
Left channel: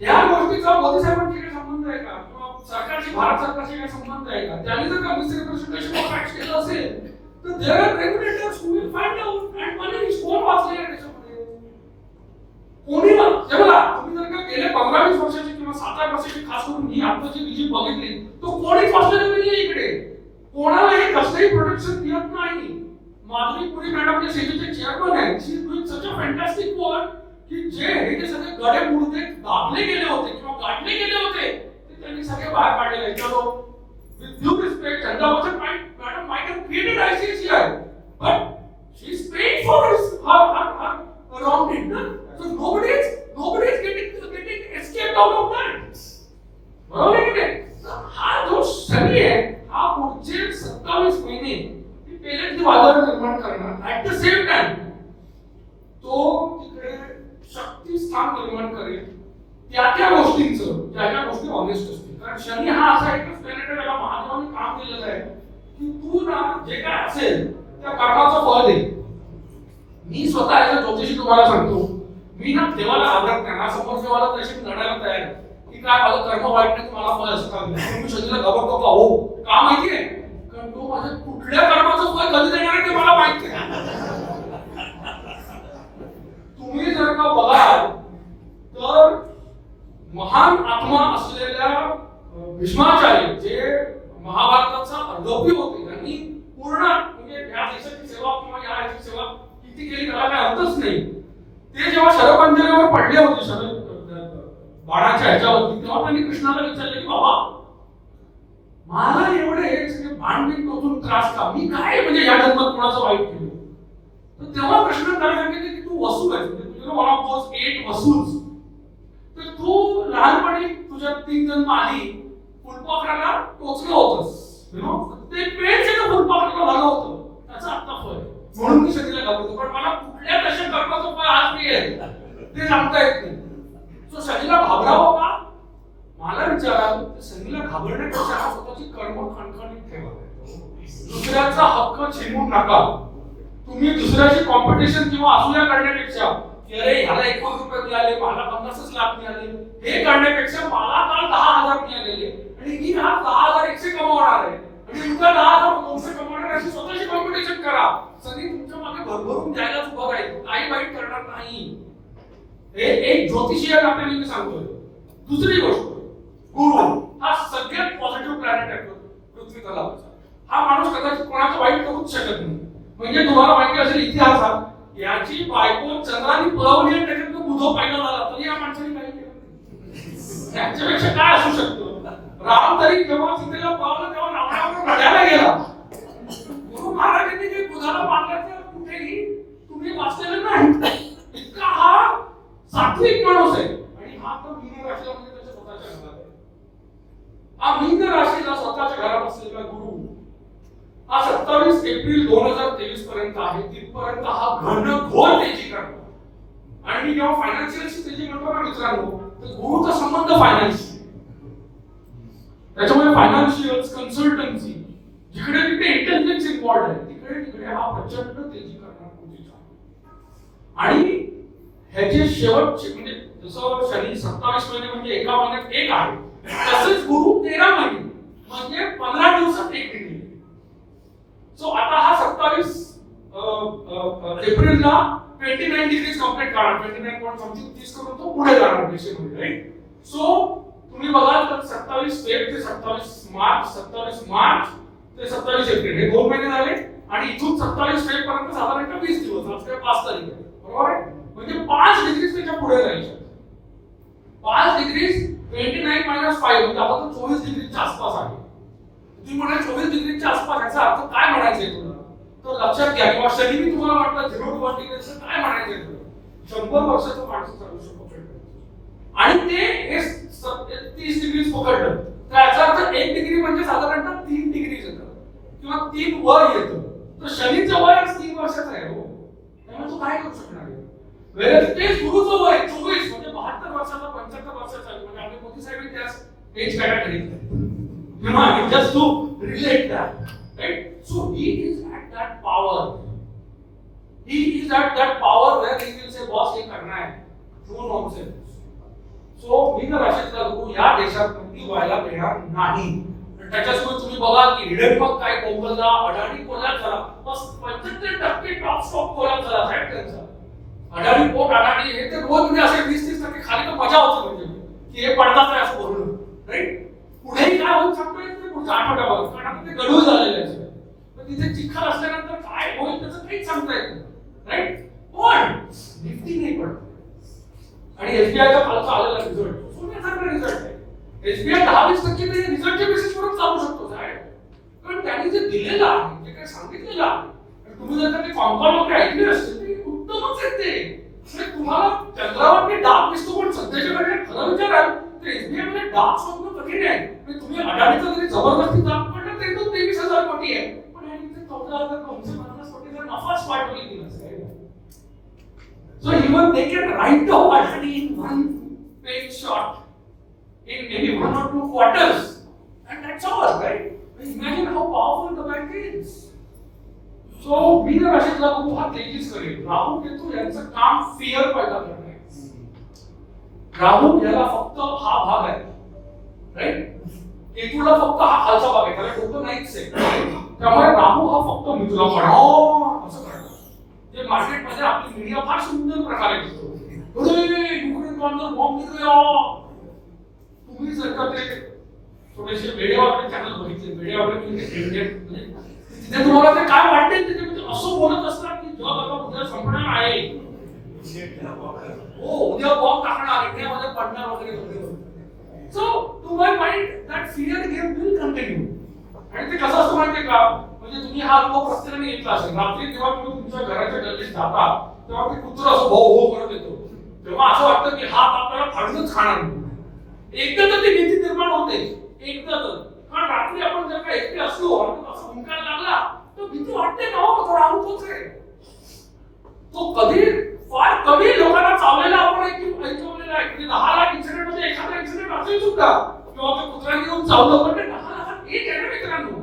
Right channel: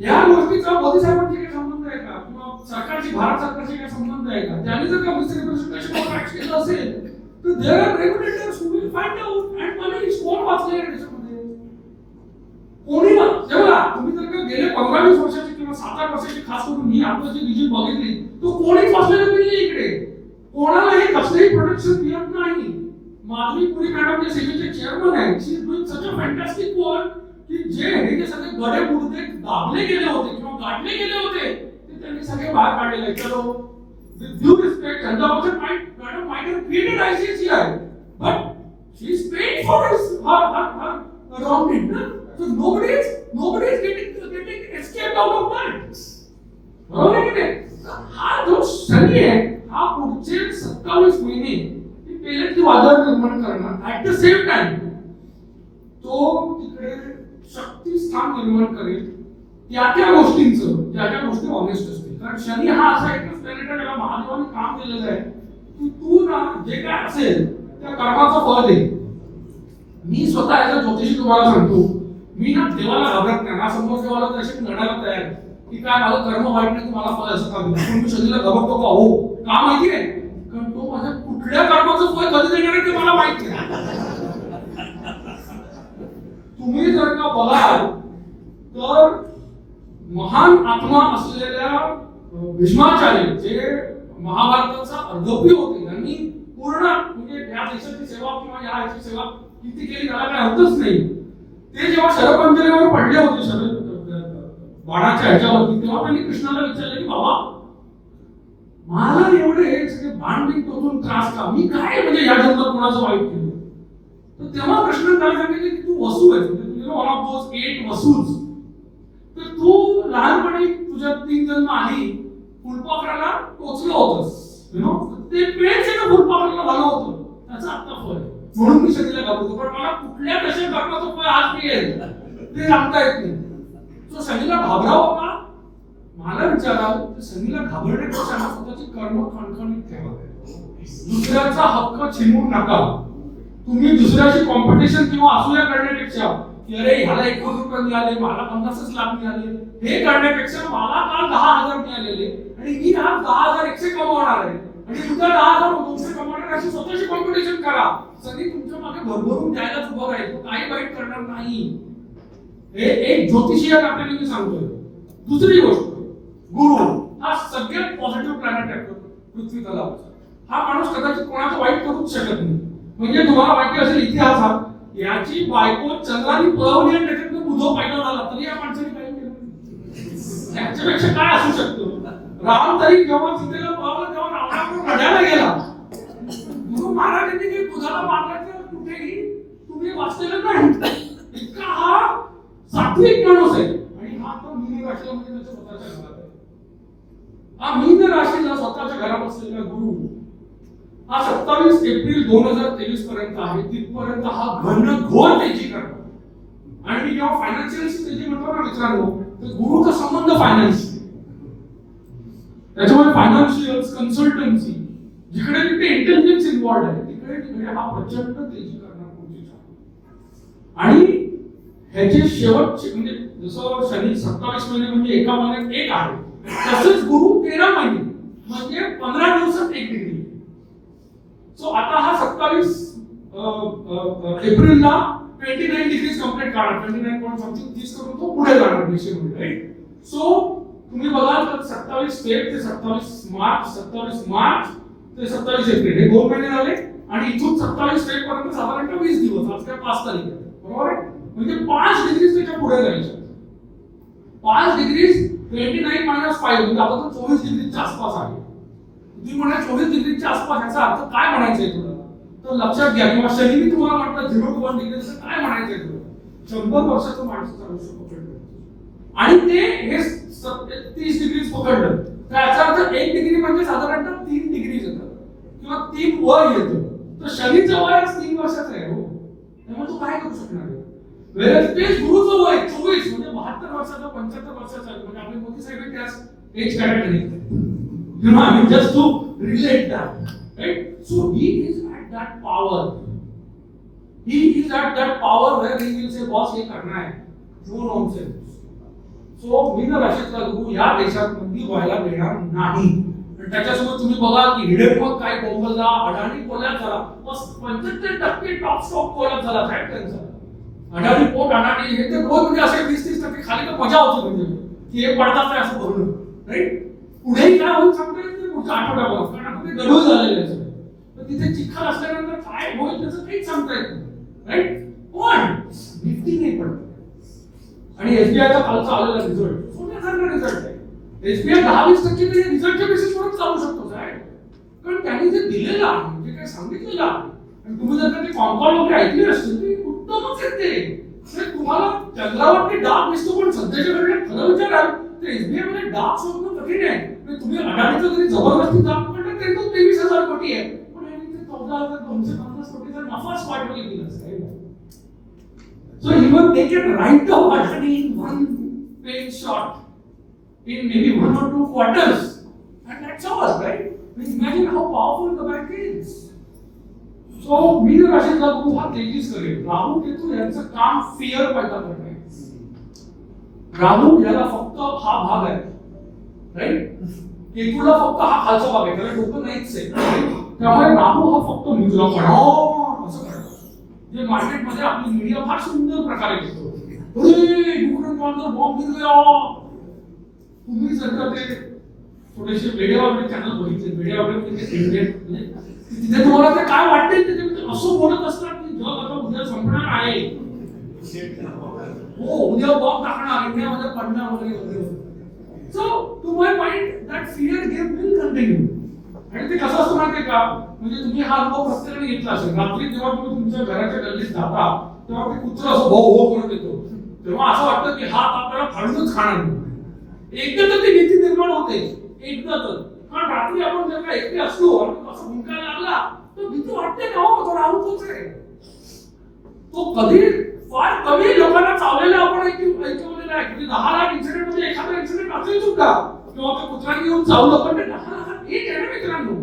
या गोष्टीचा मोदी साहेबांशी काही संबंध आहे का? किंवा सरकारची, भारत सरकारशी काही संबंध आहे का? त्यांनी जर का मिसरिप्रेझेंटेशन ऑफ फॅक्ट्स केलं असेल तर there are regulators who will find out and punish. कोण वाचले आहे त्याच्यामध्ये? कोणी ना. तेव्हा तुम्ही जर का गेले 15-20 वर्षाचे किंवा 7-8 वर्षाचे खास करून ही आपलं जे विजय बघितली तो कोणीच वाचलेलं नाही इकडे. कोणालाही कसलेही प्रोटेक्शन मिळत नाही. माधवी पुरी मॅडम जे सेनेचे चेअरमन आहेत, she is doing such a fantastic work की हे सगळे गडे पुढे दाबले गेले होते किंवा गाडले गेले होते ते त्यांनी सगळे बाहेर काढलेले. चलो विथ ड्यू रिस्पेक्ट, चंदा बचत madam might have created ICICI, but she is paying for her around it. So nobody is getting escaped out of that. बरोबर आहे की नाही? हा जो शनी आहे हा पुढचे 27 महिने पेलेटली वादळ निर्माण करणार. ऍट द सेम टाइम तो तिकडे शक्ती स्थान निर्माण करेल त्या गोष्टींचं, ज्या गोष्टी ऑनेस्ट असतील. कारण शनी हा असा एकच प्लॅनेट आहे ज्याला महादेवाने काम केलेलं आहे की तू ना जे काय असेल त्या कर्माचं फळ दे. मी स्वतः ऍज ज्योतिषी तुम्हाला सांगतो, मी ना देवाला घाबरत नाही. हा समोर देवाला तशी लढायला तयार आहे की काय माझं कर्म वाईट नाही, तुम्हाला फळ असं का दिलं. मी शनीला घाबरतो का? हो. का माहिती आहे? कारण तो माझ्या कुठल्या कर्माचं फळ कधी देणार आहे ते मला माहिती आहे. तुम्ही जर का बघाल तर महान आत्मा असलेल्या भीष्माचार्य जे महाभारताचा अर्धपी होते, त्यांनी पूर्ण म्हणजे या देशाची सेवा किंवा या याची सेवा किती केली त्याला काही अर्थच नाही. ते जेव्हा शरपंजरीवर पडले होते बाणाच्या ह्याच्यावरती, तेव्हा त्यांनी कृष्णाला विचारले की बाबा मला एवढे हे सगळे बाण नाही टोचून त्रास का? मी काय म्हणजे या जन्मात कोणाचं वाईट केलं? तर तेव्हा कृष्ण त्याला सांगितले की तू वसू आहेस, वन ऑफ दोज 8 वसूल्स. तर तू लहानपणी तुझ्या 3 जन्म आधी फुलपाखराला टोचलं होतंस, ते पेन सगळं फुलपाखराला झालं होतं, त्याचा आता फळ. म्हणून मी शरीराला घाबरतो. पण मला कुठल्या कशा कर्माचं फळ आज मिळेल ते सांगता येत नाही. तो शनीला घाबरावं का? मला विचाराल तर शनीला घाबरण्यापेक्षा स्वतःची कर्म खणखणीत ठेवा. दुसऱ्याचा हक्क छिनवून नका. तुम्ही दुसऱ्याची कॉम्पिटिशन किंवा असूया करण्यापेक्षा की अरे ह्याला 1 कोटी रुपये मिळाले, मला 50 लाख मिळाले, हे करण्यापेक्षा मला काल 10,000 मिळालेले आणि मी आज 10,100 कमवणार आहे आणि तुला 10,200 कमवणार अशी स्वतःची कॉम्पिटिशन करा. सगळी तुमच्या मागे भरभरून द्यायलाच उभा राहील, तो काही वाईट करणार नाही. हे एक ज्योतिषीय काकाने मी सांगतोय. दुसरी गोष्ट, गुरु हा सगळ्यात पॉझिटिव्ह प्लॅनेट आहे पृथ्वी तलावचा. हा माणूस कदाचित कोणाचं वाईट करूच शकत नाही. म्हणजे तुम्हाला माहिती असेल इतिहासात याची बायको चंद्राने पळवली आणि त्याच्यात बुधो पैदा झाला तरी या माणसाने काही केलं नाही. याच्यापेक्षा काय असू शकतो? राम तरी जेव्हा सीतेला पळवलं तेव्हा रावणावर रडायला गेला. गुरु महाराजांनी काही बुधाला मारल्याचं कुठेही तुम्ही वाचलेलं नाही. इतका हा सात्विक माणूस आहे. आणि हा तर मीन राशीला म्हणजे त्याच्या स्वतःच्या घरात आहे. हा मीन राशीला स्वतःच्या घरात असलेला गुरु हा 27 एप्रिल 2023 पर्यंत आहे. तिथपर्यंत हा घनघोर तेजी करणार. आणि मी जेव्हा फायनान्शियल तेजी करतो ना मित्रांनो, तर गुरुचा संबंध फायनान्स, त्याच्यामुळे फायनान्शियल कन्सल्टन्सी जिकडे तिकडे इंटेलिजन्स इन्व्हॉल्ड आहे तिकडे हा प्रचंड तेजी करणार पुढच्या. आणि ह्याचे शेवटचे म्हणजे जसं शनी 27 महिने म्हणजे एका महिन्यात एक आहे, तसेच गुरु 13 महिने म्हणजे 15 दिवसात एक डिग्री. सो आता हा 27 एप्रिलला 29 डिग्रीज कंप्लीट करणार. 29 पॉइंट समथिंग 30 करून तो पुढे जाणार डिसेंबर, राईट? सो तुम्ही बघाल तर 27 फेब ते 27 मार्च, 27 मार्च ते 27 एप्रिल हे 2 महिने झाले. आणि इथून 27 फेब पर्यंत साधारणतः 20 दिवस, आज काय 5 तारीख आहे, बरोबर आहे? म्हणजे 5 डिग्रीज त्याच्या पुढे जायचे. 5 डिग्रीज 29 मायनस 5 म्हणजे आता 24 डिग्रीच्या आसपास आहे. तुम्ही म्हणा 24 डिग्रीच्या आसपास, याचा अर्थ काय म्हणायचंय तुला? तर लक्षात घ्या. किंवा शनी मी तुम्हाला म्हटलं 0 to 1 डिग्रीचं काय म्हणायचंय तुला? 100 वर्षाचं माणसाचं आयुष्य पकडलं आणि ते हे 30 डिग्री पकडलं तर याचा अर्थ 1 डिग्री म्हणजे साधारणतः 3 डिग्री येतात किंवा 3 वय येतं. तर शनीचं वय 3 वर्षाचं आहे हो, त्यामुळे तू काय करू शकणार आहे. वेळेस तेच गुरुचं वय 24 म्हणजे 72 वर्षाचा 75 वर्षाचा म्हणजे आपले मोदी साहेब त्याच age category. You know, I mean, just to relate that, right? So he is at that power. He is at that power where he will say, boss, ये करना है. No nonsense. So मी तर अशीच लागू या देशात मुलगी व्हायला देणार नाही. त्याच्यासोबत तुम्ही बघा की हिडेनबर्ग काय कोंबलला, अडाणी कोल्यात झाला, बस 75% टॉप स्टॉक कोल्यात झाला साहेब त्यांचा. अडाणी पोट अडाणी हे ते रोज म्हणजे असे 20-30% खाली तर मजा होती म्हणजे की हे पडतात नाही असं बोलून, राईट. पुढेही काय होत सांगता येत नाही पुढच्या आठवड्यावर कारण आपण ते गढूळ झालेलं आहे सगळं. तर तिथे चिखल असल्यानंतर काय होईल त्याचं काहीच सांगता येत नाही, राईट. पण निफ्टी नाही पडत आणि एसबीआयचा कालचा आलेला रिझल्ट सोन्यासारखा रिझल्ट आहे. एसबीआय 10-20% ते रिझल्टच्या बेसिसवरच चालू शकतो साहेब, कारण त्यांनी जे दिलेलं आहे जे काही सांगितलेलं आहे आणि तुम्ही जर का ते कॉम्पाउंड वगैरे ऐकले असतील ते उत्तमच येते. तुम्हाला चंद्रावरती डाग दिसतो पण सध्याच्या वेळेला खरं विचाराल तर एसबीआय मध्ये डाग शोधणं कठीण आहे. तुम्ही अडाणीचा जरी जबरदस्ती दाब पडला तरी तो 23,000 कोटी आहे पण यांनी 14,950 कोटीचा नफाच पाठवली दिला साहेब. So even they can write the Adani in one page shot in maybe 1 or 2 quarters and that's all, right? Imagine how powerful the bank is. So मी जर अशी लागू हा तेजीस करेल. राहू केतू यांचं काम फिअर पैदा करणे. राहू याला फक्त हा भाग आहे, राईट. केतूला फक्त हा खालचा भाग आहे, त्याला डोकं नाहीच आहे. त्यामुळे राहू हा फक्त मुजरा पडो असं करतो. जे मार्केटमध्ये आपली मीडिया फार सुंदर प्रकारे करतो. अरे न्यूक्लियर बॉम्ब गिर गया. तुम्ही जर का ते थोडेसे वेडेवाकडे चॅनल बघितले, वेडेवाकडे म्हणजे तिथे तुम्हाला ते काय वाटते त्याच्यामध्ये असं बोलत असतात की जग आता उद्या संपणार आहे. हो, उद्या बॉम्ब टाकणार, इंडियामध्ये पडणार वगैरे वगैरे. So to my mind that fear game will continue. आणि ते कसं असतं माहितीये का, म्हणजे तुम्ही हा अनुभव प्रत्येकाने घेतला असेल. रात्री जेव्हा तुम्ही तुमच्या घराच्या गल्लीत जाता तेव्हा ते कुत्रं असं भो भो करत येतो तेव्हा असं वाटतं की हा आपल्याला फाडूनच खाणार. एकदा तर ती भीती निर्माण होते, एकदा तर. कारण रात्री आपण जर का एकटे असलो असं भुंकायला लागला तर भीती वाटते ना हो, तो राहूच आहे. तो कधी फार कमी लोकांना चावलेला आपण ऐकवलेला आहे की 10 लाख इन्सिडेंट मध्ये एखादा इन्सिडेंट असेल सुद्धा किंवा त्या कुत्र्याने येऊन चावलं पण ते 10 लाखात एक आहे ना मित्रांनो.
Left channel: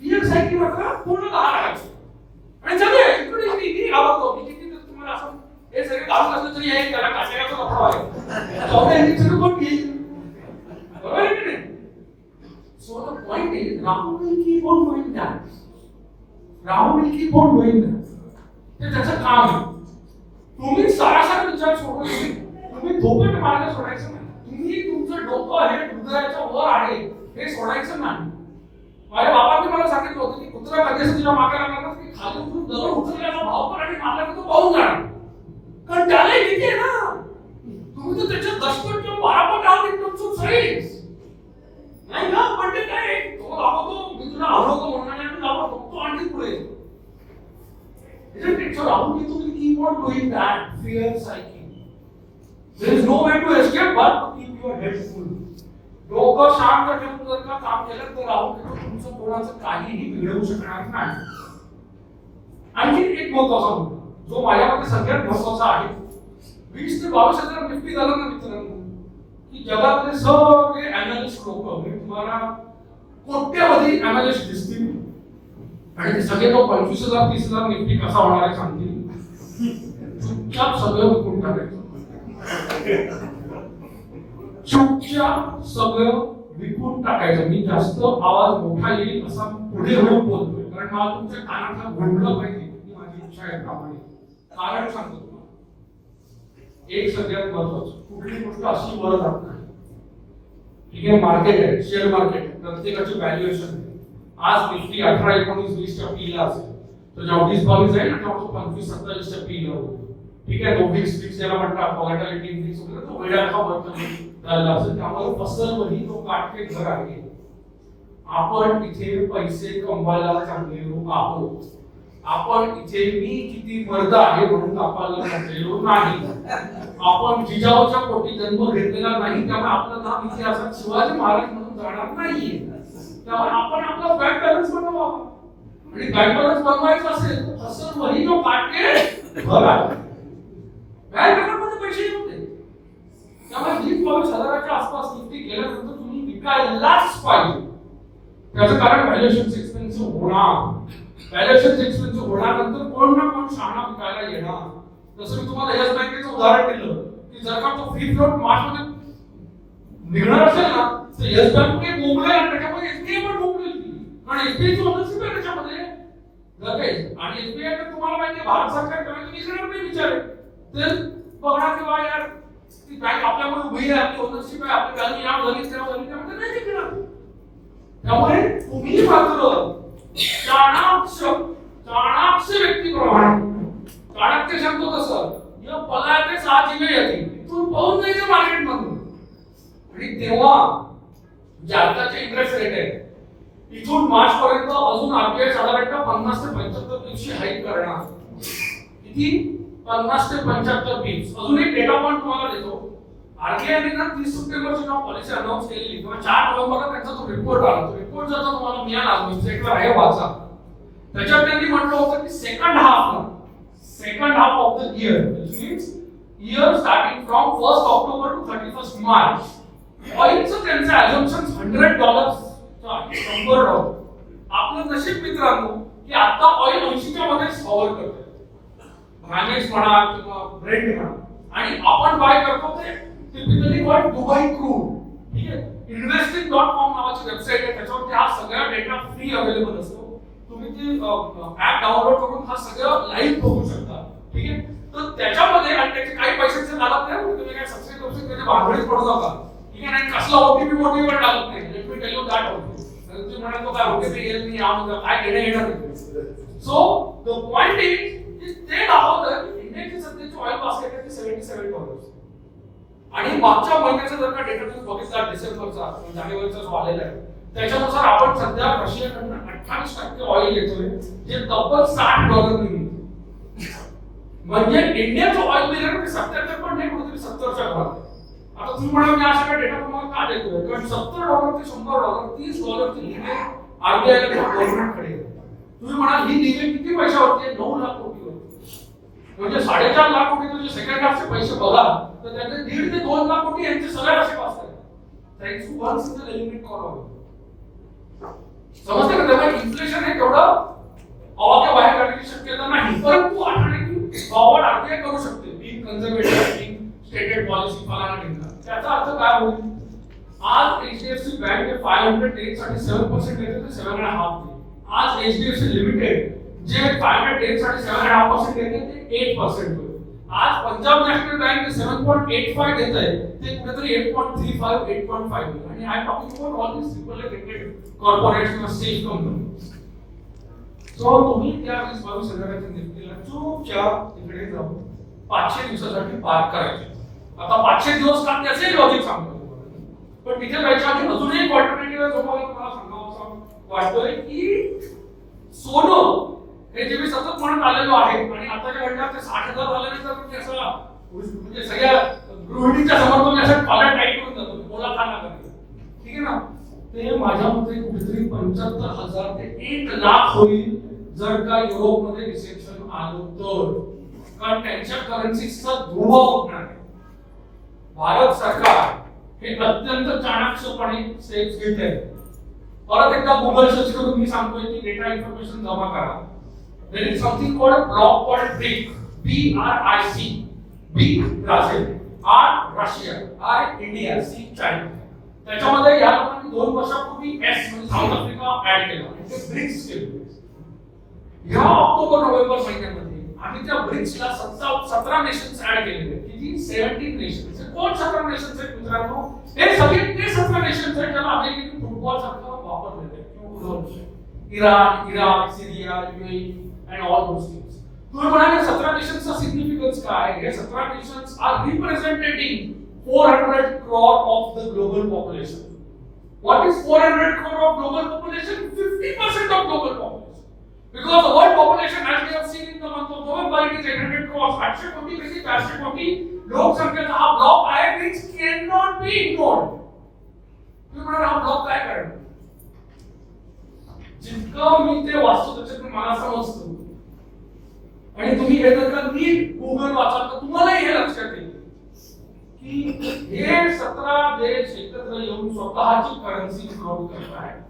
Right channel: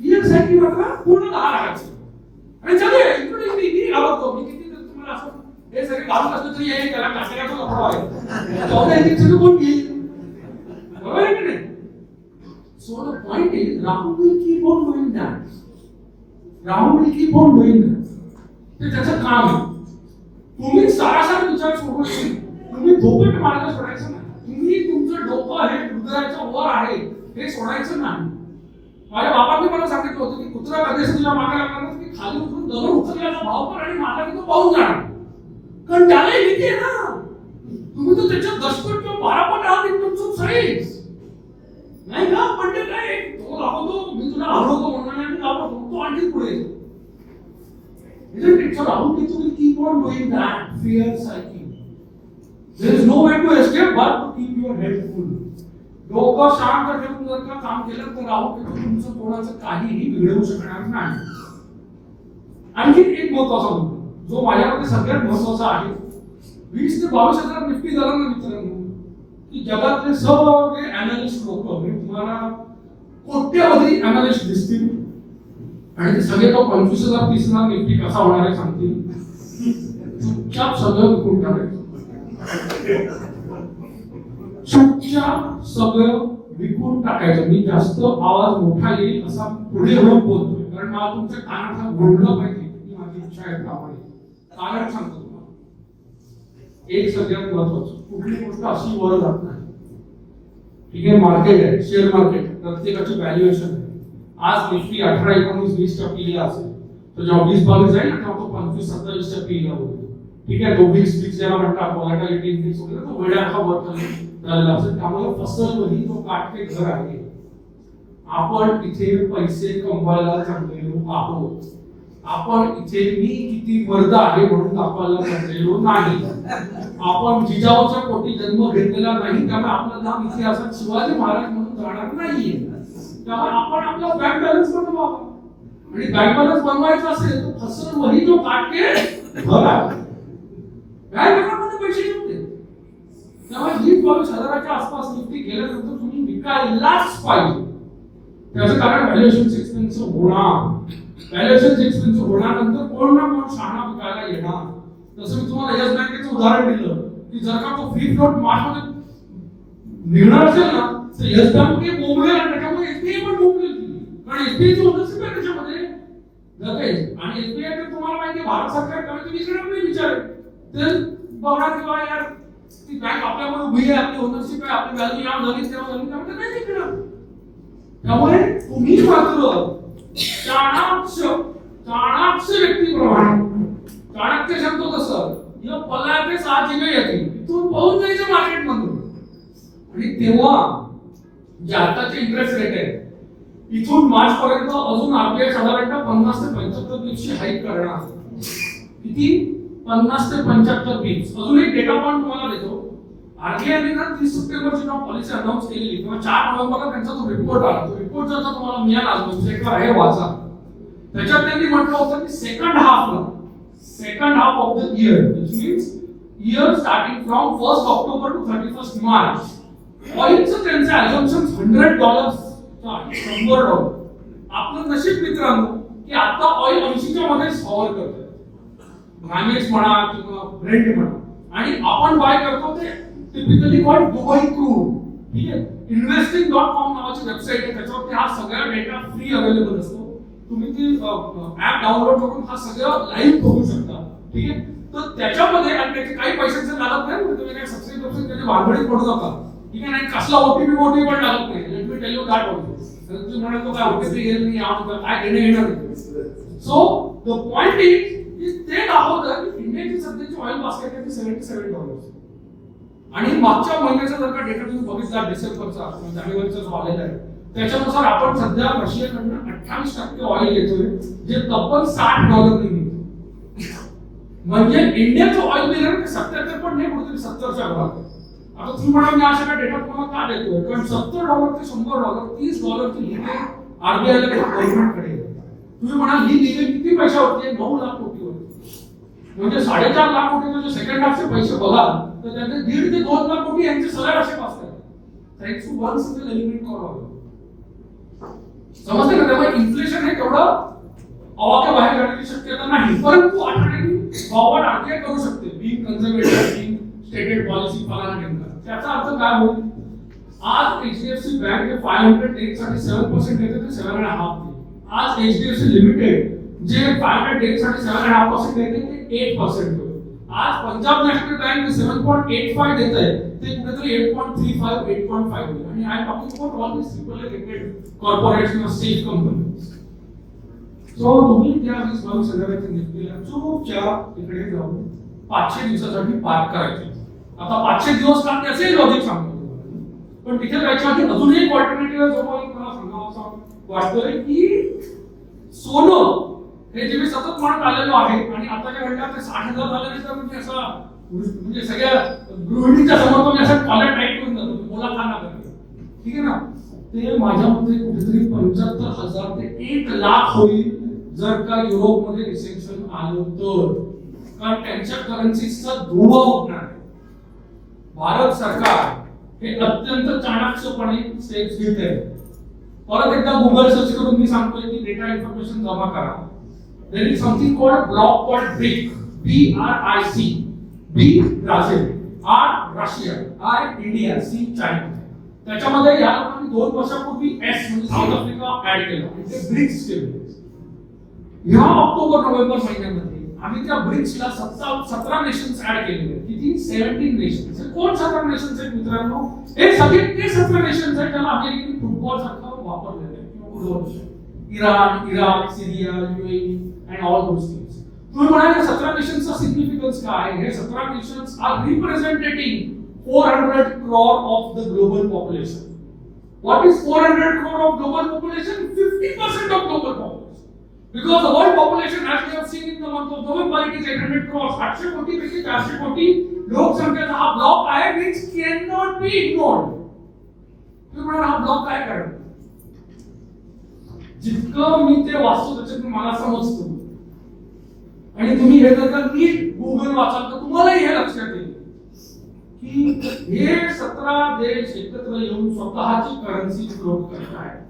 फिअर सायकल वाटला पूर्ण 10 लाखाची आणि सगळे इकडे मी आवडतो मी किती तुम्हाला असं हे सगळे गाव असलं तरी आहे त्याला काटेगाचं लफा आहे चौथे इन्सिडेंट कोण घेईल बरोबर आहे की नाही. So the point is Rahu will keep on doing that. Rahu will keep on doing that. ते त्याचं काम आहे. तुम्ही सरासर विचार सोडून तुम्ही धोपट मार्ग सोडायचं नाही. तुम्ही तुमचं डोकं हे हृदयाच्या वर आहे हे सोडायचं नाही. माझ्या बाबांनी मला सांगितलं होतं की कुत्रा कधीच तुझ्या मागे लागणार की खाली उतरून दगड उचलण्याचा भाव पण आणि मागे तो पाहून जाणार कारण त्याला भीती आहे ना. तुम्ही तर त्याच्या 10 किंवा 12 पट आहात इन टर्म्स ऑफ साईज नाही का. पण ते काय तो दाखवतो मी तुला आवडतो म्हणून आणि दाखवतो तो आणखी पुढे येतो. Isn't it? So how people will keep on doing that fear cycle. There is no way to escape but to keep your head full. डोकं शांत ठेवून जर का काम केलं तर राहू केतू तुमचं कोणाचं काहीही बिघडवू शकणार नाही. आणखी एक महत्वाचा मुद्दा जो माझ्यामध्ये सगळ्यात महत्वाचा आहे. 20 ते 22,000 निफ्टी झालं ना मित्रांनो की जगातले सगळे अॅनालिस्ट लोक म्हणजे तुम्हाला कोट्यवधी अॅनालिस्ट दिसतील आणि ते सगळे तो 25,000 30,000 निफ्टी कसा होणार आहे सांगतील. चुपचाप सगळं विकून टाकायचं. चुपचाप सगळं विकून टाकायचं. मी जास्त आवाज मोठा येईल असा पुढे होऊन बोलतोय कारण मला तुमच्या कानात हा घोळला पाहिजे ही माझी इच्छा आहे. कारण सांगतो तुम्हाला एक सगळ्यात महत्वाचं कुठली गोष्ट अशी वर जात नाही. ठीक आहे, मार्केट आहे, शेअर मार्केट प्रत्येकाची व्हॅल्युएशन आहे. आज निफ्टी 18-19-20च्या पीला असेल तर जेव्हा 20-22 आहे ना तेव्हा तो 25-27च्या पीला होतो. ठीक आहे, तो फिक्स ज्याला म्हणतात व्हॉलॅटिलिटी इंडेक्स वगैरे तो वेड्याचा वर चाललेला असेल. त्यामुळे फसवणी तो काटके घर आहे. आपण इथे पैसे कमवायला चांगले लोक आहोत. आपण इथे मी किती वर्ग आहे म्हणून दाखवायला लागलेलो नाही. आपण जिजाऊच्या पोटी जन्म घेतलेला नाही, त्यामुळे आपलं नाव इतिहासात शिवाजी महाराज म्हणून जाणार नाहीये. त्यामुळे आपण आपला बँक बॅलन्स बनवावा, आणि बँक बॅलन्स बनवायचा असेल तर फसल वही जो काटे भरा, बँक अकाउंटमध्ये पैसे येऊ दे. त्यामुळे 20,000-22,000च्या आसपास निफ्टी गेल्यानंतर तुम्ही विकायलाच पाहिजे. त्याचं कारण व्हॅल्युएशन एक्सपेन्सिव्ह होणार. व्हॅल्युएशन एक्सपेन्सिव्ह होण्यानंतर कोण ना कोण शहाणा विकायला येणार. जसं मी तुम्हाला यस बँकेचं उदाहरण दिलं की जर का तो फ्री फ्लोट मार्केटमध्ये निघणार असेल ना तर यस बँक हे बोंबलेल आणि त्याच्यामुळे एसबीआय पण बोंबलेल. कारण एसबीआयची ओनरशिप आहे त्याच्यामध्ये जाते. आणि एसबीआय तर तुम्हाला माहिती आहे भारत सरकार कमी विचारत नाही, विचार ते बघा किंवा यार ती बँक आपल्यामध्ये उभी आहे, आपली ओनरशिप आहे, आपली व्हॅल्यू या झाली तेव्हा झाली त्यामुळे नाही निघणार. त्यामुळे तुम्ही मात्र चाणाक्ष व्यक्तीप्रमाणे, चाणक्य सांगतो तसं या पलायते साहजिक येते इथून पाहून जायचं मार्केटमधून. आणि तेव्हा जे आताचे इंटरेस्ट रेट आहे इथून मार्च पर्यंत अजून आरबीआय साधारणतः 50 ते 75 बिप्सची हाईक करणार. किती? 50 ते 75 बिप्स. अजून एक डेटा पॉइंट तुम्हाला देतो. आरबीआयने ना 30 सप्टेंबरची जेव्हा पॉलिसी अनाउन्स केली किंवा 4 नोव्हेंबरला त्यांचा जो रिपोर्ट आला, तो रिपोर्ट जर तुम्हाला मिळाला वेबसाईटवर आहे वाचा. त्याच्यात त्यांनी म्हटलं होतं की second half of the year, which means year starting from 1st October to 31st March, ऑइलचं त्यांचं अझम्पशन $100 $100. आपलं नशीब मित्रांनो की आता ऑइल 80च्या मध्ये कव्हर करतोय, भानेक्स म्हणा किंवा ब्रेंट म्हणा, आणि आपण बाय करतो ते टिपिकली कॉल्ड दुबई क्रूड. ठीक आहे. investing.com नावाची वेबसाईट आहे, त्याच्यावर हा सगळा डेटा फ्री अवेलेबल असतो. तुम्ही ते ऍप डाउनलोड करून हा सगळं लाईव्ह बघू शकता. ठीक आहे. तर त्याच्यामध्ये आणि त्याचे काही पैशांचे लागत नाही, तुम्ही काय सबस्क्राइब त्याचे भांडवलीच पडू नका. ठीक आहे. आणि कसला ओटीपी पण लागत नाही. Let me tell you that also. तुम्ही म्हणाल तो काय ओटीपी येईल नाही, काय देणं येणार नाही. सो द पॉइंट इज ते दाखवतं की इंडियाची सध्याची ऑइल बास्केट आहे $77. आणि मागच्या महिन्याचा जर का डेटा तुम्ही बघितला डिसेंबरचा जानेवारीचा जो आलेला आहे त्याच्यानुसार आपण सध्या रशियाकडून 28% ऑइल घेतोय, जे तब्बल $60 घेतो. म्हणजे इंडियाचं ऑइल बिल आहे ते 77 पण नाही, कुठेतरी 70च्या घरात. आता तुम्ही म्हणाल मी असा डेटा तुम्हाला का देतोय, कारण $70 ते $100 $30 ची लिमिट आरबीआय गव्हर्नमेंटकडे. तुम्ही म्हणाल ही लिमिट किती पैसा होते? 9 लाख कोटी होते. म्हणजे 4.5 लाख कोटी जे सेकंड हाफचे पैसे बघा तर त्यांचे 1.5 ते 2 लाख कोटी यांचे सगळे असे वाचतात. Thanks to one single element करावं. समजते का? त्यामुळे इन्फ्लेशन आहे तेवढं अवाक्य बाहेर काढण्याची शक्यता नाही, परंतु आठवड्यानी गव्हर्नमेंट आरबीआय करू शकते. Being conservative, being stated policy फलाना ढिंगा. त्याचा अर्थ काय होईल? आज एचडीएफसी बँक 500 साठी 7% देते ते 7.5 देते. आज एचडीएफसी लिमिटेड जे 500 साठी 7.5% देते ते 8% होईल. आज पंजाब नॅशनल बँक 7.85 देत आहे ते कुठेतरी 8.35 8.5 होईल. आणि I talking about all this simple corporation of safe companies. So तुम्ही त्या 20-22,000ची निफ्टीला चुपचाप तिकडे जाऊन 500 दिवसासाठी पार्क करायचे. आता 500 दिवस का त्याचे लॉजिक सांगतो, पण तिथे त्याच्यामध्ये अजून एक अल्टरनेटिव्ह जो मला सांगावं असं वाटतोय की सोनं हे जे मी सतत म्हणत आलेलो आहे आणि आताच्या घडल्यात ते 60,000 झाल्यानंतर मी असं म्हणजे सगळ्या गृहिणीच्या समोर तुम्ही असं कॉलर टाईप करून जातो, बोला का ना करते. ठीक आहे ना? ते माझ्या मते कुठेतरी 75,000 ते 1 लाख होईल जर का युरोपमध्ये रिसेप्शन आलं तर, कारण त्यांच्या करन्सीचा धोबा होणार आहे. भारत सरकार हे अत्यंत चाणाक्षपणे स्टेप्स घेत आहे. परत एकदा गुगल सर्च करून मी सांगतोय की डेटा इन्फॉर्मेशन जमा करा. There is something called block called BRIC, BRIC. B Brazil, R Russia, I India, C China. त्याच्यामध्ये या लोकांनी 2 वर्षापूर्वी S म्हणजे साऊथ आफ्रिका ऍड केला आणि ते ब्रिक्स केले. ह्या ऑक्टोबर-नोव्हेंबर महिन्यामध्ये आम्ही त्या ब्रिक्सला 17 नेशन्स ऍड केलेले आहेत. किती? 17 नेशन्स. कोण 17 नेशन्स आहेत मित्रांनो? हे सगळे ते 17 नेशन्स आहेत ज्याला अमेरिकन फुटबॉल सारखं वापरलेलं आहे. Iran, Iraq, Syria, UAE and all those things. तुम्ही म्हणाले 17 नेशन्सचा सिग्निफिकन्स काय? हे 17 nations are रिप्रेझेंटेटिंग 400 crore of the global population. What is 400 crore of global population? 50% of global population. Because the world population has society is 800 crores. 800 कोटी पैकी 400 कोटी लोकसंख्येचा हा block आहे, which cannot be ignored. तुम्ही म्हणाल हा ब्लॉक काय करणार? जितकं मी ते वाचतो त्याच्यातून मला समजतो, आणि तुम्ही हे जर नीट गुगल वाचाल तर तुम्हालाही हे लक्षात येईल की हे 17 देश एकत्र येऊन स्वतःची करन्सी फ्लोट करत आहेत.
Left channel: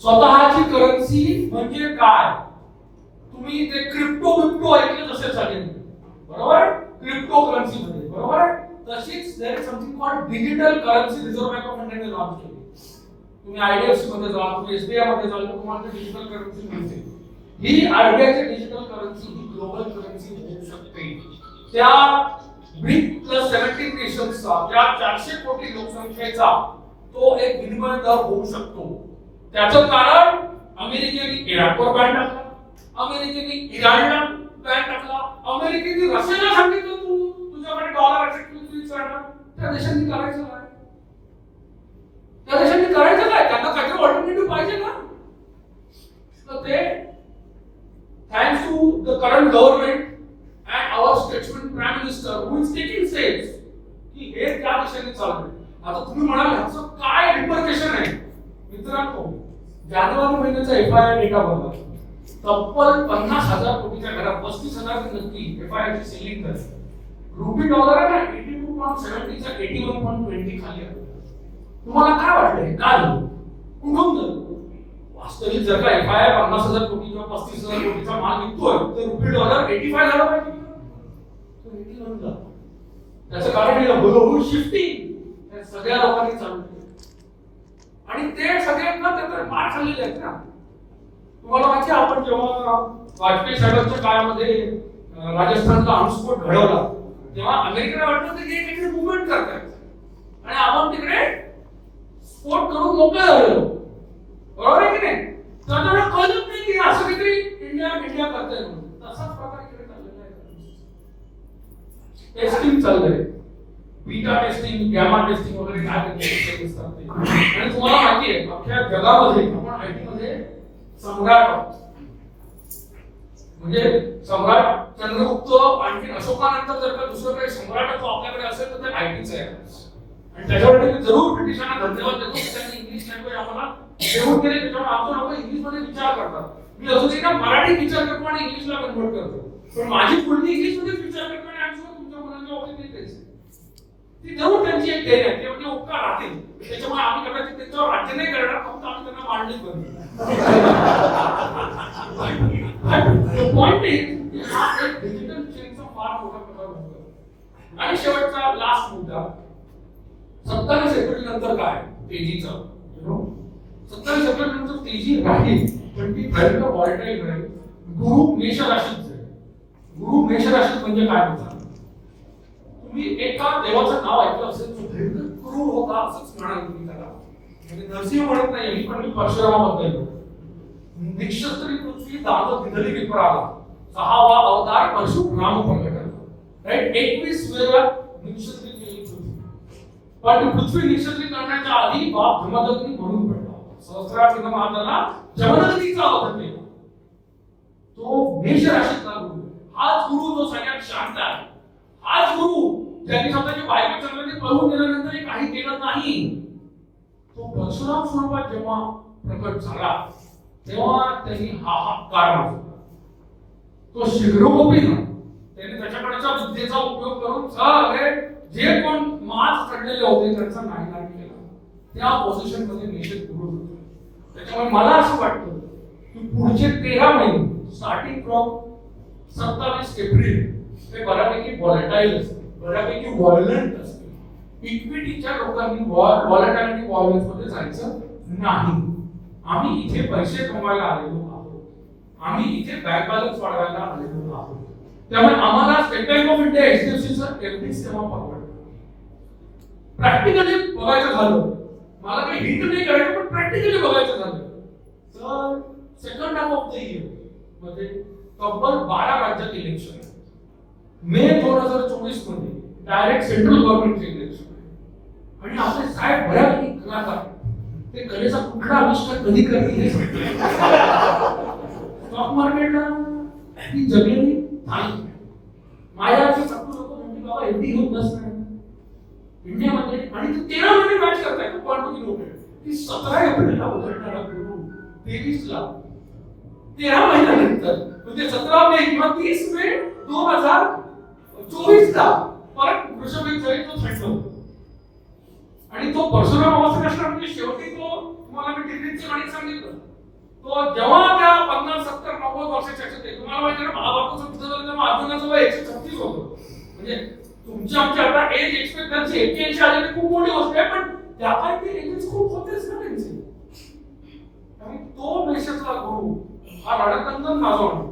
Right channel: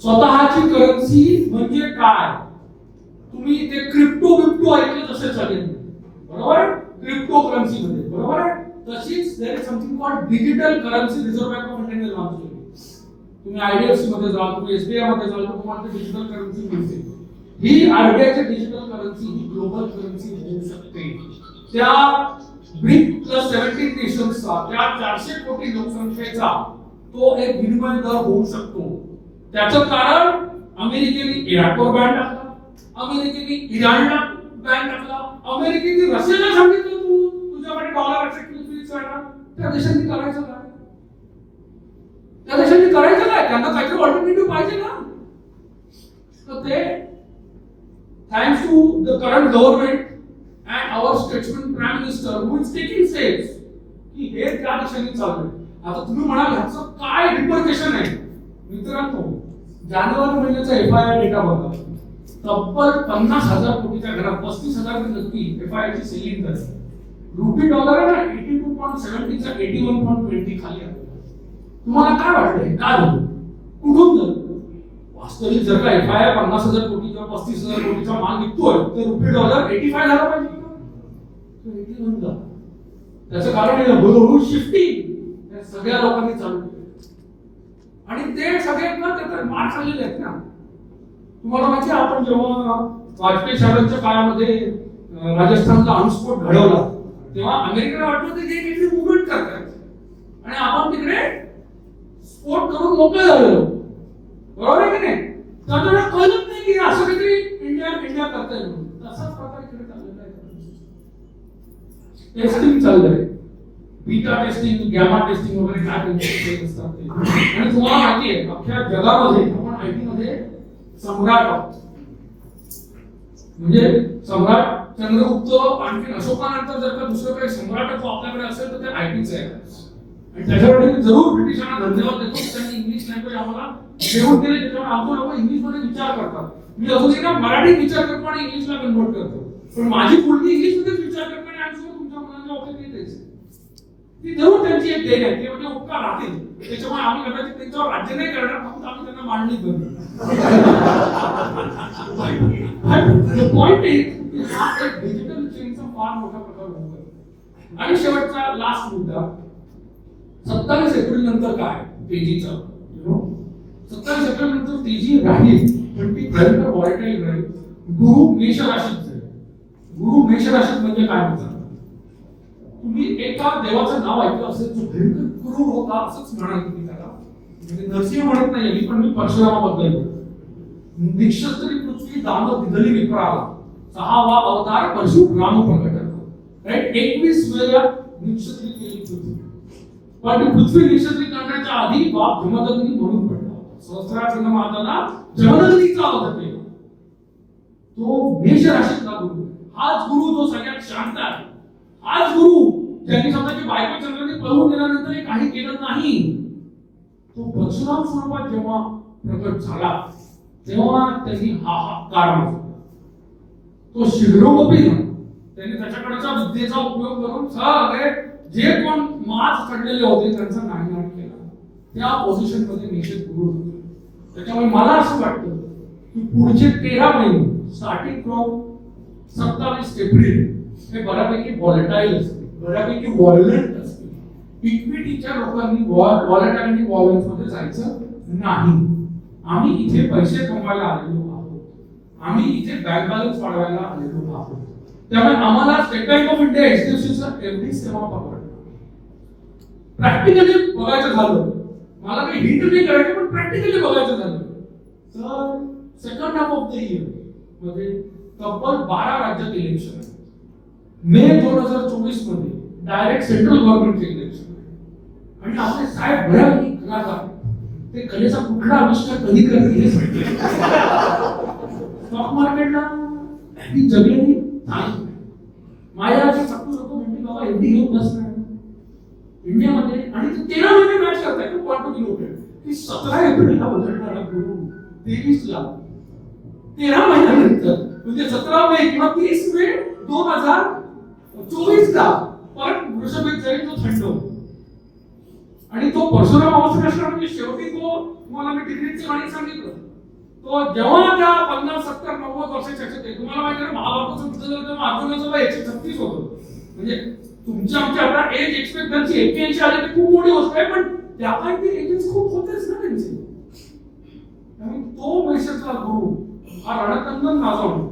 स्वतःची करन्सी म्हणजे काय? तुम्ही ते क्रिप्टो ऐकलं तसे चालेल, बरोबर? क्रिप्टो करन्सी मध्ये, बरोबर? तशीच there is something called digital currency. Reserve bank of इंडियाने लॉन्च केली. तुम्ही आयडीएफसी मध्ये जा, तुम्ही एसबीआय मध्ये जा, तुम्हाला डिजिटल करन्सी मिळते. ही आरबीआयची डिजिटल करन्सी ही ग्लोबल करन्सी होऊ शकते. त्या BRIC+17 नेशन्सचा, त्या 400 कोटी लोकसंख्येचा तो एक विनिमय दर होऊ शकतो. त्याचं कारण अमेरिकेने इराकवर बॅन टाकला, अमेरिकेने इराणला बॅन टाकला, अमेरिकेने रशियाला सांगितलं तू तुझ्याकडे डॉलर असेल स्विच करणार. त्या देशांनी करायचं काय? त्या देशांनी करायचं काय? त्यांना काहीतरी ऑल्टरनेटिव्ह पाहिजे ना. तर ते thanks to the current government and our statesman prime minister who is taking steps की हे त्या दिशेने चाललंय. आता तुम्ही म्हणाल ह्याचं काय रिपरकेशन आहे? मित्रांनो, जानेवारी महिन्याचा एफआयआय डेटा बघा. तब्बल 50,000 कोटीच्या घरात 35,000 नक्की एफआयआयची सेलिंग झाली. रुपी डॉलर आहे ना 82.70 चा 81.20 खाली आहे. तुम्हाला काय वाटतं हे काय होतं? कुठून झालं? वास्तविक जर का एफआयआय 50,000 कोटी किंवा 35,000 कोटीचा माल विकतोय तर रुपी डॉलर 85 झाला पाहिजे ना, तो 81 झाला. त्याचं कारण आहे हळूहळू शिफ्टिंग सगळ्या लोकांनी चालू केली, आणि ते सगळे त्याचा मार खाल्लेले आहेत ना. तुम्हाला माहिती आहे, आपण जेव्हा वाजपेयी साहेबांच्या काळामध्ये राजस्थानचा अणुस्फोट घडवला तेव्हा अमेरिकेला वाटलं की ते काहीतरी मुवमेंट करतात, आणि आपण तिकडे स्फोट करून मोकळे झालेलो, बरोबर आहे की नाही? त्यांना कळत नाही की असं काहीतरी इंडिया करताय म्हणून. तसाच प्रकार इकडे चाललेला आहे. टेस्टिंग चाललंय, बीटा टेस्टिंग, गॅमा टेस्टिंग वगैरे काय टेस्टिंग असतात ते. आणि तुम्हाला माहिती आहे अख्ख्या जगामध्ये आपण आयटी मध्ये सम्राट आहोत. म्हणजे सम्राट चंद्रगुप्त आणखी अशोकानंतर जर का दुसरं काही सम्राट आपल्याकडे असेल तर ते आयटीच आहे. आणि त्याच्याकडे मी जरूर ब्रिटिशांना धन्यवाद देतो की त्यांनी इंग्लिश लँग्वेज आम्हाला डेव्हलप केले. त्याच्यामुळे आपण लोक इंग्लिश मध्ये विचार करतात. मी अजूनही ना मराठीत विचार करतो आणि इंग्लिशला कन्वर्ट करतो, पण माझी मुलगी इंग्लिश मध्ये विचार करते आणि आमच्या तुमच्या मुलांच्या बाबतीत नाही करायचं. ती जरूर त्यांची एक देण आहे, ते म्हणजे उपकार राहतील. त्याच्यामुळे आम्ही कदाचित त्यांच्यावर राज्य नाही करणार, फक्त आम्ही त्यांना मांडणी करू. पॉइंट इज हा एक डिजिटल चेंजचा फार मोठा प्रकार होतो. आणि शेवटचा लास्ट मुद्दा, 27 एप्रिल नंतर काय तेजीचं, 27 एप्रिल नंतर तेजी राहील, पण ती राहील का व्हॉलेटाईल राहील. गुरु मेष राशीत जाईल. गुरु मेष राशीत म्हणजे काय होतं? तुम्ही एका देवाचं नाव ऐकलं असेल जो भयंकर गुरु होता असंच म्हणाल तुम्ही त्याला. म्हणजे नरसिंह म्हणत नाही, पण मी परशुरामाबद्दल बोलतो. निक्षत्री पृथ्वी दांडो दिदली विप्राला, 6वा अवतार परशुराम प्रकटला. राईट, 21 वेळा निक्षत्री केली पृथ्वी. पण पृथ्वी निक्षत्री करण्याच्या आधी बाप जमदग्नी म्हणून पडला. सहस्रार महाराजांना जमदग्नीचा अवतार केला. तो मेष राशीतला गुरु. हाच गुरु जो सगळ्यात शांत आहे. हाच गुरु ज्यांनी स्वतःची बायको चंद्राने पळवून गेल्यानंतरही काही केलं नाही. तो परशुराम स्वरूपात जेव्हा प्रकट झाला तेव्हा त्यांनी हा हाकार मारला. तो शिग्रोपी ना, त्यांनी त्याच्याकडच्या विद्येचा उपयोग करून सगळे जे कोण मार्क्स काढलेले होते त्यांचा नायनाट केला. त्या पोझिशन मध्ये मेषेत गुरु होते. त्याच्यामुळे मला असं वाटतं की पुढचे 13 महिने स्टार्टिंग फ्रॉम 27 एप्रिल हे बऱ्यापैकी व्हॉलेटाईल असते, बऱ्यापैकी व्हायलेंट असते. इक्विटीच्या लोकांनी व्हॉलेटाईल आणि व्हायलेन्स मध्ये जायचं नाही. आम्ही इथे पैसे कमवायला आलेलो आहोत, आम्ही इथे बँक बॅलन्स वाढवायला आलेलो आहोत. त्यामुळे आम्हाला स्टेट बँक ऑफ इंडिया एचडीएफसीचा एफडी सेवा परवडतो. प्रॅक्टिकली बघायचं झालं, मला काही हिंट नाही करायचं, पण प्रॅक्टिकली बघायचं झालं तर second half of the year मध्ये तब्बल 12 राज्यात इलेक्शन आहे. मे 2024 मध्ये डायरेक्ट सेंट्रल गव्हर्नमेंटचे इलेक्शन. आणि आपले साहेब बऱ्यापैकी कलाकार, ते कलेचा कुठला आविष्कार कधी करतील. स्टॉक मार्केटला ती जमीन नाही. माझ्या अशी सत्तू होतो म्हणजे बाबा एवढी घेऊन बस इंडियामध्ये आणि 13 महिने मॅच करताय तो क्वार्टर नोटेड ती 17 एप्रिलला बदलणार गुरु 23ला 13 महिन्यानंतर म्हणजे 17 मे किंवा 30 मे 2024 ला परत वृषभ झाले तो थंड आणि तो परशुराम अवस्था असणार म्हणजे शेवटी तो तुम्हाला मी डिग्रीची वाणी सांगितलं तो जेव्हा त्या 50 70 90 वर्षाच्या असेल तुम्हाला माहिती आहे महाभारताचं युद्ध झालं तेव्हा अर्जुनाचं वय 136 होतं म्हणजे तुमच्या आमच्या आता एज एक्सपेक्टन्सी 81 आली तर खूप मोठी गोष्ट आहे पण त्यापैकी एजेस खूप होतेच ना त्यांचे त्यामुळे तो मेसेजला गुरु हा रणकंदन माझा म्हणतो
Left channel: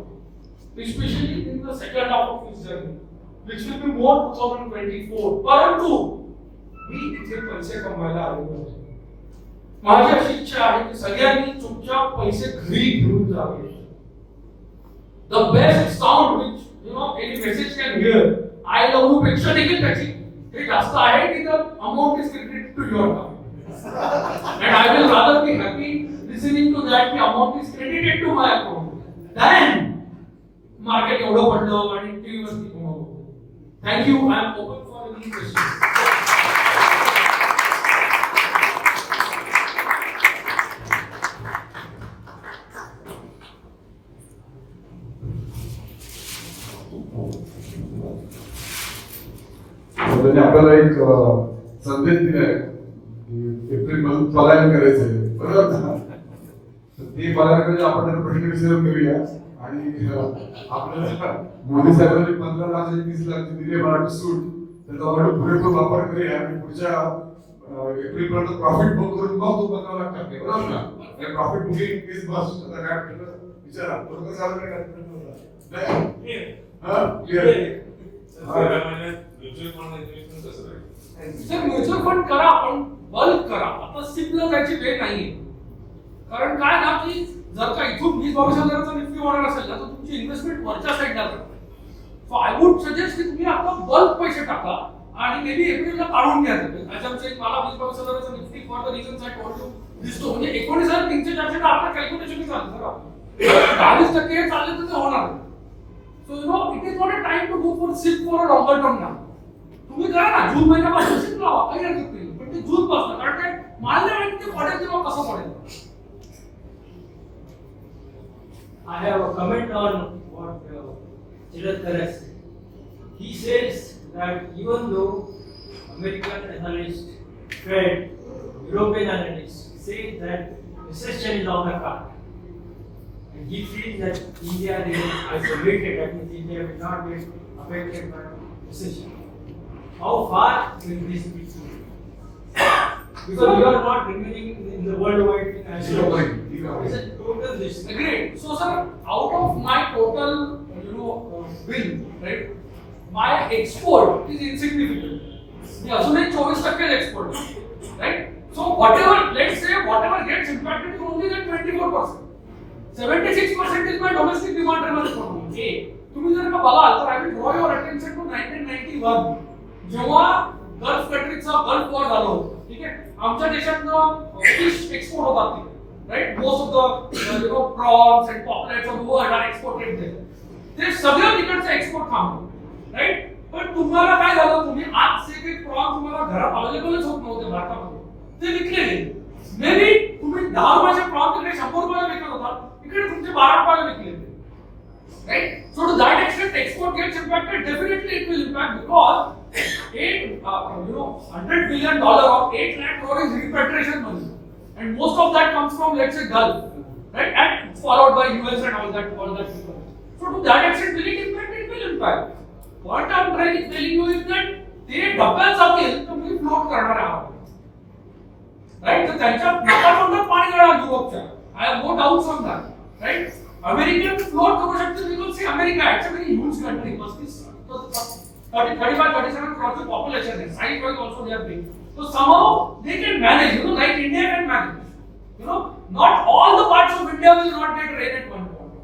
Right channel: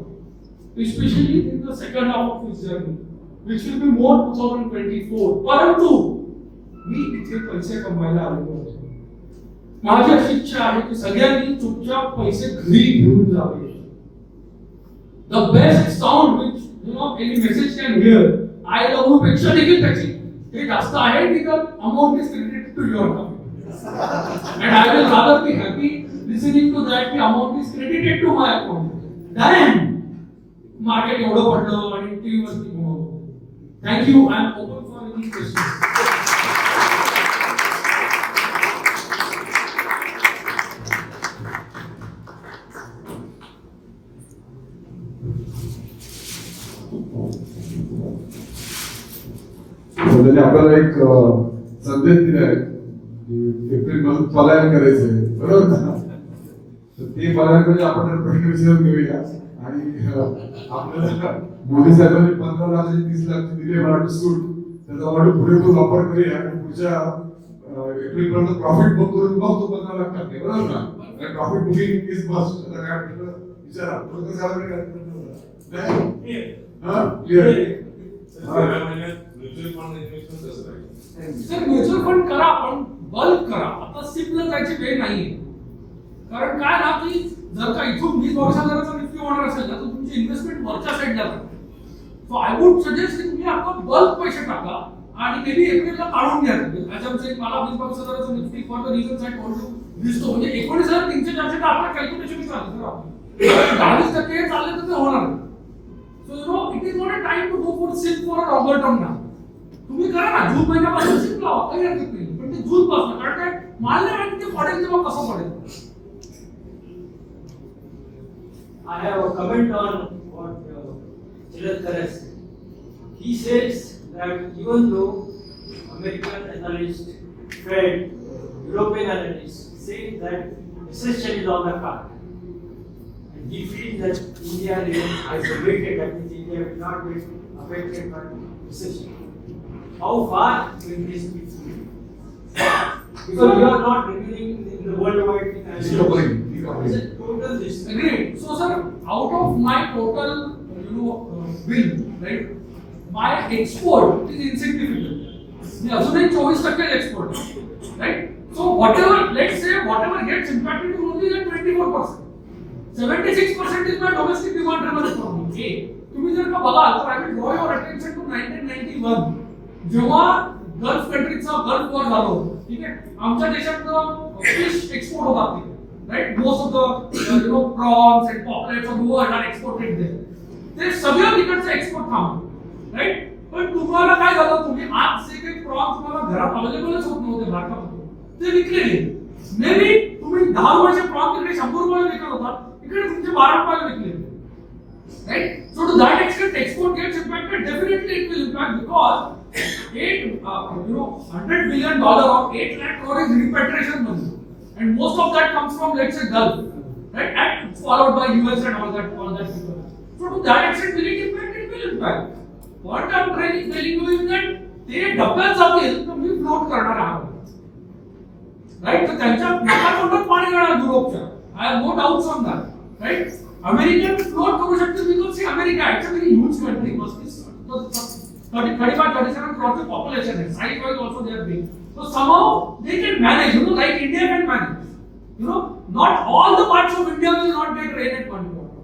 especially in the second half of his journey which will be more 2024 परंतु मी इथे पैसे कमवायला आलेलो आहे माझी अशी इच्छा आहे की सगळ्यांनी चुपचाप पैसे घरी घेऊन जावे the best sound which you know any message can hear I love you पेक्षा देखील त्याची हे जास्त आहे की the amount is credited to your account and I will rather be happy listening to that the amount is credited to my account then market एवढं पडलं आणि टीव्ही वरती गुणवलं thank you I am open for any questions आपल्याला एक संदेश दिलाय April मध्ये पलायन करायचंय बरोबर ना तर ते पलायन म्हणजे आपण त्याला प्रश्न विचारून घेऊया आणि आपल्याला मोदी साहेबांनी 15 लाख 30 लाख दिले मला सूट त्याचा वाटत पुरेपूर वापर करूया आणि पुढच्या एप्रिल पर्यंत प्रॉफिट बुक करून मग तो 15 लाख टाकते बरोबर ना आणि प्रॉफिट बुकिंग इज मस्ट आता काय म्हटलं विचारा बरोबर साहेबांनी म्युच्युअल फंड करा पण बल्क करा आता सिम्पल जायची वेळ नाहीये कारण काय ना की जर का इथून 20-22,000चा निफ्टी ऑर्डर असेल तर तुमची इन्व्हेस्टमेंट वरच्या साईडला करते सो आय वुड सजेस्ट की तुम्ही आपण बल्क पैसे टाका आणि मेबी एप्रिलला काढून घ्या ॲजम्पशन मला 20-22,000चा Nifty for the reasons I told you दिसतो म्हणजे 19,300-400 आपल्या कॅल्क्युलेशन चालतं 22% चालले तर ते होणार so you know it is not a time to go for sit for a longer term ना तुम्ही करा ना जून महिन्यापासून सिट लावा काही हरकत नाही पण ते जून पासून कारण काय मला नाही माहिती ते पडेल तेव्हा कसं पडेल I have a comment on what Shelatkar has said. He says that even though American analysts, Fed, European analysts say that recession is on the card, and he feels that India is isolated, that means India will not get affected by recession. How far will this be? Because you are not remaining in the worldwide thing as it's a total risk. Agreed. So sir, out of my total, bill, right, my export is insignificant. The अजूनही 24% export, right? So whatever, let's say whatever gets impacted is only like 24%. 76% is my domestic demand driven economy. तुम्ही जर का बघाल तर I will draw your attention to 1991. जेव्हा gulf कंट्रीजचा gulf war झाला होता ठीक आहे आमच्या देशातनं फिश एक्सपोर्ट होतात right most of the prawns and pomfrets of world are exported there ते सगळं तिकडचं एक्सपोर्ट थांबलं राइट पण तुम्हाला काय झालं तुम्ही आज जे काही प्रॉन्स तुम्हाला घरात अवेलेबलच होत नव्हते भारतामध्ये ते विकले गेले मे बी तुम्ही 10 रुपयाचे प्रॉन तिकडे 100 रुपयाला विकत होता इकडे तुमचे 12 रुपयाला विकले right so to that extent export gets impacted definitely it will impact because 100 billion dollar of 8 lakh crore is repatriation money and most of that comes from let's say Gulf right and followed by US and all that so to that extent will it impact what I'm trying to tell you is that ते डब्यात जातील तर मी float करणार आहोत right तर त्यांच्या नाकातोंडात पाणी जाणार युरोपच्या I have no doubts on that right American float करू शकते because see America it's a very huge country must be 35-37 crore population is size wise also they are big so somehow they can manage like India can manage not all the parts of India will not get rain at one point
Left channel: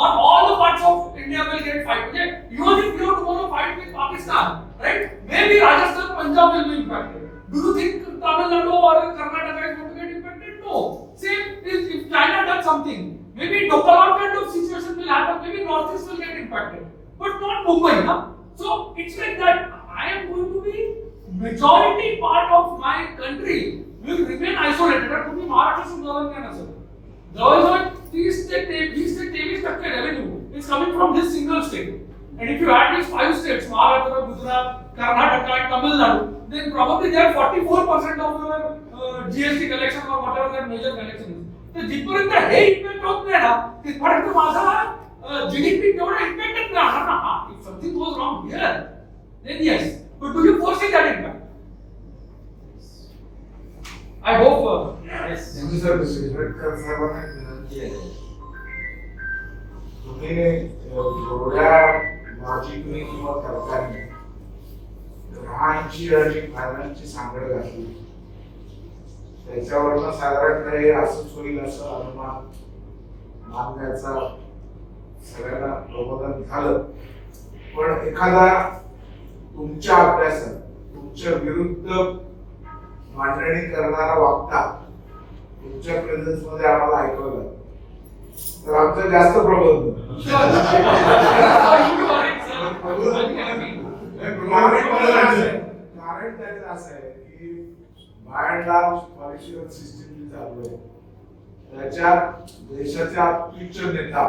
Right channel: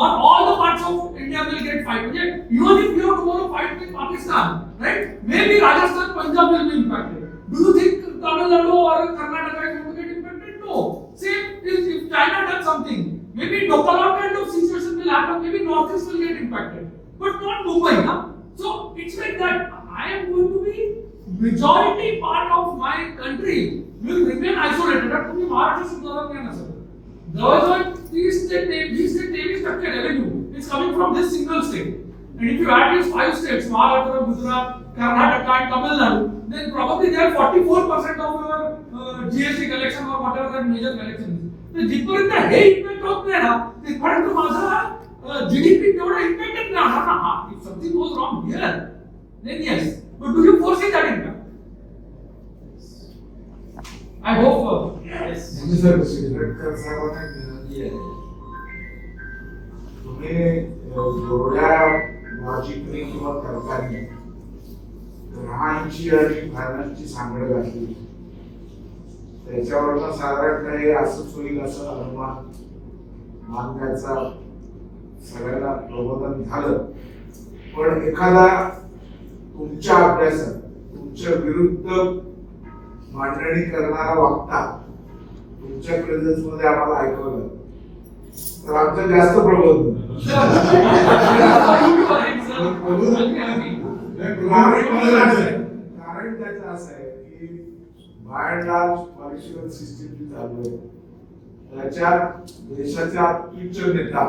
not all the parts of India will get fight even if you want to fight with Pakistan right maybe Rajasthan Punjab will be impacted do you think Tamil Nadu or Karnataka is going to get impacted no same if China does something Maybe Dokalot kind of situation will happen, maybe Northeast will get impacted, but not Mumbai, na? So it's like that. I am going to be majority part of my country will remain isolated. That only Maharashtra should govern sir. Jawahar 30% revenue is coming from this single state. And if you add these 5 states, Maharashtra, Gujarat, Karnataka and Tamil Nadu, then probably they are 44% of your GST collection or whatever the major collection is. तर जिथपर्यंत हे impact होत नाही ना तिथपर्यंत माझा GDP तेवढा इम्पॅक्टच नाही होणार ना. हा if something goes wrong here then yes, but do you foresee that impact? I hope yes. म्हणजे सर शेलटकर साहेबांना एक विनंती आहे, तुम्ही एवढ्या लॉजिकली किंवा तर्काने ग्रहांची आणि फायनान्सची सांगड घातली, त्याच्यावरनं साधारण हे असंच होईल असं अनुमान मानण्याचा सगळ्यांना प्रबोधन झालं. पण एखादा तुमच्या अभ्यासात तुमच्या विरुद्ध मांडणी करणारा वक्ता तुमच्या प्रेझेन्स मध्ये आम्हाला ऐकवलं तर आमचं जास्त प्रबोधन. कारण त्याचं असं आहे की by and large political system जी चालू आहे त्याच्यात देशाचा उच्च नेता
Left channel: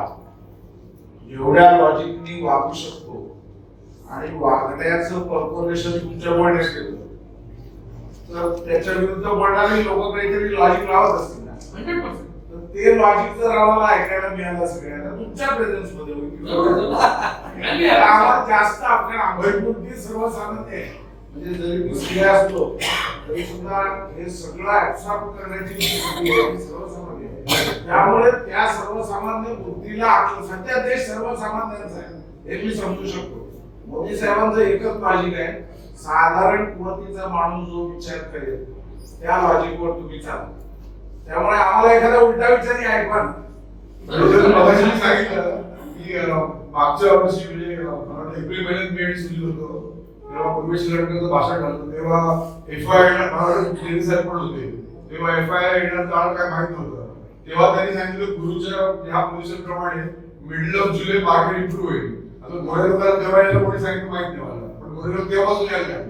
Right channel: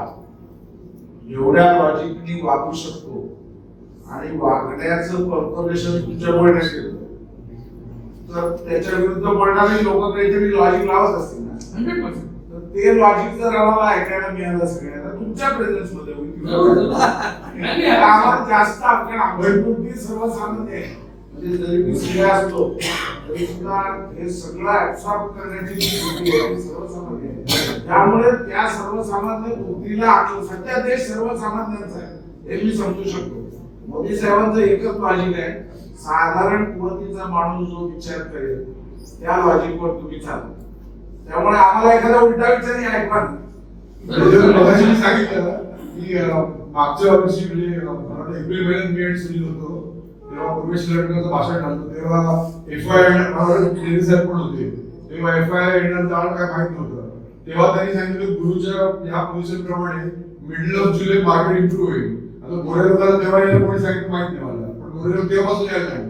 एवढ्या लॉजिकनी वागू शकतो आणि वागण्याचं कॉर्पोरेशन तुमच्या बोलण्यात येतं, तर त्याच्या विरुद्ध बोलणारे लोक काहीतरी लॉजिक लावत असतील ना. 100%. तर ते लॉजिक जर आम्हाला ऐकायला मिळालं सगळ्यांना तुमच्या प्रेझेन्स मध्ये होईल, आम्हाला जास्त आपल्या अंगणपुरती सर्वसामान्य आहे. म्हणजे जरी मी स्त्रिया असतो तरी सुद्धा हे सगळं ऍब्सॉर्ब करण्याची जी स्थिती आहे ती सर्वसामान्य आहे. त्यामुळे त्या सर्वसामान्य बुद्धीला सध्या देश सर्वसामान्यांचा आहे हे मी समजू शकतो. मोदी साहेबांचं एकच लॉजिक आहे, साधारण कुवतीचा माणूस जो विचार करेल त्या लॉजिकवर तुम्ही चाला. त्यामुळे आम्हाला एखादा उलटा विचारही ऐकवा. मगाशी सांगितलं की मागच्या वर्षी म्हणजे एप्रिल महिन्यात मी सुरू होतो तेव्हा पूर्वेश शेलाटकरचं भाषण झालं, तेव्हा FI महाराज साहेब पण होते, तेव्हा FI येणार जाणार काय माहित नव्हतं. तेव्हा त्यांनी सांगितलं गुरुच्या या पोझिशन प्रमाणे middle of July market improve होईल. आता गोरे लोकांना तेव्हा यायला कोणी सांगितलं माहित नाही मला, पण गोरे लोक तेव्हापासून यायला लागले.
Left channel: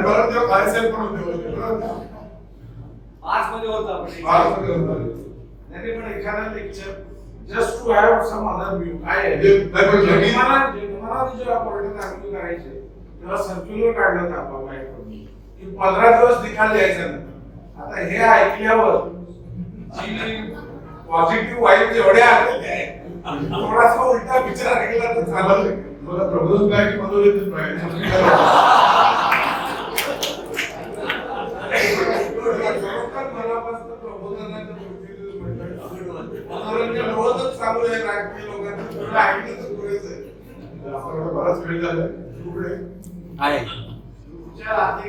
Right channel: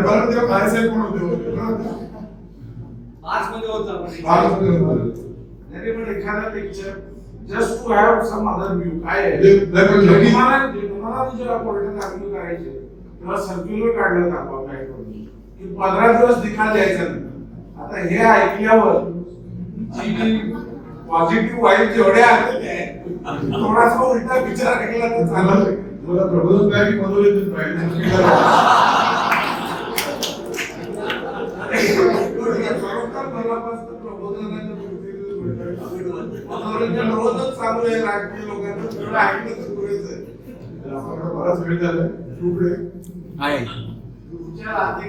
परत तेव्हा काय साहेब पण होते पण एखादा lecture just to have some other view काय आहे. तुम्हाला जेव्हा कोर्टात आर्ग्यू करायचे तेव्हा सर्क्युलर काढलं आपल्या बँकडून की 15 दिवस निकाल द्यायचा नाही. आता हे ऐकल्यावर जी पॉझिटिव्ह वाईब जेवढ्या आलेले आहेत थोडासा उलटा विचार केला तर चालेल. तुला प्रबोधन काय की मनोरंजन पाहिजे मनापासून प्रबोधनाचं मनोरंजन होतच चांगलं आहे. राजकीय लोकांचं ऐकलं तर पुरेच आहे. बराच वेळ झाला तू पुढे आहे तुमच्या आधी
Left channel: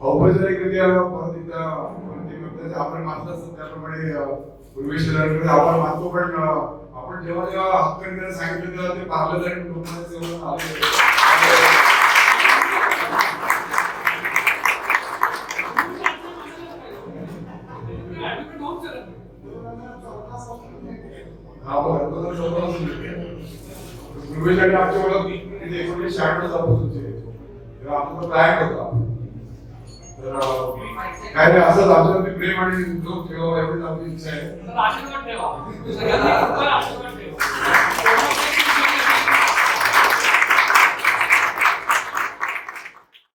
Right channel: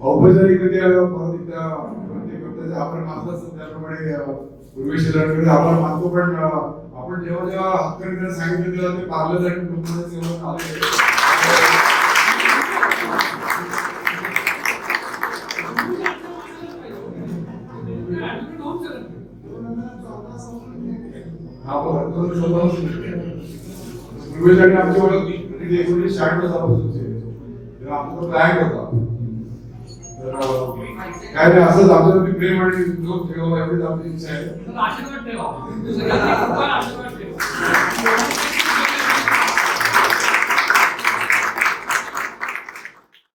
औपचारिकरित्या आपण मानत असतो त्याप्रमाणे पूर्वेश शेलाटकर आपला मानतो, पण आपण जेव्हा जेव्हा हक्करीकडे सांगितलं तेव्हा ते पार्लमेंट पूर्वेसाठी आमच्या ओळख 1996 पासूनची तेव्हा आमचा प्लॅन होता. तर काय नाही असंच आमच्यावरती प्रेम आणि जो ठेवा एवढीच आपली इच्छा आहे. आशीर्वाद ठेवा.